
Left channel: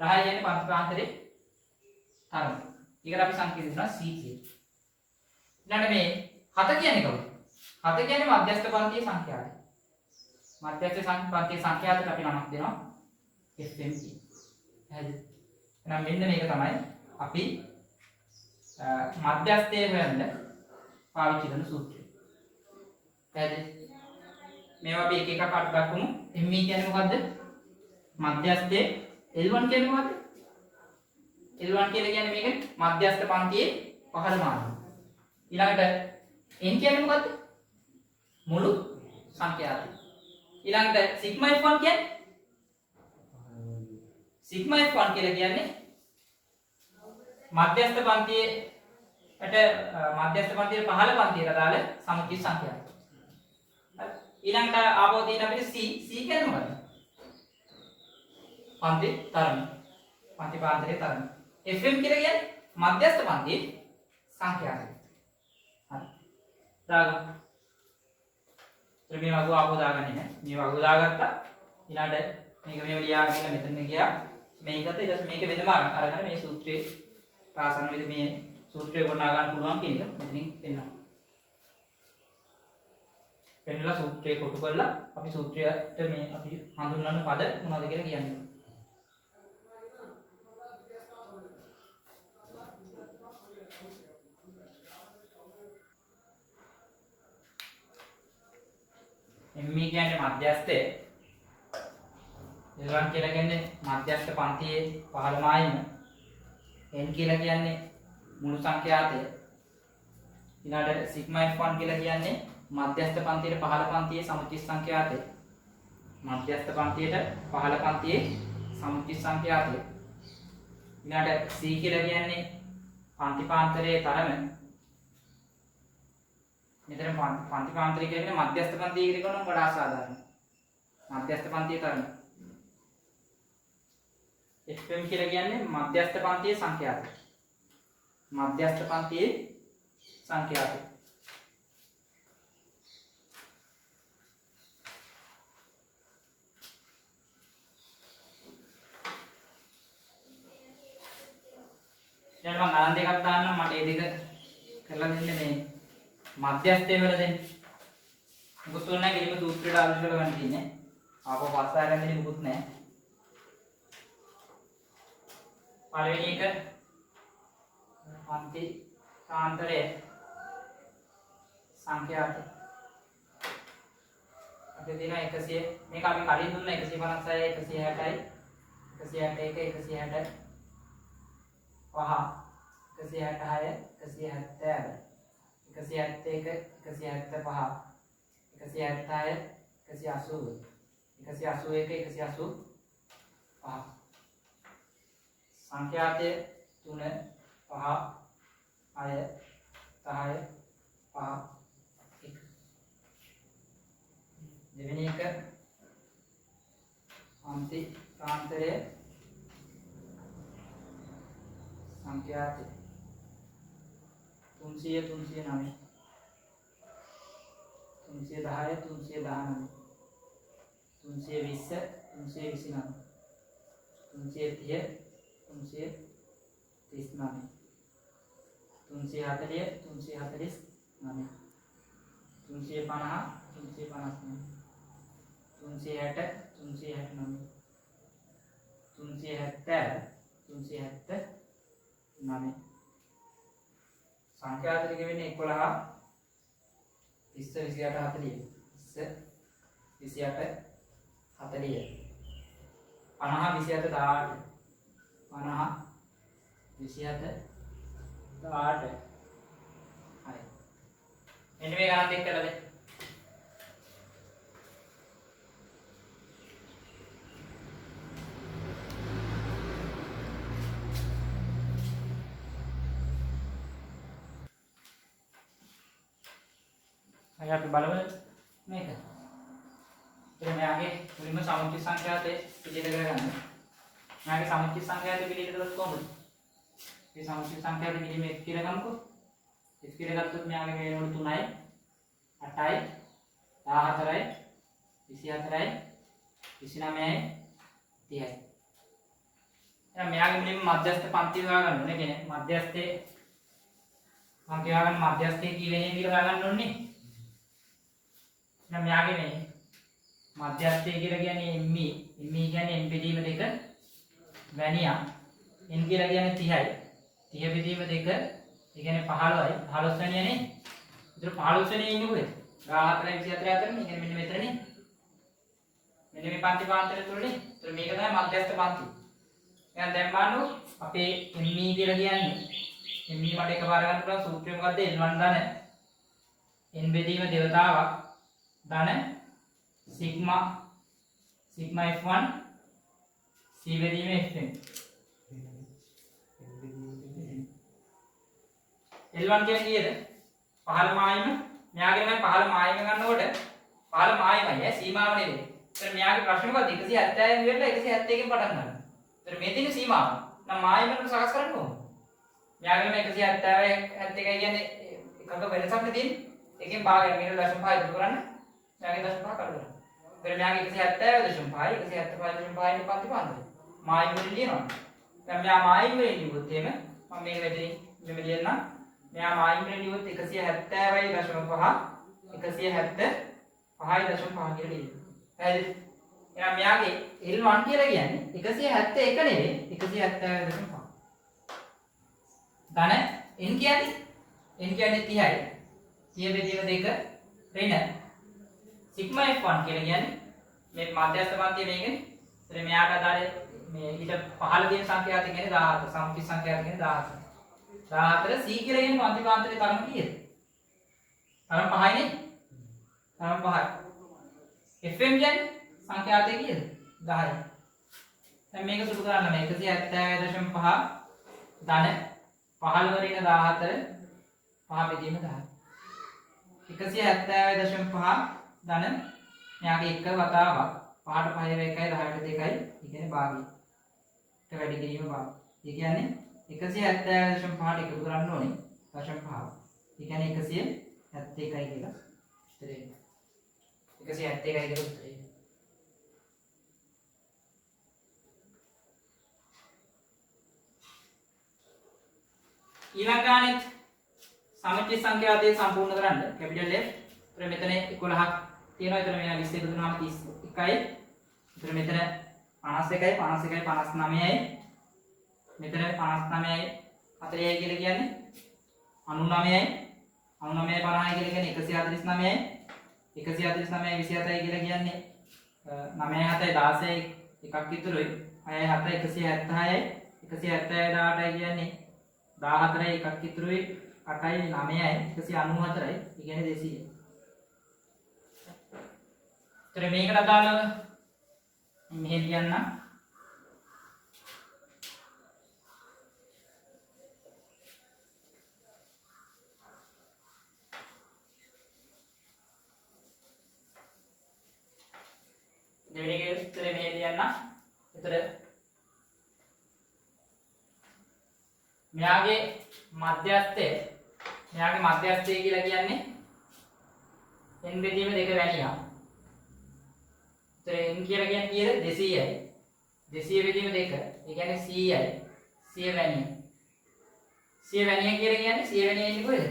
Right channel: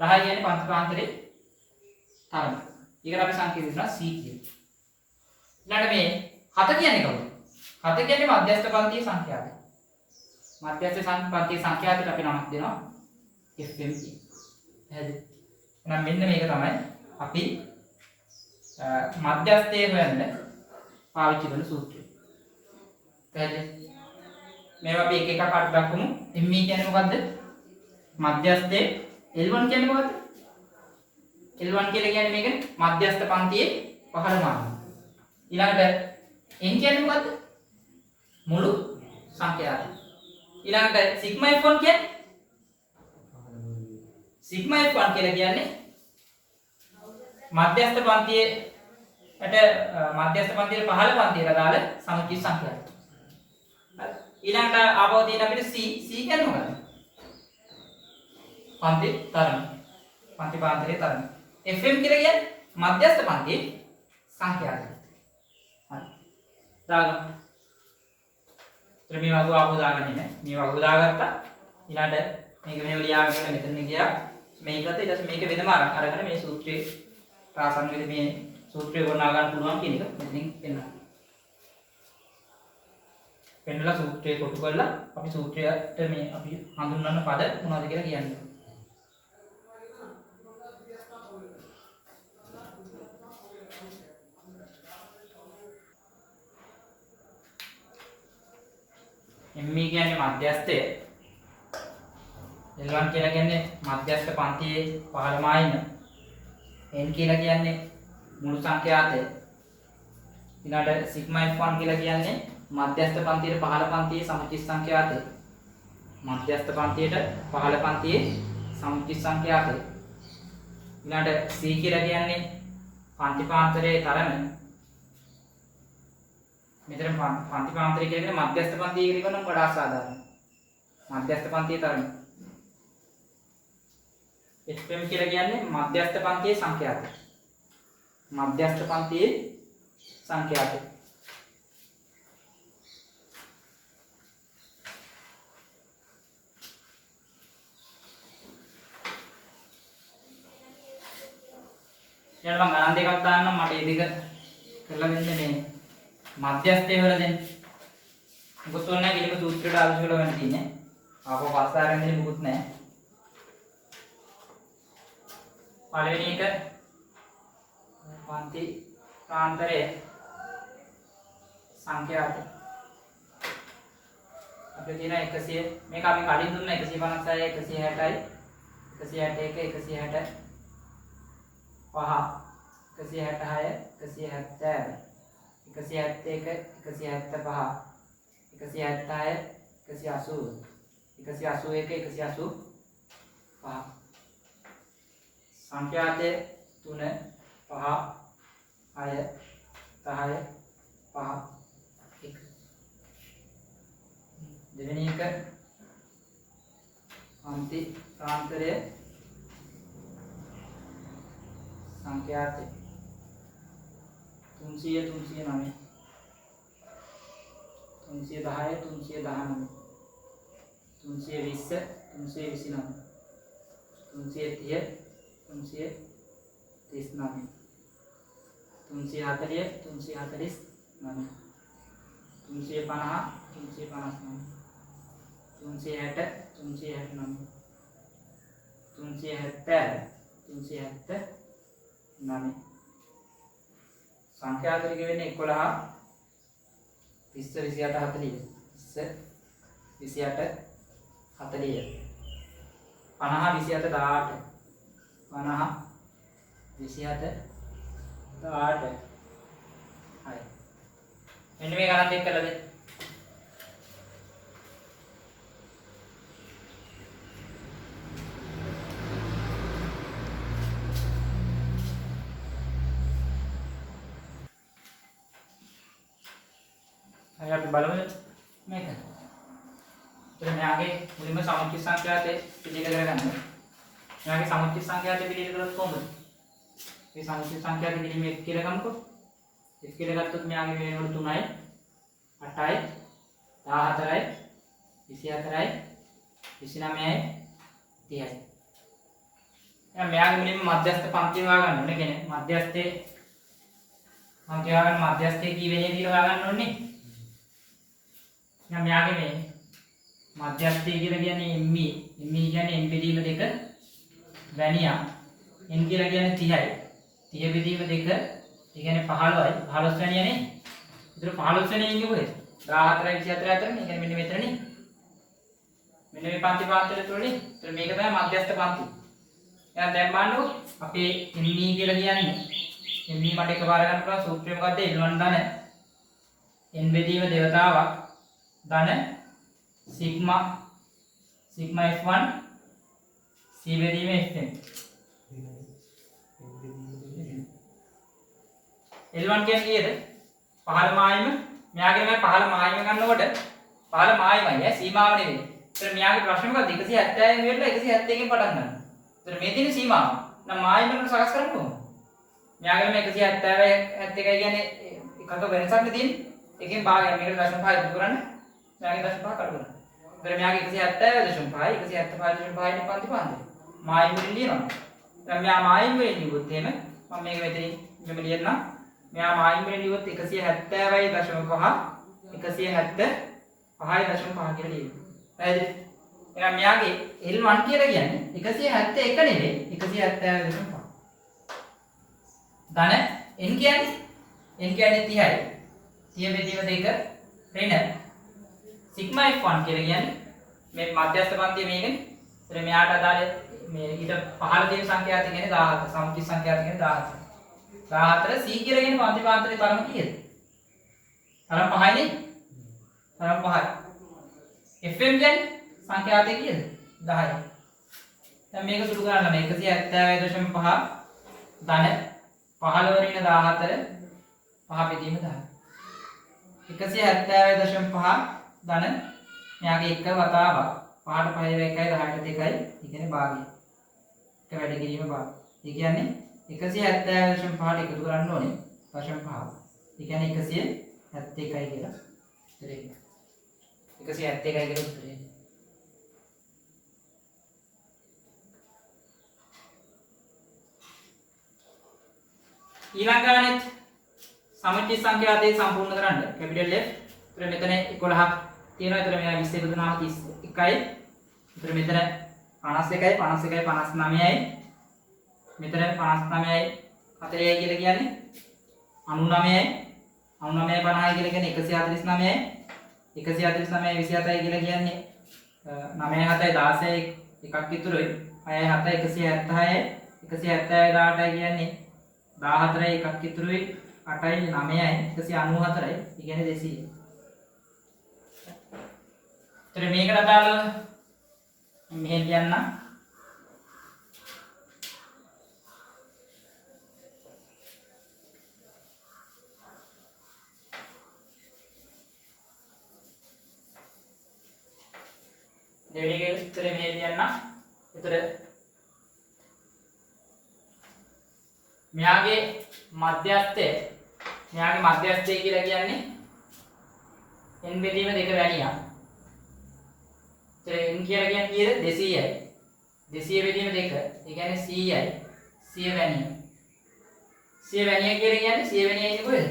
10 කියන්නේ පන්තිපාන්තරේ තරම. ඒකට අපි සංකේත දෙනවා c කියලා. ඊළඟට මේ 7 කියන්නේ කවුද? 7 කියන්නේ මධ්‍යස්ථ පන්තියේ සංඛ්‍යාතය. මධ්‍යස්ථ පන්තියේ සංඛ්‍යාතයට අපි නමක් දෙනවා fm කියලා. හරිද? එහෙනම් මෙන්න මේක තමයි අපි මධ්‍යස්ථයේ හොයන්න පාවිච්චි කරන සූත්‍රය. හරිද? මේවා අපි එක එකක් අට දක්වමු. ME කියන්නේ මොකද්ද? මධ්‍යස්ථයේ L1 කියන්නේ මොකද්ද? L1 කියලා කියන්නේ මේකනේ මධ්‍යස්ථ පන්තියේ පහළ මානය. ඊළඟට n කියන්නේ මොකද්ද? මුළු සංඛ්‍යාවයි. ඊළඟට සිග්මා f1 කියන්නේ සිග්මා f1 කියලා කියන්නේ මධ්‍යස්ථ පන්තියේ මධ්‍යස්ථ පන්තියේ පහළ පන්තියට අදාළ සමුච්චිත සංඛ්‍යාවයි. හරි. ඊළඟට ආපහු තියෙන අපිට c කියන්නේ මොකද්ද? පන්ති තරම. පන්ති පාන්තරයේ තරම. fm කියලා කියන්නේ මධ්‍යස්ථ පන්තියේ සංඛ්‍යාවයි. හරි. දාගමු. ඊට මේ වගුව ආපහු දාගන්නේ නැහැ. මේ වගුව දාගත්තා. ඊළඟට මේක මෙහෙම ලියාගෙන මෙතන ගියා. මේකත් ඊට පස්සේ මේක වෙනම අරගෙන මේ සූත්‍රයේ ප්‍රාසන්න වේද මේ සූත්‍රය ගොනා ගන්න පුළුවන් කියන එක මෙතනින් පෙන්නනවා. පෙන්නලා සූත්‍රය කොටු කරලා අපි සූත්‍රයට මේ අපි හඳුන්වන පද මොනවද කියලා කියන්නේ. ME කියන්නේ මධ්‍යස්ථය. L1 කියලා කියන්නේ මධ්‍යස්ථ පන්තියේ 15යිම. N කියලා කියන්නේ මුළු සංඛ්‍යාතය. ඊළඟට සිග්මා F1 කියලා කියන්නේ මධ්‍යස්ථ පන්තියේ 15 පන්තියේ සමුචිත සංඛ්‍යාතය. මධ්‍යස්ථ පන්තියේ 15 පන්තියේ සමුචිත සංඛ්‍යාතය. ඊළඟට C කියලා කියන්නේ පන්තිපාන්තරයේ තරම. මෙතන පන්තිපාන්තරය කියන්නේ මධ්‍යස්ථ පන්තියේ ඉරිකනම් වඩා සාධාරණයි. මධ්‍යස්ථ පන්තියේ තරම. FM කියලා කියන්නේ මධ්‍යස්ථ පන්තියේ සංඛ්‍යාතය. මධ්‍යස්ථ පන්තියේ සංඛ්‍යාතය. ඊළඟ මම ගණන් දෙකක් දාන්නම් මට මේ දෙක කරලා දෙන්න මේ මධ්‍යස්ථය වල දෙන්න. මොකද ඔන්න කිලිම සූත්‍රයට ආවිස් වල ගන්න තියෙන්නේ. ආපහු පස්ස ආරෙන් දෙන්නේ මොකුත් නැහැ. පළවෙනි එක පන්ති කාන්තරයේ සංඛ්‍යාත අපි දින 100 මේක අපි කලින් දුන්නා 156 160යි 161 160 පහ 166 170 171 175 176 180 181 185 සංඛ්‍යාතයේ 3 5 6 10 5 1 දෙවෙනි එක අන්ති ප්‍රාන්තරයේ සංඛ්‍යාතය 300 309 310 319 320 329 330 339 340 349 350 359 360 369 370 379 සංඛ්‍යාතය වෙන්නේ 11 20 28 40 20 28 40 50 27 18 50 27 18 හරි මෙන්න මේ ගණන් දෙක කරලා දෙන්න. හරි අපි බලමු මේක. ඉතින් මෙයාගේ මුලින්ම සමුච්චිත සංඛ්‍යාතේ පිළියෙල කරගන්න. මෙයාගේ සමුච්චිත සංඛ්‍යාතේ පිළියෙල කරොත් කොහොමද? මේ සමුච්චිත සංඛ්‍යාතේ පිළිම 1 කියලා ගමුකෝ. 1 කියලා ගත්තොත් මෙයාගේ මේ වෙනකොට 3යි 8යි 14යි 24යි 29යි 30යි. එහෙනම් මෙයාගේ මුලින්ම මධ්‍යස්ථ පන්ති හොයාගන්න ඕනේ. කියන්නේ මධ්‍යස්ථයේ පන්ති හොයාගන්න මධ්‍යස්ථයේ කී වෙන්නේ කියලා හොයාගන්න ඕනේ. එහෙනම් මෙයාගේ මේ මධ්‍යස්ථය කියලා කියන්නේ ME. ME කියන්නේ M බෙදීම 2 වැනියා. N කියලා කියන්නේ 30යි. 30 බෙදීම 2 ඒ කියන්නේ 15යි. 15 වැනියානේ. ඒතර 15 වැනියා ඉන්නේ කොහෙද? 14යි 24යි අතර නේ. මෙන්න මෙතනනේ. මෙන්න මේ පන්ති පාන්තරය තුලනේ. ඒතර මේක තමයි මධ්‍යස්ථ පන්ති. එහෙනම් දැන් බලන්නකො අපේ ME කියලා කියන්නේ ME මට එකපාර ගන්න පුළුවන් සූත්‍රය මොකද්ද? L1 ධන N බෙදීම දේවතාවක් ධන sigma F1 C බෙදීම Fn L1 කියන්නේ කීයද? 15 මායිම මෙයාගේ තමයි 15 මායිම ගන්නකොට 15 මායිමයි සීමාව නෙවෙයි. ඒතර මෙයාගේ ප්‍රශ්න මොකද්ද? 170න් ඉවරලා 171කින් පටන් ගන්න. ඒතර මේ තියෙන සීමාව. නම් මායිමකට සකස් කරන්න ඕන. මෙයාගේ මේ 170 71 කියන්නේ එකක වෙනසක් නේ තියෙන්නේ. එකෙන් භාගයක් මේකට 0.5 ඉතුරු කරන්න. මෙයාගේ 0.5 කඩ කරන්න. ඒතර මෙයාගේ 170.5 175.5 නේ පන්ති පාන්දරේ. මායිම් වලින් ලියනවා. දැන් මෙයා මායිම් වලින් ලියුවොත් එහෙම මම මේක මෙතනින් මෙහෙම ලියන්නම්. මෙයා මායිම් වලින් ලියුවොත් 170.5 175.5 කියලා ලියනවා. පැහැදිලි? එහෙනම් මෙයාගේ L1 කියලා කියන්නේ 171 නෙවෙයි 170.5. ධන n කියන්නේ 30යි. 30 බෙදීම 2 ඍණ සිග්මා f1 කියලා කියන්නේ මේ මධ්‍යස්ථ පන්තිය මේකනේ. ඒතර මෙයාට අදාළ මේ ඊට පහළ තියෙන සංඛ්‍යාත කියන්නේ 17. සම්පූර්ණ සංඛ්‍යාත කියන්නේ 17. 14 c කියලා කියන්නේ පන්තිපාන්තරේ තරම කීයද? තරම 5යිනේ. තරම 5යි. fm කියන්නේ සංඛ්‍යාතය කීයද? 10යි. දැන් මේක සුළු කරන්න මේ 170.5 ධන 15 ඍණ 14 5 බෙදීම 10. 170.5 ධන මෙයාගේ එක වතාවක් 5ට 5 1යි 10ට 2යි ඒ කියන්නේ භාගය. එක වැඩි කිරීම භාගය. ඒ කියන්නේ 170.5ට එකතු කරන්න ඕනේ 0.5. ඒ කියන්නේ 171යි කියලා උත්තරේ. 171යි කියලා උත්තරේ. ඊළඟ ගානෙත් සමච්ච සංඛ්‍යාතය සම්පූර්ණ කරන්න කැපිටල් F. ඒතර මෙතන 11ක් තියෙනවා. ඒතර මෙයා 20 එකතු කරනවා 31යි. ඒතර මෙතන 51යි 51යි 59යි. මෙතන 59යි 40යි කියලා කියන්නේ 99යි 99යි 50යි කියලා කියන්නේ 149යි 149යි 27යි කියලා කියන්නේ 9 7යි 16යි එකක් ඉතුරුයි 6 7යි 176යි 176යි 18යි කියන්නේ 14යි එකක් ඉතුරුයි 8යි 9යි 194යි ඒ කියන්නේ 200. ඒතර මේකට අදාළව මෙහෙ ලියන්න. දෙවෙනි එකේ උත්තරේ මෙහෙ ලියන්න. ඒතර මෙයාගේ මධ්‍යස්ථය කියලා කියන්නේ n බෙදීම 2 වැනියක්. ඒතර n කියලා කියන්නේ කීයද? 200යි. 200 බෙදීම 2. ඒ කියන්නේ 100යි. 100 වැනිය. 100 වැනිය කියලා කියන්නේ 100 වැනිය ඉන්නේ කොහෙද?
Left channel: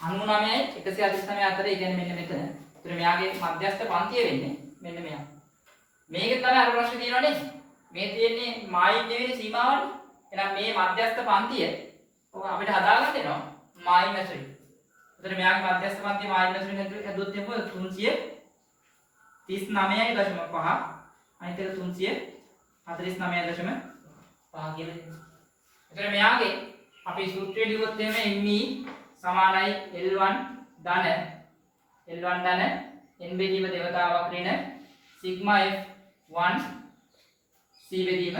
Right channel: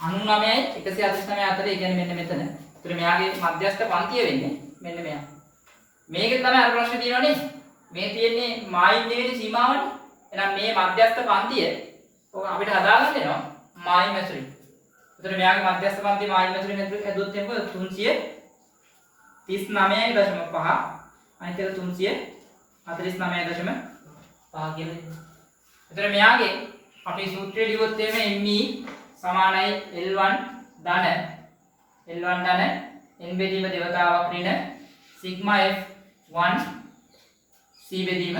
99යි 149 අතර. ඒ කියන්නේ මෙන්න මෙතන. ඒතර මෙයාගේ මධ්‍යස්ථ පන්තිය වෙන්නේ මෙන්න මෙයා. මේකෙන් තමයි අර ප්‍රශ්නේ තියෙනවනේ. මේ තියෙන්නේ මායිම් දෙවෙනි සීමාවනේ. එහෙනම් මේ මධ්‍යස්ථ පන්තිය ඔක අපිට හදාගන්න වෙනවා මායිම් මැසුරින්. ඒතර මෙයාගේ මධ්‍යස්ථ පන්තිය මායිම් මැසුරින් හැදුවොත් එන්නේ 339.5 අනිත් එක 349.5 කියලා. ඒතර මෙයාගේ අපි සූත්‍රය ලියුවොත් එimhe me සමානයි L1 ධන n බෙදීම දෙවතාවක් ඍණ සිග්මා f1 c බෙදීම fn.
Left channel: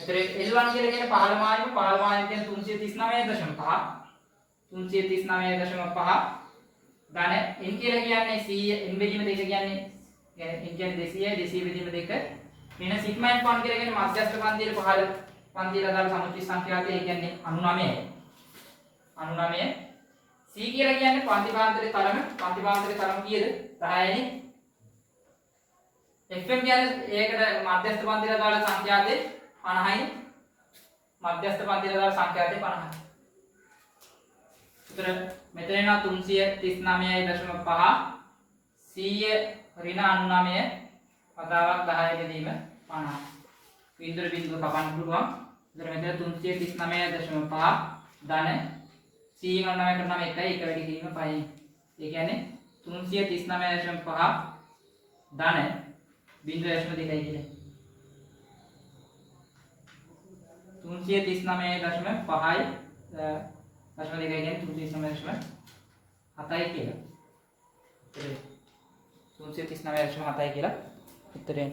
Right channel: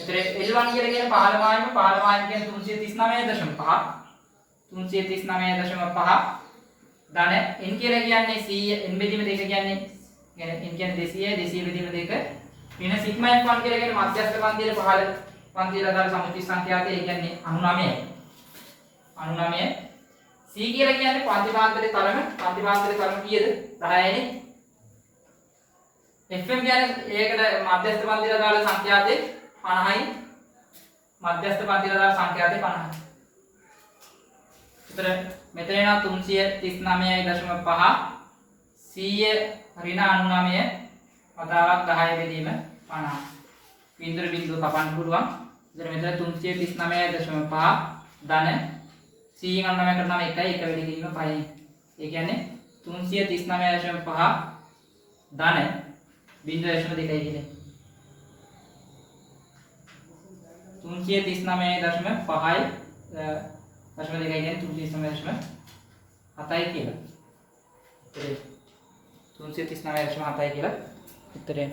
එතන L1 කියලා කියන්නේ 15 මායිම කියන්නේ 339.5 339.5 ධන n කියලා කියන්නේ 100 n බෙදීම 2 කියන්නේ n කියන්නේ 200යි 200 බෙදීම 2 ඍණ සිග්මා f1 කියලා කියන්නේ මධ්‍යස්ථ පන්තියේ පහළ පන්තියේ අදාළ සමච්ච සංඛ්‍යාතය ඒ කියන්නේ 99යි 99යි c කියලා කියන්නේ පන්තිපාන්තරේ තරම කීයද 10යිනේ fm කියන්නේ ඒකට මධ්‍යස්ථ පන්තියේ අදාළ සංඛ්‍යාතේ 50යි මධ්‍යස්ථ පන්තියේ අදාළ සංඛ්‍යාතේ 50යි. ඒතර මෙතන නා 339.5 100 ඍණ 99 වතාවක් 10 බෙදීම 50. බිඳුර බිඳුව කපන්න පුළුවන්. ඒතර මෙතන 339.5 ධන 199 කරනවා 1යි 1 වැඩි කිරීම 5යි. ඒ කියන්නේ 339.5 ධන 0.2යි කියන්නේ. 339.5යි 0.2යි කියන්නේ 339.7යි කියලා. උත්තරේ 339.7යි කියලා උත්තරේ.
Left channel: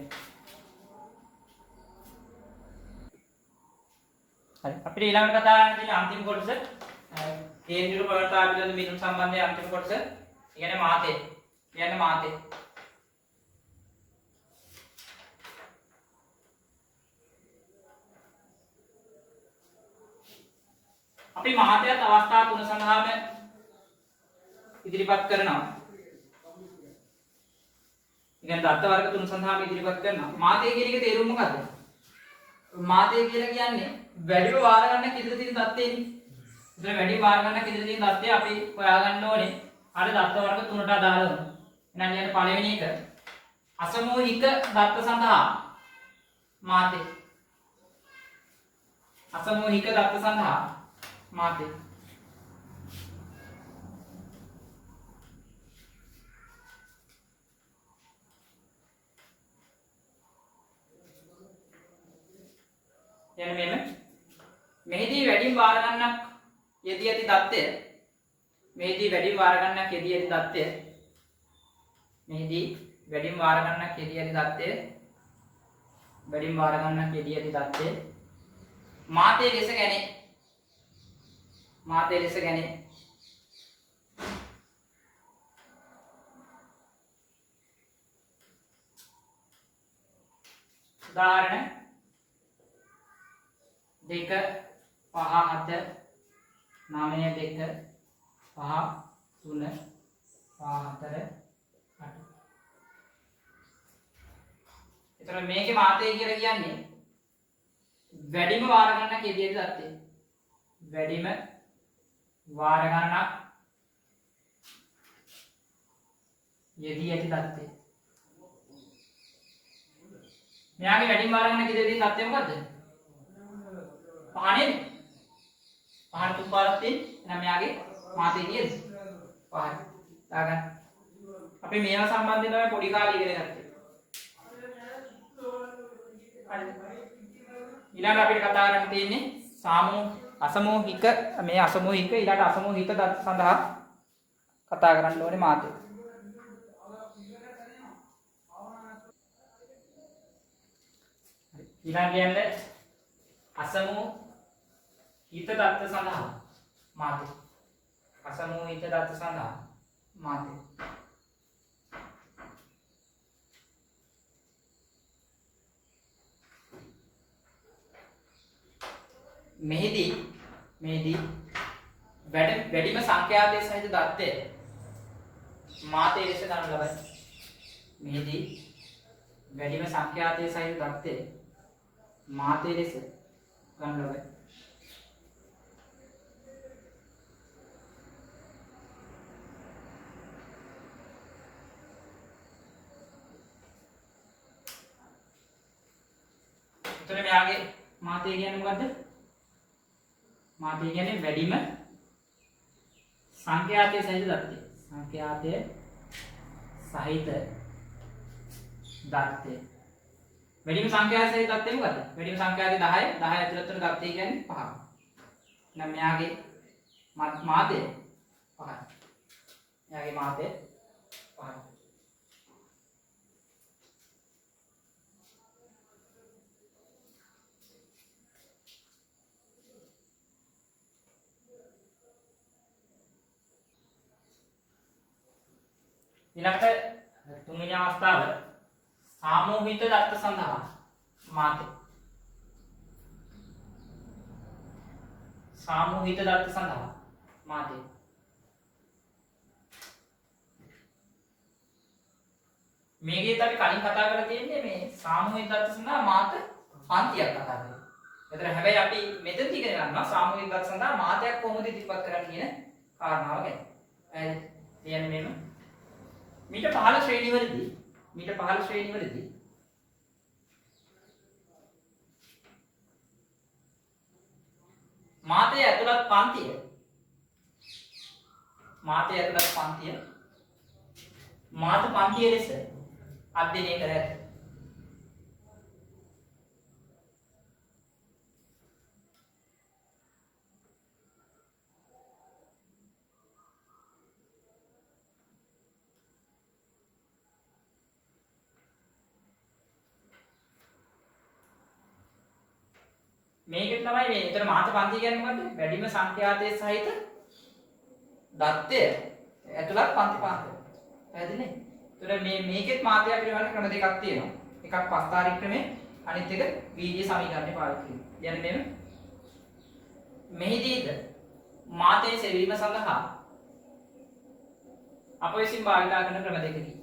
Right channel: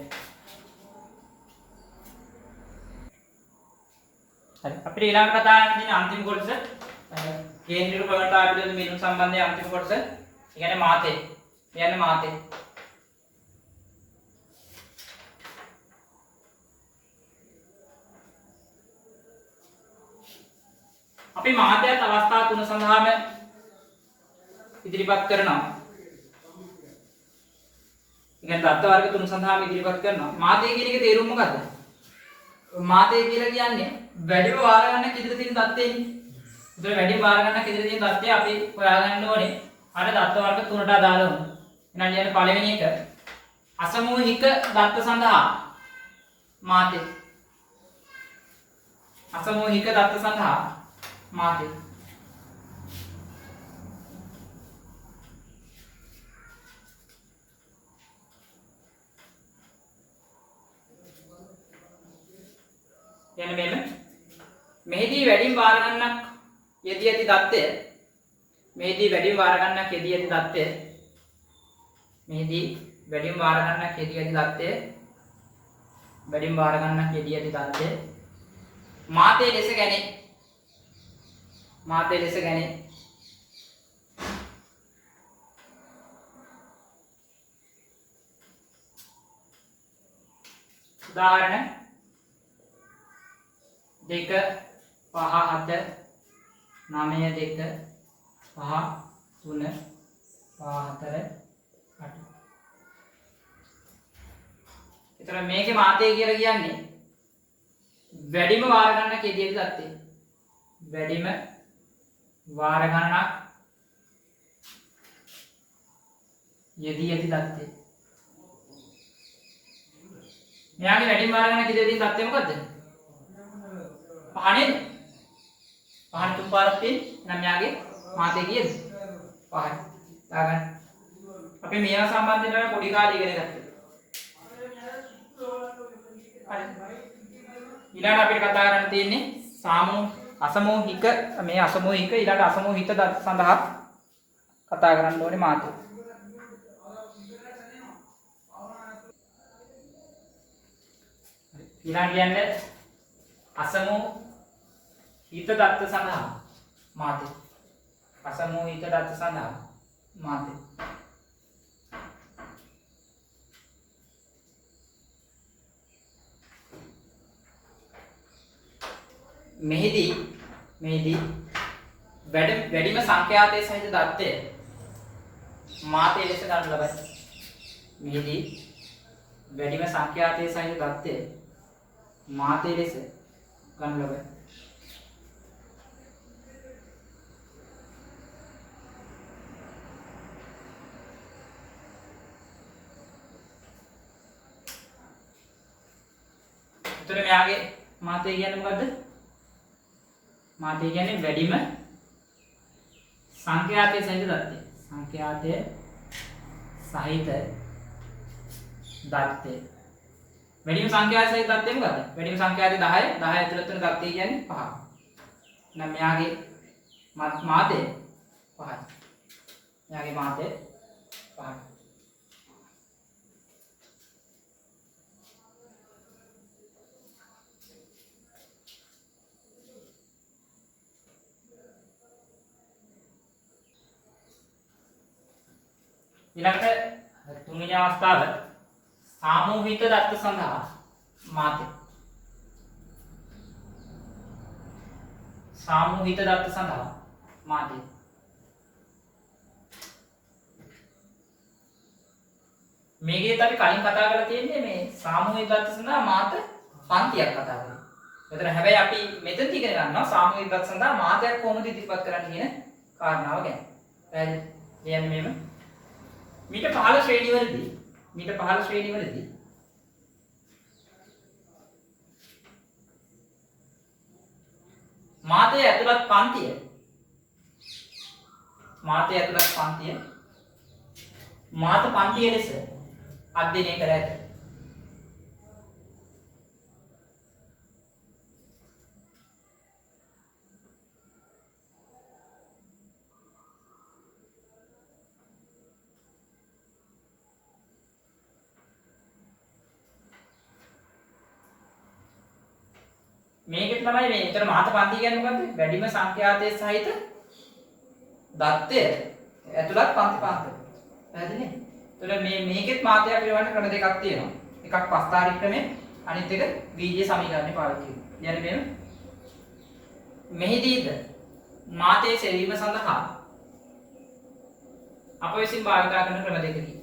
හරි අපිට ඊළඟ කතා කරන්න තියෙන අන්තිම කොටස කේන්ද්‍රීය ප්‍රවණතා පිළිබඳ මිදුම් සම්බන්ධයේ අන්තිම කොටස. ඒ කියන්නේ මාතේ. කියන්නේ මාතේ. අපි මාතයත් අවස්ථා 3 සඳහාම ඉදිරිපත් කරනවා. කියන්නේ දත්ත වර්ග තුන සඳහාම ඉදිරිපත් කරනවා. මාතය කියන එකේ තේරුම මොකද්ද? මාතය කියලා කියන්නේ වැඩිම වාර ගන්න ඉදිරිය තියෙන தත්ත්වෙන්නේ. ඒතර වැඩිම වාර ගන්න ඉදිරිය තියෙන தත්ත්වය අපි හොයාගන්න ඕනේ. අර දත්ත වර්ග තුනට අදාළව. එහෙනම් කියන්නේ පළවෙනි එක අසමූහික දත්ත සඳහා මාතය. අසමූහික දත්ත සඳහා මාතය. යන මෙහිදී වැඩිම වාර ගණනක් යෙදී ඇති தත්ත්වය මෙහිදී වැඩිම වාර ගණනක් යෙදී ඇති தත්ත්වය මෙහිදී වැඩිම වාර ගණනක් යෙදී ඇති தත්ත්වය වැඩිම වාර ගණනක් යෙදී ඇති தත්ත්වය මාතේ ලෙස ගැනේ මාතේ ලෙස ගැනේ උදාහරණ 2 5 7 9 2 5 3 4 8 එතන මේකේ මාතය කියලා කියන්නේ වැඩිම වාර ගණනක් යෙදී ඇති தත්ත්වය. වැඩිම වාර ගණනක් යෙදී ඇති தත්ත්වය. මෙයාගේ වැඩිම වාර ගණනක් යෙදී ඇති தත්ත්වය මොකද්ද? පහනේ පහන තුන් පාරක් තියෙන නම් යාගේ මාතේ කීයද? පහයි. දාගන්න. අපි මේවා සම්බන්ධයෙන් පොඩි කාලේ ඉගෙන ගත්තා. ඊළඟට අපිට කතා කරන්න තියෙන්නේ අසමූහික මේ අසමූහික ඊළඟ අසමූහිත දත්ත සඳහා කතා කරන්න ඕනේ මාතේ. ඊළඟ කියන්නේ අසමූහිත දත්ත සඳහා මාතේ. අසමූහිත දත්ත සඳහා මාතේ. මෙහිදී වැඩිම සංඛ්‍යාතයේ සහිත දත්තය මාතේ ලෙස ගන්න ලබයි. මෙහිදී වැඩිම සංඛ්‍යාතයේ සහිත දත්තය මාතේ ලෙස ගන්න ලබයි. එතකොට මෙයාගේ මාතේ කියන්නේ මොකද්ද? මාතේ කියන්නේ වැඩිම සංඛ්‍යාතයේ සහිත දත්තය. සංඛ්‍යාතයේ සහිත දත්තය. වැඩිම සංඛ්‍යාතයේ සහිත දත්තය මොකද්ද? වැඩිම සංඛ්‍යාතයේ 10. 10 ඇතුළත වෙන දත්තය කියන්නේ 5. එහෙනම් මෙයාගේ මාතේ 5යි. මෙයාගේ මාතේ 5යි. ඊළඟට තුන්වෙනි අවස්ථාව සාමූහික දත්ත සඳහා මාතේ. සාමූහික දත්ත සඳහා මාතේ. මේකේත් අපි කලින් කතා කරලා තියෙන්නේ මේ සාමූහික දත්ත සඳහා මාත පන්තියක් කතා කරලා. ඒතර හැබැයි අපි මෙතන ඉගෙන ගන්නවා සාමූහික දත්ත සඳහා මාතයක් කොහොමද ඉදිරිපත් කරන්නේ කියන කාරණාව ගැන. කියන්නේ මේම මීට 15 ශ්‍රේණිවලදී මාතේ ඇතුළත් පන්තිය මාත පන්තිය ලෙස අධ්‍යයනය කර ඇත. මේකෙත් තමයි මේ එතන මාත පන්ති කියන්නේ මොකද්ද? වැඩිම සංඛ්‍යාතයේ සහිත දත්තය ඇතුළත් පන්ති පාන්තර. පැහැදිලිද? ඒතර මේකෙත් මාතය පිළිබඳ ක්‍රම දෙකක් තියෙනවා. එකක් පස්තාරි ක්‍රමය, අනිත් එක බීජීය සමීකරණය පාවිච්චි කරනවා. කියන්නේ මෙහිදීද මාතේ සෙවීම සඳහා අප විසින් භාවිත කරන ක්‍රම දෙකකි.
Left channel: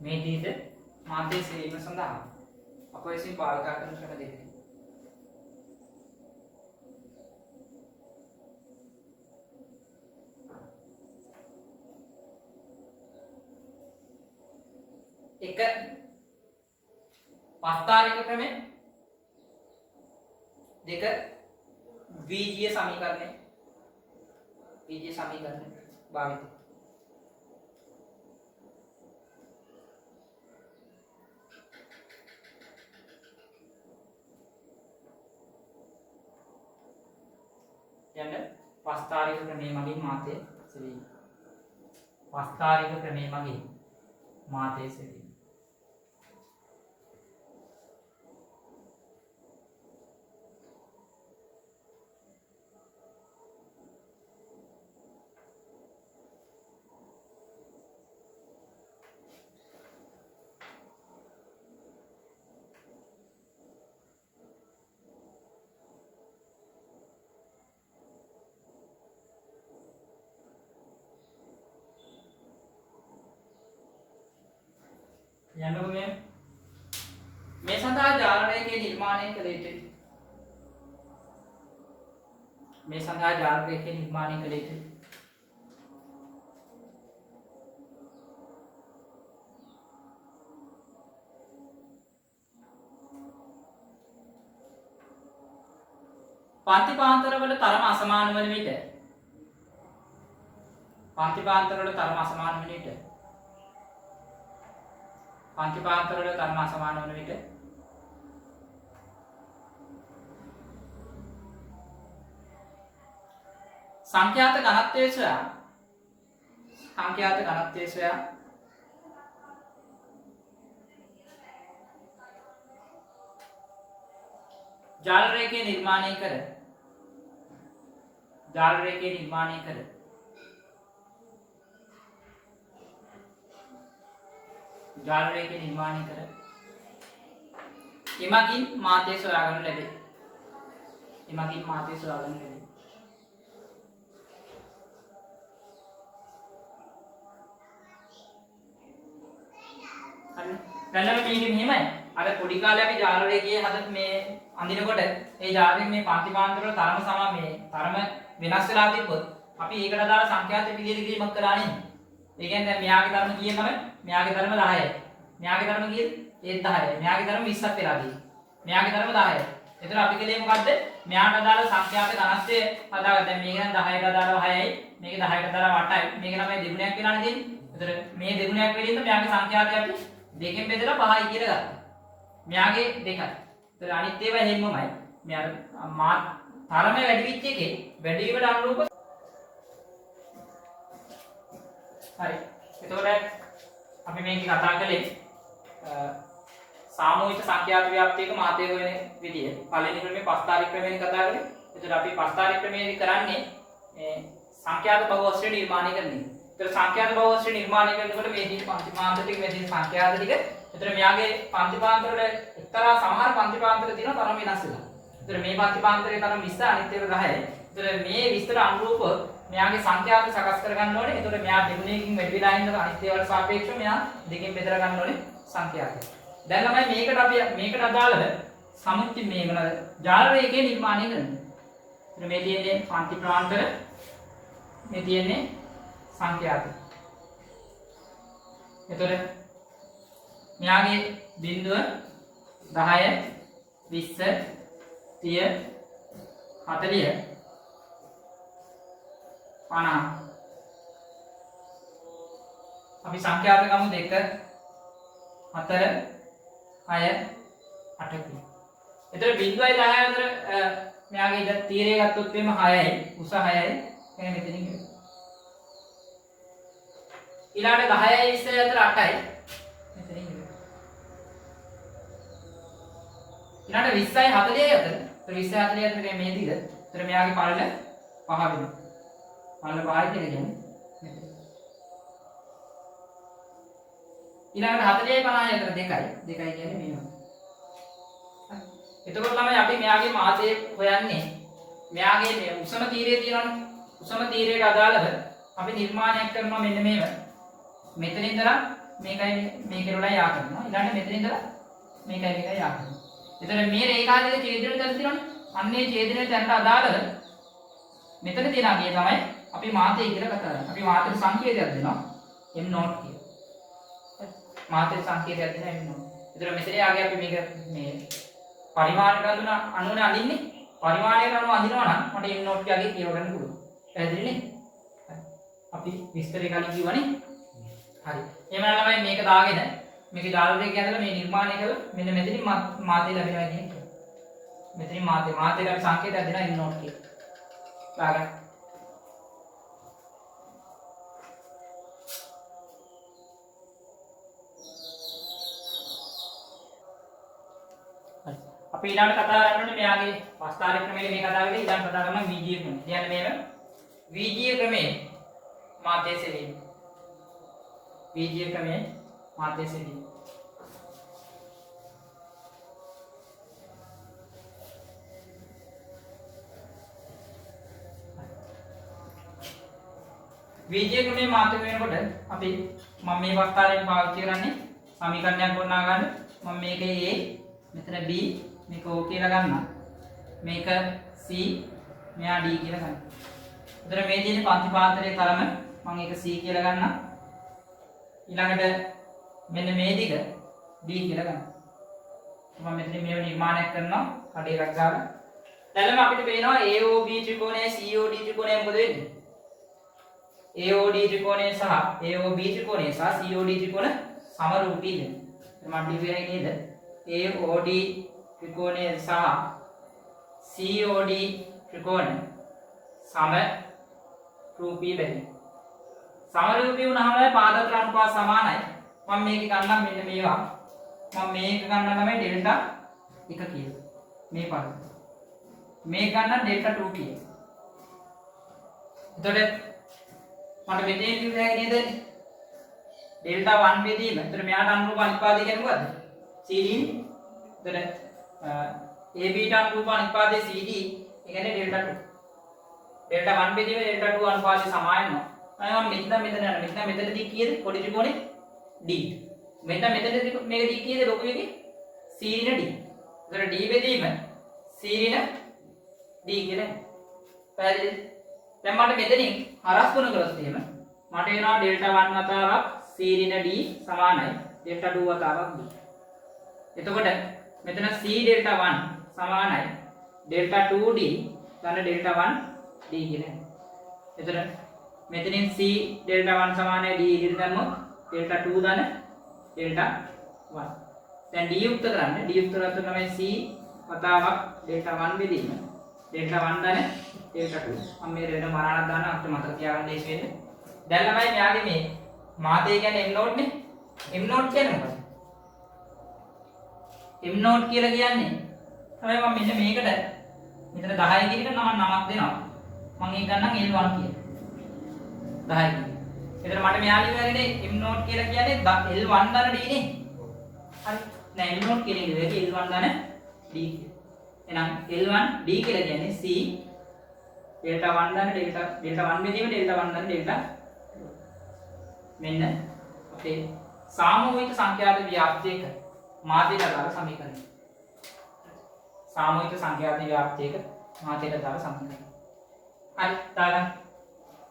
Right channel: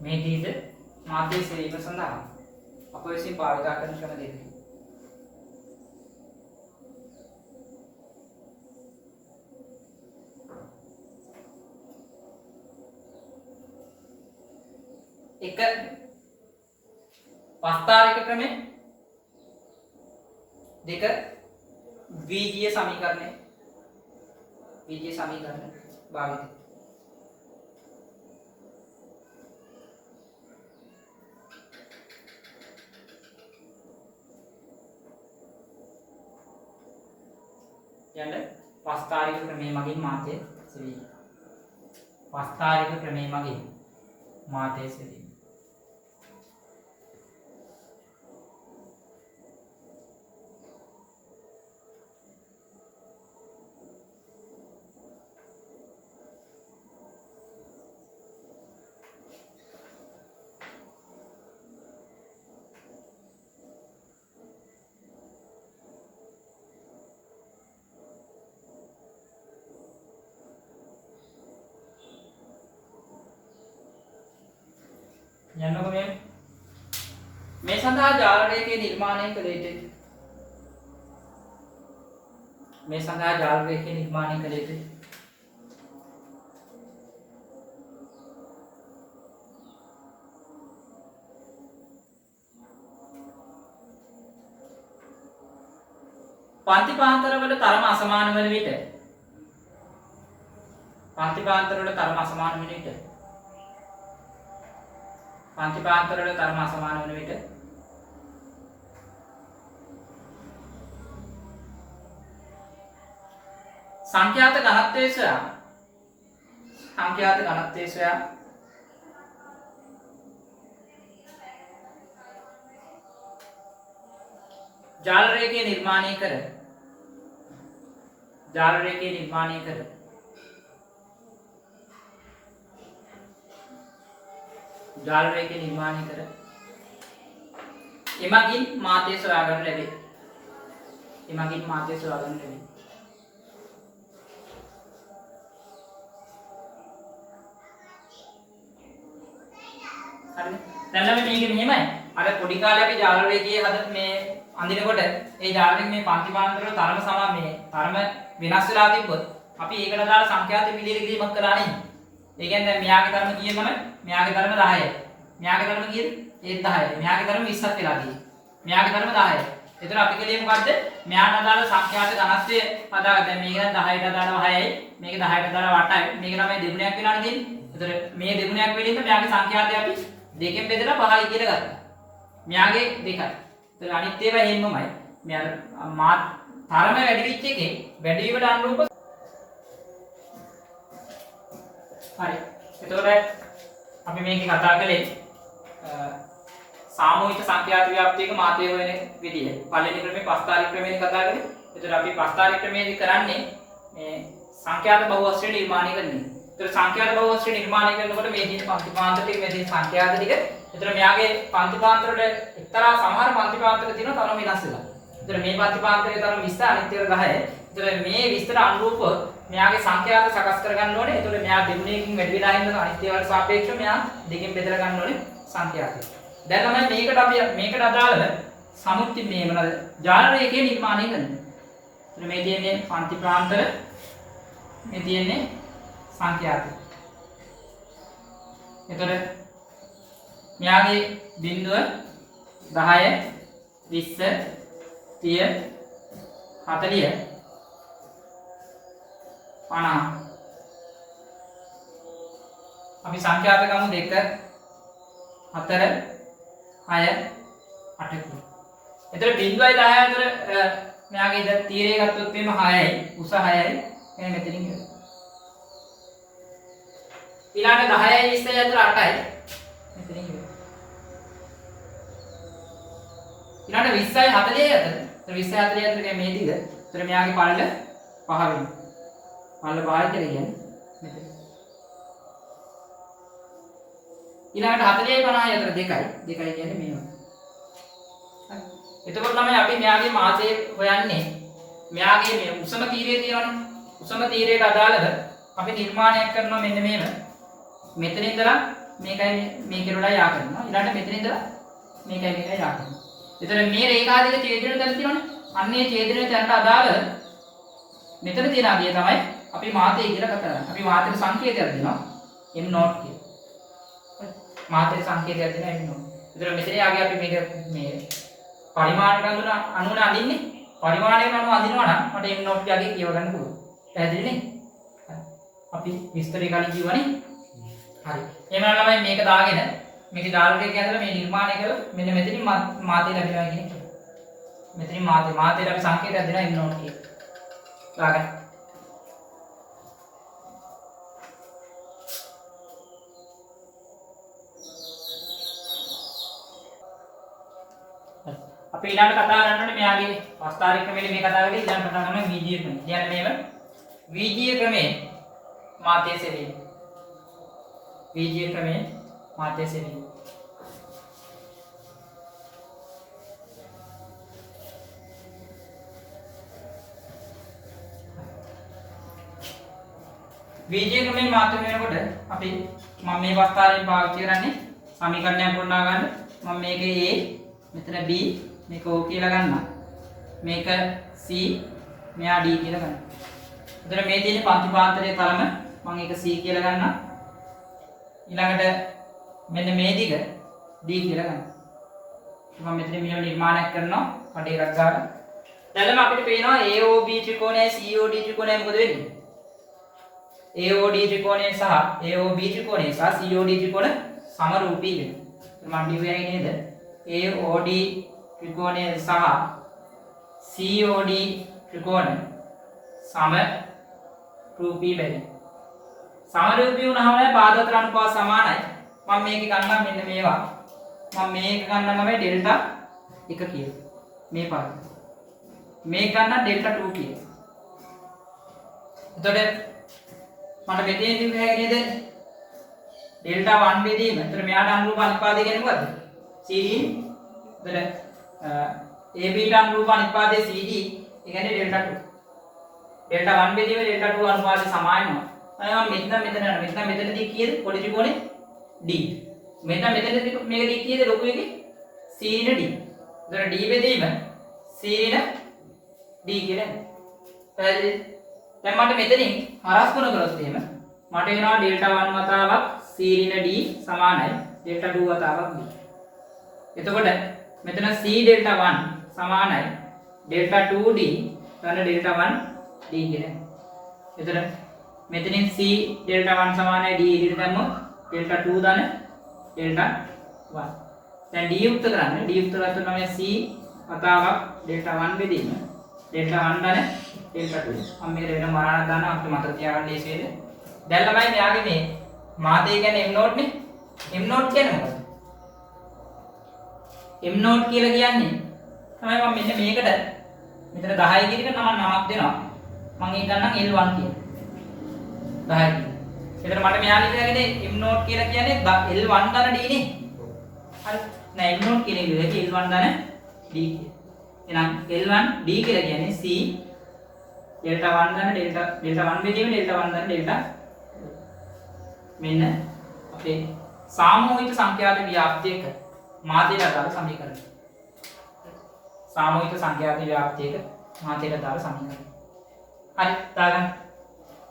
මේ දීර්ඝ මාධ්‍ය සෙවීම සඳහා අප විසින් භාවිත කරන ක්‍රම දෙකකි. එක පස්තාරික ක්‍රමය, දෙක ද්විජීය සමීකරණය භාවිත. යන්න පස්තාරික ක්‍රමයේ මගින් මාතය සෙවීම. පස්තාරික ක්‍රමයේ මගින් මාතය සෙවීම. යන්නකො මේ සඳහා ජාල රේඛය නිර්මාණය කළ යුතුයි. මේ සඳහා ජාල රේඛය නිර්මාණය කළ යුතුයි. පන්තිපාන්තරවල තරම අසමාන වන විට පන්තිපාන්තරවල තරම අසමාන වන විට සංඛ්‍යාත ඝනත්වය සොයා ජාල රේඛය නිර්මාණය කර එමගින් මාතය සොයා ගන්න ලැබේ. හරි. දැන් අපි මේක මෙහෙමයි. අර පොඩි කාලේ අපි ජාල රේඛයේ හද මේ අඳිනකොට ඒ ජාල රේඛ මේ පන්තිපාන්තර වල තරම සමා මේ තරම වෙනස් වෙලා තිබ්බොත් අපි ඒකට දාලා සංඛ්‍යාත පිළියෙල කිරීමක් කරා නේ. ඒ කියන්නේ දැන් මෙයාගේ ධර්ම කීයද තමයි? මෙයාගේ ධර්ම 10යි. මෙයාගේ ධර්ම කීයද? ඒත් 10යි. මෙයාගේ ධර්ම 20ක් වෙලා ගියේ. මෙයාගේ ධර්ම 10යි. එතන අපි කලේ මොකද්ද? මෙයාට අදාළ සංඛ්‍යාත ඝනත්වය හදාගන්න. දැන් මේක නම් 10ට අදාළව 6යි. මේක 10ට අදාළව 8යි. මේක තමයි දෙගුණයක් වෙලානේ දෙන්නේ. එතන මේ දෙගුණයක් වෙලින්ද මෙයාගේ සංඛ්‍යාතය අපි දෙකෙන් බෙදලා 5යි කියලා ගත්තා. මෙයාගේ 2යි. එතන අනිත් ඒවා එහෙමමයි. මෙයා තරම වැඩි වෙච්ච එකේ වැඩි වීමට අනුරූප හරි. එතකොට අපි මේකේ කතා කළේ සාමූහික සංඛ්‍යාත ව්‍යාප්තියක මාතය හොයන විදිය. පළවෙනි ක්‍රමේ පස්තාරික ක්‍රමයෙන් කතා කළේ. එතකොට අපි පස්තාරික ක්‍රමයේදී කරන්නේ මේ සංඛ්‍යාත බහුවස්ත්‍රය නිර්මාණය කරන්නේ. එතකොට සංඛ්‍යාත බහුවස්ත්‍රය නිර්මාණය කරනකොට මේ දින පන්තිපාන්තර ටික මේ දින සංඛ්‍යාත ටික. එතකොට මෙයාගේ පන්තිපාන්තර වල එක්තරා සමහර පන්තිපාන්තර තියෙනවා තරම වෙනස් වෙලා. එතකොට මේ පන්තිපාන්තරයේ තරම 20 අනිත් ඒවා 10. එතකොට මේ 20ට අනුරූපව මෙයාගේ සංඛ්‍යාත සකස් කරගන්න ඕනේ. එතකොට මෙයා දෙගුණයකින් වැඩි වෙලා ඉඳලා අනිත් ඒවාට සාපේක්ෂව මෙයා දෙකෙන් බෙදලා ගන්න ඕනේ සංඛ්‍යාතය. දැන් තමයි මේකට අපි මේකට අදාළව සමුච්චි මේ මොනවාද? ජාල රේඛය නිර්මාණය කරන්නේ. එතකොට මේ තියෙන්නේ පන්ති ප්‍රාන්තර, මේ තියෙන්නේ සංඛ්‍යාතය. එතකොට මෙයාගේ බිඳුව 10 20 30 40 50 අපි සංඛ්‍යාත ගමු 2 4 6 8 කියලා. එතකොට බිඳුවයි 10යි අතර මෙයාගේ ඉත තීරය ගත්තොත් එimhe 6යි උස 6යි එනේ මෙතනින් ගියා. ඊළඟට 10යි 20යි අතර 8යි මෙතනින් ගියා. ඊළඟට 20යි 40යි අතර 20යි 40යි අතර මේ දිග. එතකොට මෙයාගේ පළල 5 වෙනවා. පළල 5යි කියලා කියන්නේ මෙතන. ඊළඟට 40යි 50යි අතර 2යි කියන්නේ මේවා. හරි. එතකොට ළමයි අපි මෙයාගේ මාතය හොයන්නේ මෙයාගේ මේ උසම තීරය තියෙනවනේ. උසම තීරයට අදාළව අපි නිර්මාණයක් කරනවා මෙන්න මේව. මෙතන ඉඳලා මේකයි මේකේ වඩා යා කරනවා. ඊළඟට මෙතන ඉඳලා මේකයි මේකයි යා කරනවා. එතන මේ රේඛාදික ඡේදන තැන තියෙනවනේ. අන්නේ ඡේදන තැනට අදාළ මෙතන තියෙන අගය තමයි අපි මාතේ කියලා කතා කරන්නේ. අපි මාතේට සංකේතයක් දෙනවා m not කියලා. මාතේ සංකේතයක් දෙනවා m not. එතන මෙතන යාගේ අපි මේක මේ පරිමාණයට අනුව අඳින්නේ. පරිමාණයට අනුව අඳිනවා නම් මට m not යාගේ කියව ගන්න පුළුවන්. පැහැදිලි නේ? අපි විස්තරේ කලින් කිව්වනේ. හරි. එහෙනම් ළමයි මේක දාගෙන මේකේ ජාලරයක ඇදලා මේ නිර්මාණය කළා මෙන්න මෙතනින් මාතේ ලැබෙනවා කියන එක. මෙතනින් මාතේට අපි සංකේතයක් දෙනවා m not කියලා. දාගන්න. අපි ඊළඟට කතා කරන්නේ මෙයාගේ වස්තාරික ක්‍රමයේ මේ කතා කරේ ඊළඟ කතා කරන වීජීය ක්‍රමය. කියන්නේ මේව වීජීය ක්‍රමයේ මාතේ සෙවීම. වීජීය ක්‍රමයේ මාතේ සෙවීම. වීජීය ක්‍රමයේ මාතේ වෙනකොට අපි මම මේ වස්තාරයෙන් පාවිච්චි කරන්නේ සමීකරණයක් ගොඩනගා ගන්න. මම මේක A මෙතන B මේක O කියලා ගන්නවා. මේක C මෙයා D කියලා ගන්නවා. එතන මේ තියෙන පන්තිපාන්තරයේ තරම මම ඒක C කියලා ගන්නවා. ඊළඟට මෙන්න මේ දිග D කියලා ගන්නවා. මම මෙතන මේව නිර්මාණයක් කරනවා කඩේ එකක් ගාලා. දැන් අපිට පේනවා AOB ත්‍රිකෝණය COD ත්‍රිකෝණය මොකද වෙන්නේ? AOD ත්‍රිකෝණය සහ AOB ත්‍රිකෝණය සහ COD ත්‍රිකෝණ සමරූපී වෙනවා. මම ලියුවේ නේද? AOD ත්‍රිකෝණය සහ COD ත්‍රිකෝණ සමරූපී වෙනවා. සමරූපී වුණාම පාදතර අනුපාත සමානයි. මම මේක ගන්නම් මෙන්න මේවා. මම මේක ගන්නවා තමයි ඩෙල්ටා 1 කියලා. මේ පද. මේක ගන්න ඩෙල්ටා 2 කියලා. එතකොට මට මෙතෙන් ඉන්නේ නේද? ඩෙල්ටා 1 බෙදීම. එතන මෙයාට අනුරූප අනිපාතය කියන්නේ මොකද්ද? CD. එතන AB ට අනුරූප අනිපාතය CD. ඒ කියන්නේ ඩෙල්ටා 2. ඩෙල්ටා 1 බෙදීම ඩෙල්ටා 2 අනුපාතය සමානනවා. මම මෙතනදී කීයද? පොඩි ත්‍රිකෝණේ D. මෙතනදී මේක D කීයද? ලොකු එකේ C න D. එතන D බෙදීම C න D කියලා. පැහැදිලිද? දැන් මට මෙතනින් හරස් ගුණ කරොත් එහෙම මට වෙනවා ඩෙල්ටා 1 වතාවක් C ඍණ D සමානයි ඩෙල්ටා 2 වතාවක් D. එතකොට මෙතන C ඩෙල්ටා 1 සමානයි ඩෙල්ටා 2D ගන්න ඩෙල්ටා 1 D කියලා. එතන මෙතනින් C ඩෙල්ටා 1 සමානයි D එකට දැම්මොත් ඩෙල්ටා 2 දාන ඩෙල්ටා 1. දැන් D යුක්ත කරන්න. D යුක්ත කරද්දී තමයි C වතාවක් ඩෙල්ටා 1 බෙදීම ඩෙල්ටා 1 දාන ඩෙල්ටා 2. මම මේ වෙන මරාණක් දානවා අපිට මතක තියාගන්න ලේසි වෙන්න. දැන් ළමයි මෙයාගේ මේ මාතේ කියන්නේ m not නේ. m not කියන්නේ මොකද? m not කියලා කියන්නේ තමයි මම මෙන්න මේකට මෙතන 10 කියන එක නමක් දෙනවා. මම ඒක ගන්නම් L1 කියලා. 10 කියලා. එතන මට මෙයා ලියලාගෙන m not කියලා කියන්නේ L1 දාන D නේ. හරි. නෑ m not කියන එක L1 දාන D කියලා. එහෙනම් L1 D කියලා කියන්නේ C ඩෙල්ටා 1 දාන ඩෙල්ටා 1 බෙදීම ඩෙල්ටා 1 දාන ඩෙල්ටා 2. මෙන්න අපේ සාමූහික සංඛ්‍යාත ව්‍යාප්තියක මාතේට අදාළ සමීකරණය. සාමූහික සංඛ්‍යාත ව්‍යාප්තියක මාතේට අදාළ සමීකරණය. හරි දාගන්න.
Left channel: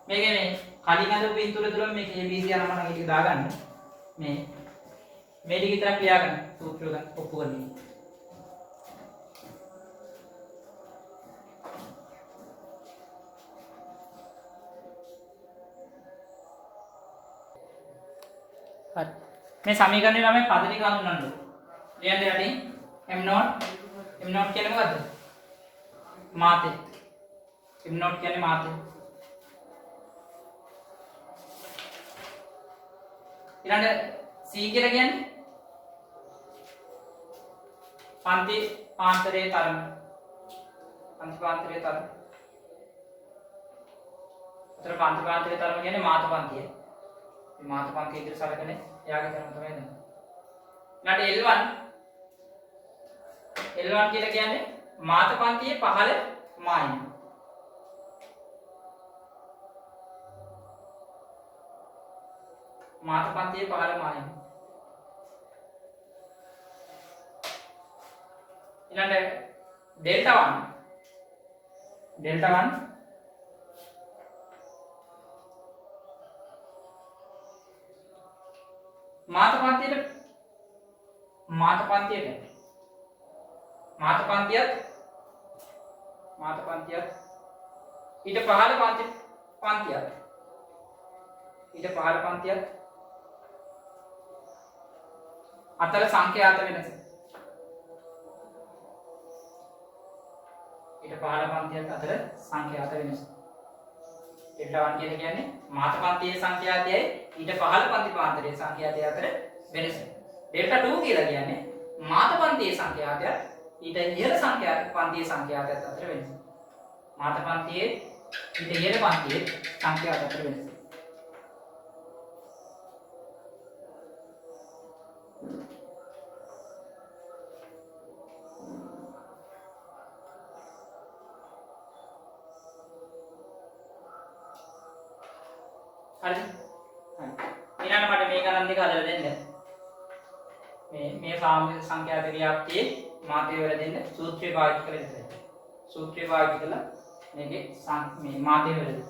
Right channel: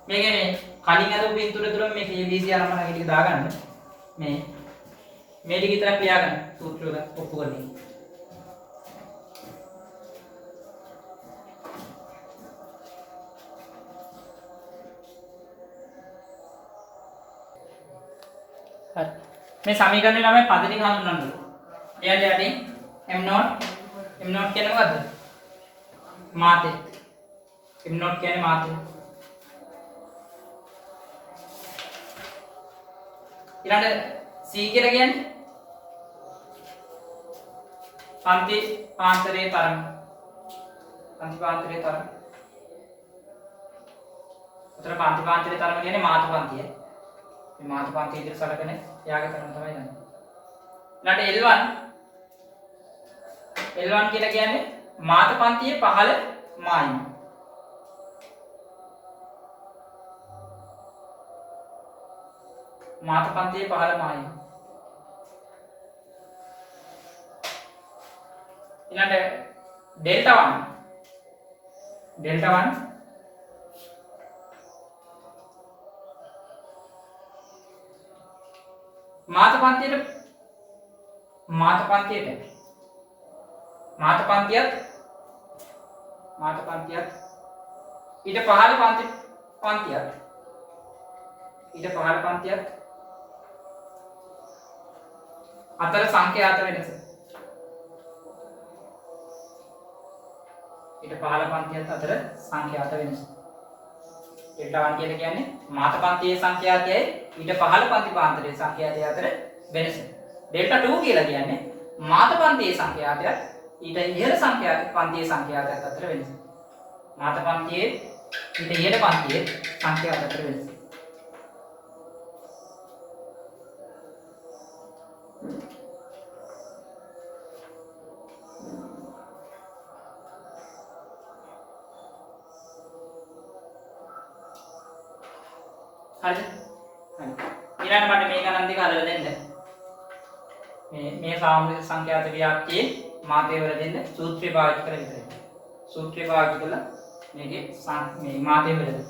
මේකේ මේ කලින් අදපු පින්තූර තුල මේක ABC අරමන ටික දාගන්න. මේ ටික විතරක් ලියාගන්න සූත්‍රය ඔප්පු කරගන්න. හරි. මේ සමීකරණය ළමයි පද ටික හඳුන්වන්න ඕනේ. ලියන්න යටින් m not කියන්නේ මොකද්ද? මාතේ. m not කියන්නේ මාතේ. ඊළඟ C කියලා කියන්නේ පන්ති පාන්තරයේ තරම. පන්ති පාන්තරයේ තරම. උතර පන්ති පාන්තරයේ තරම කියන්නේ මාත පන්තිය. මේ මාත පන්තිය විතර සලකන යාගේ තරම තමයි ගන්න. ඊළඟ L1 කියලා කියන්නේ මාත පන්තියේ පහළ මායිම. මාත පන්තියේ 15 මායිම. ඊළඟට ඩෙල්ටා 1. ඩෙල්ටා 1 මාත පන්තියට ඊට පහළ පන්තියක් අතර සංඛ්‍යාත වෙනස. ඊට පහළ පන්තියක් අතර සංඛ්‍යාත වෙනස. ඩෙල්ටා 1 කියන්නේ මාත පන්තියේ සංඛ්‍යාතයයි ඊට පහළ පන්ති පාන්තරයේ සංඛ්‍යාතය අතර වෙනස. ඩෙල්ටා 2 කියලා කියන්නේ මාත පන්තියේ සංඛ්‍යාතය ඊට ඉහළ පන්තියේ සංඛ්‍යාතයත් අතර වෙනස. මාත පන්තියේ ඊට ඉහළ පන්තියේ සංඛ්‍යාත අතර වෙනස. හරිද? ඊළඟට මට මේ ගණන් දෙක හදලා දෙන්න. මේ සාමූහික සංඛ්‍යාත ව්‍යාප්තියේ මාතේ වල දෙන්න සූත්‍රය පාවිච්චි කරලා විතරයි. සූත්‍රය පාවිච්චි කරලා මේකේ මේ මාතේ වල දෙන්න.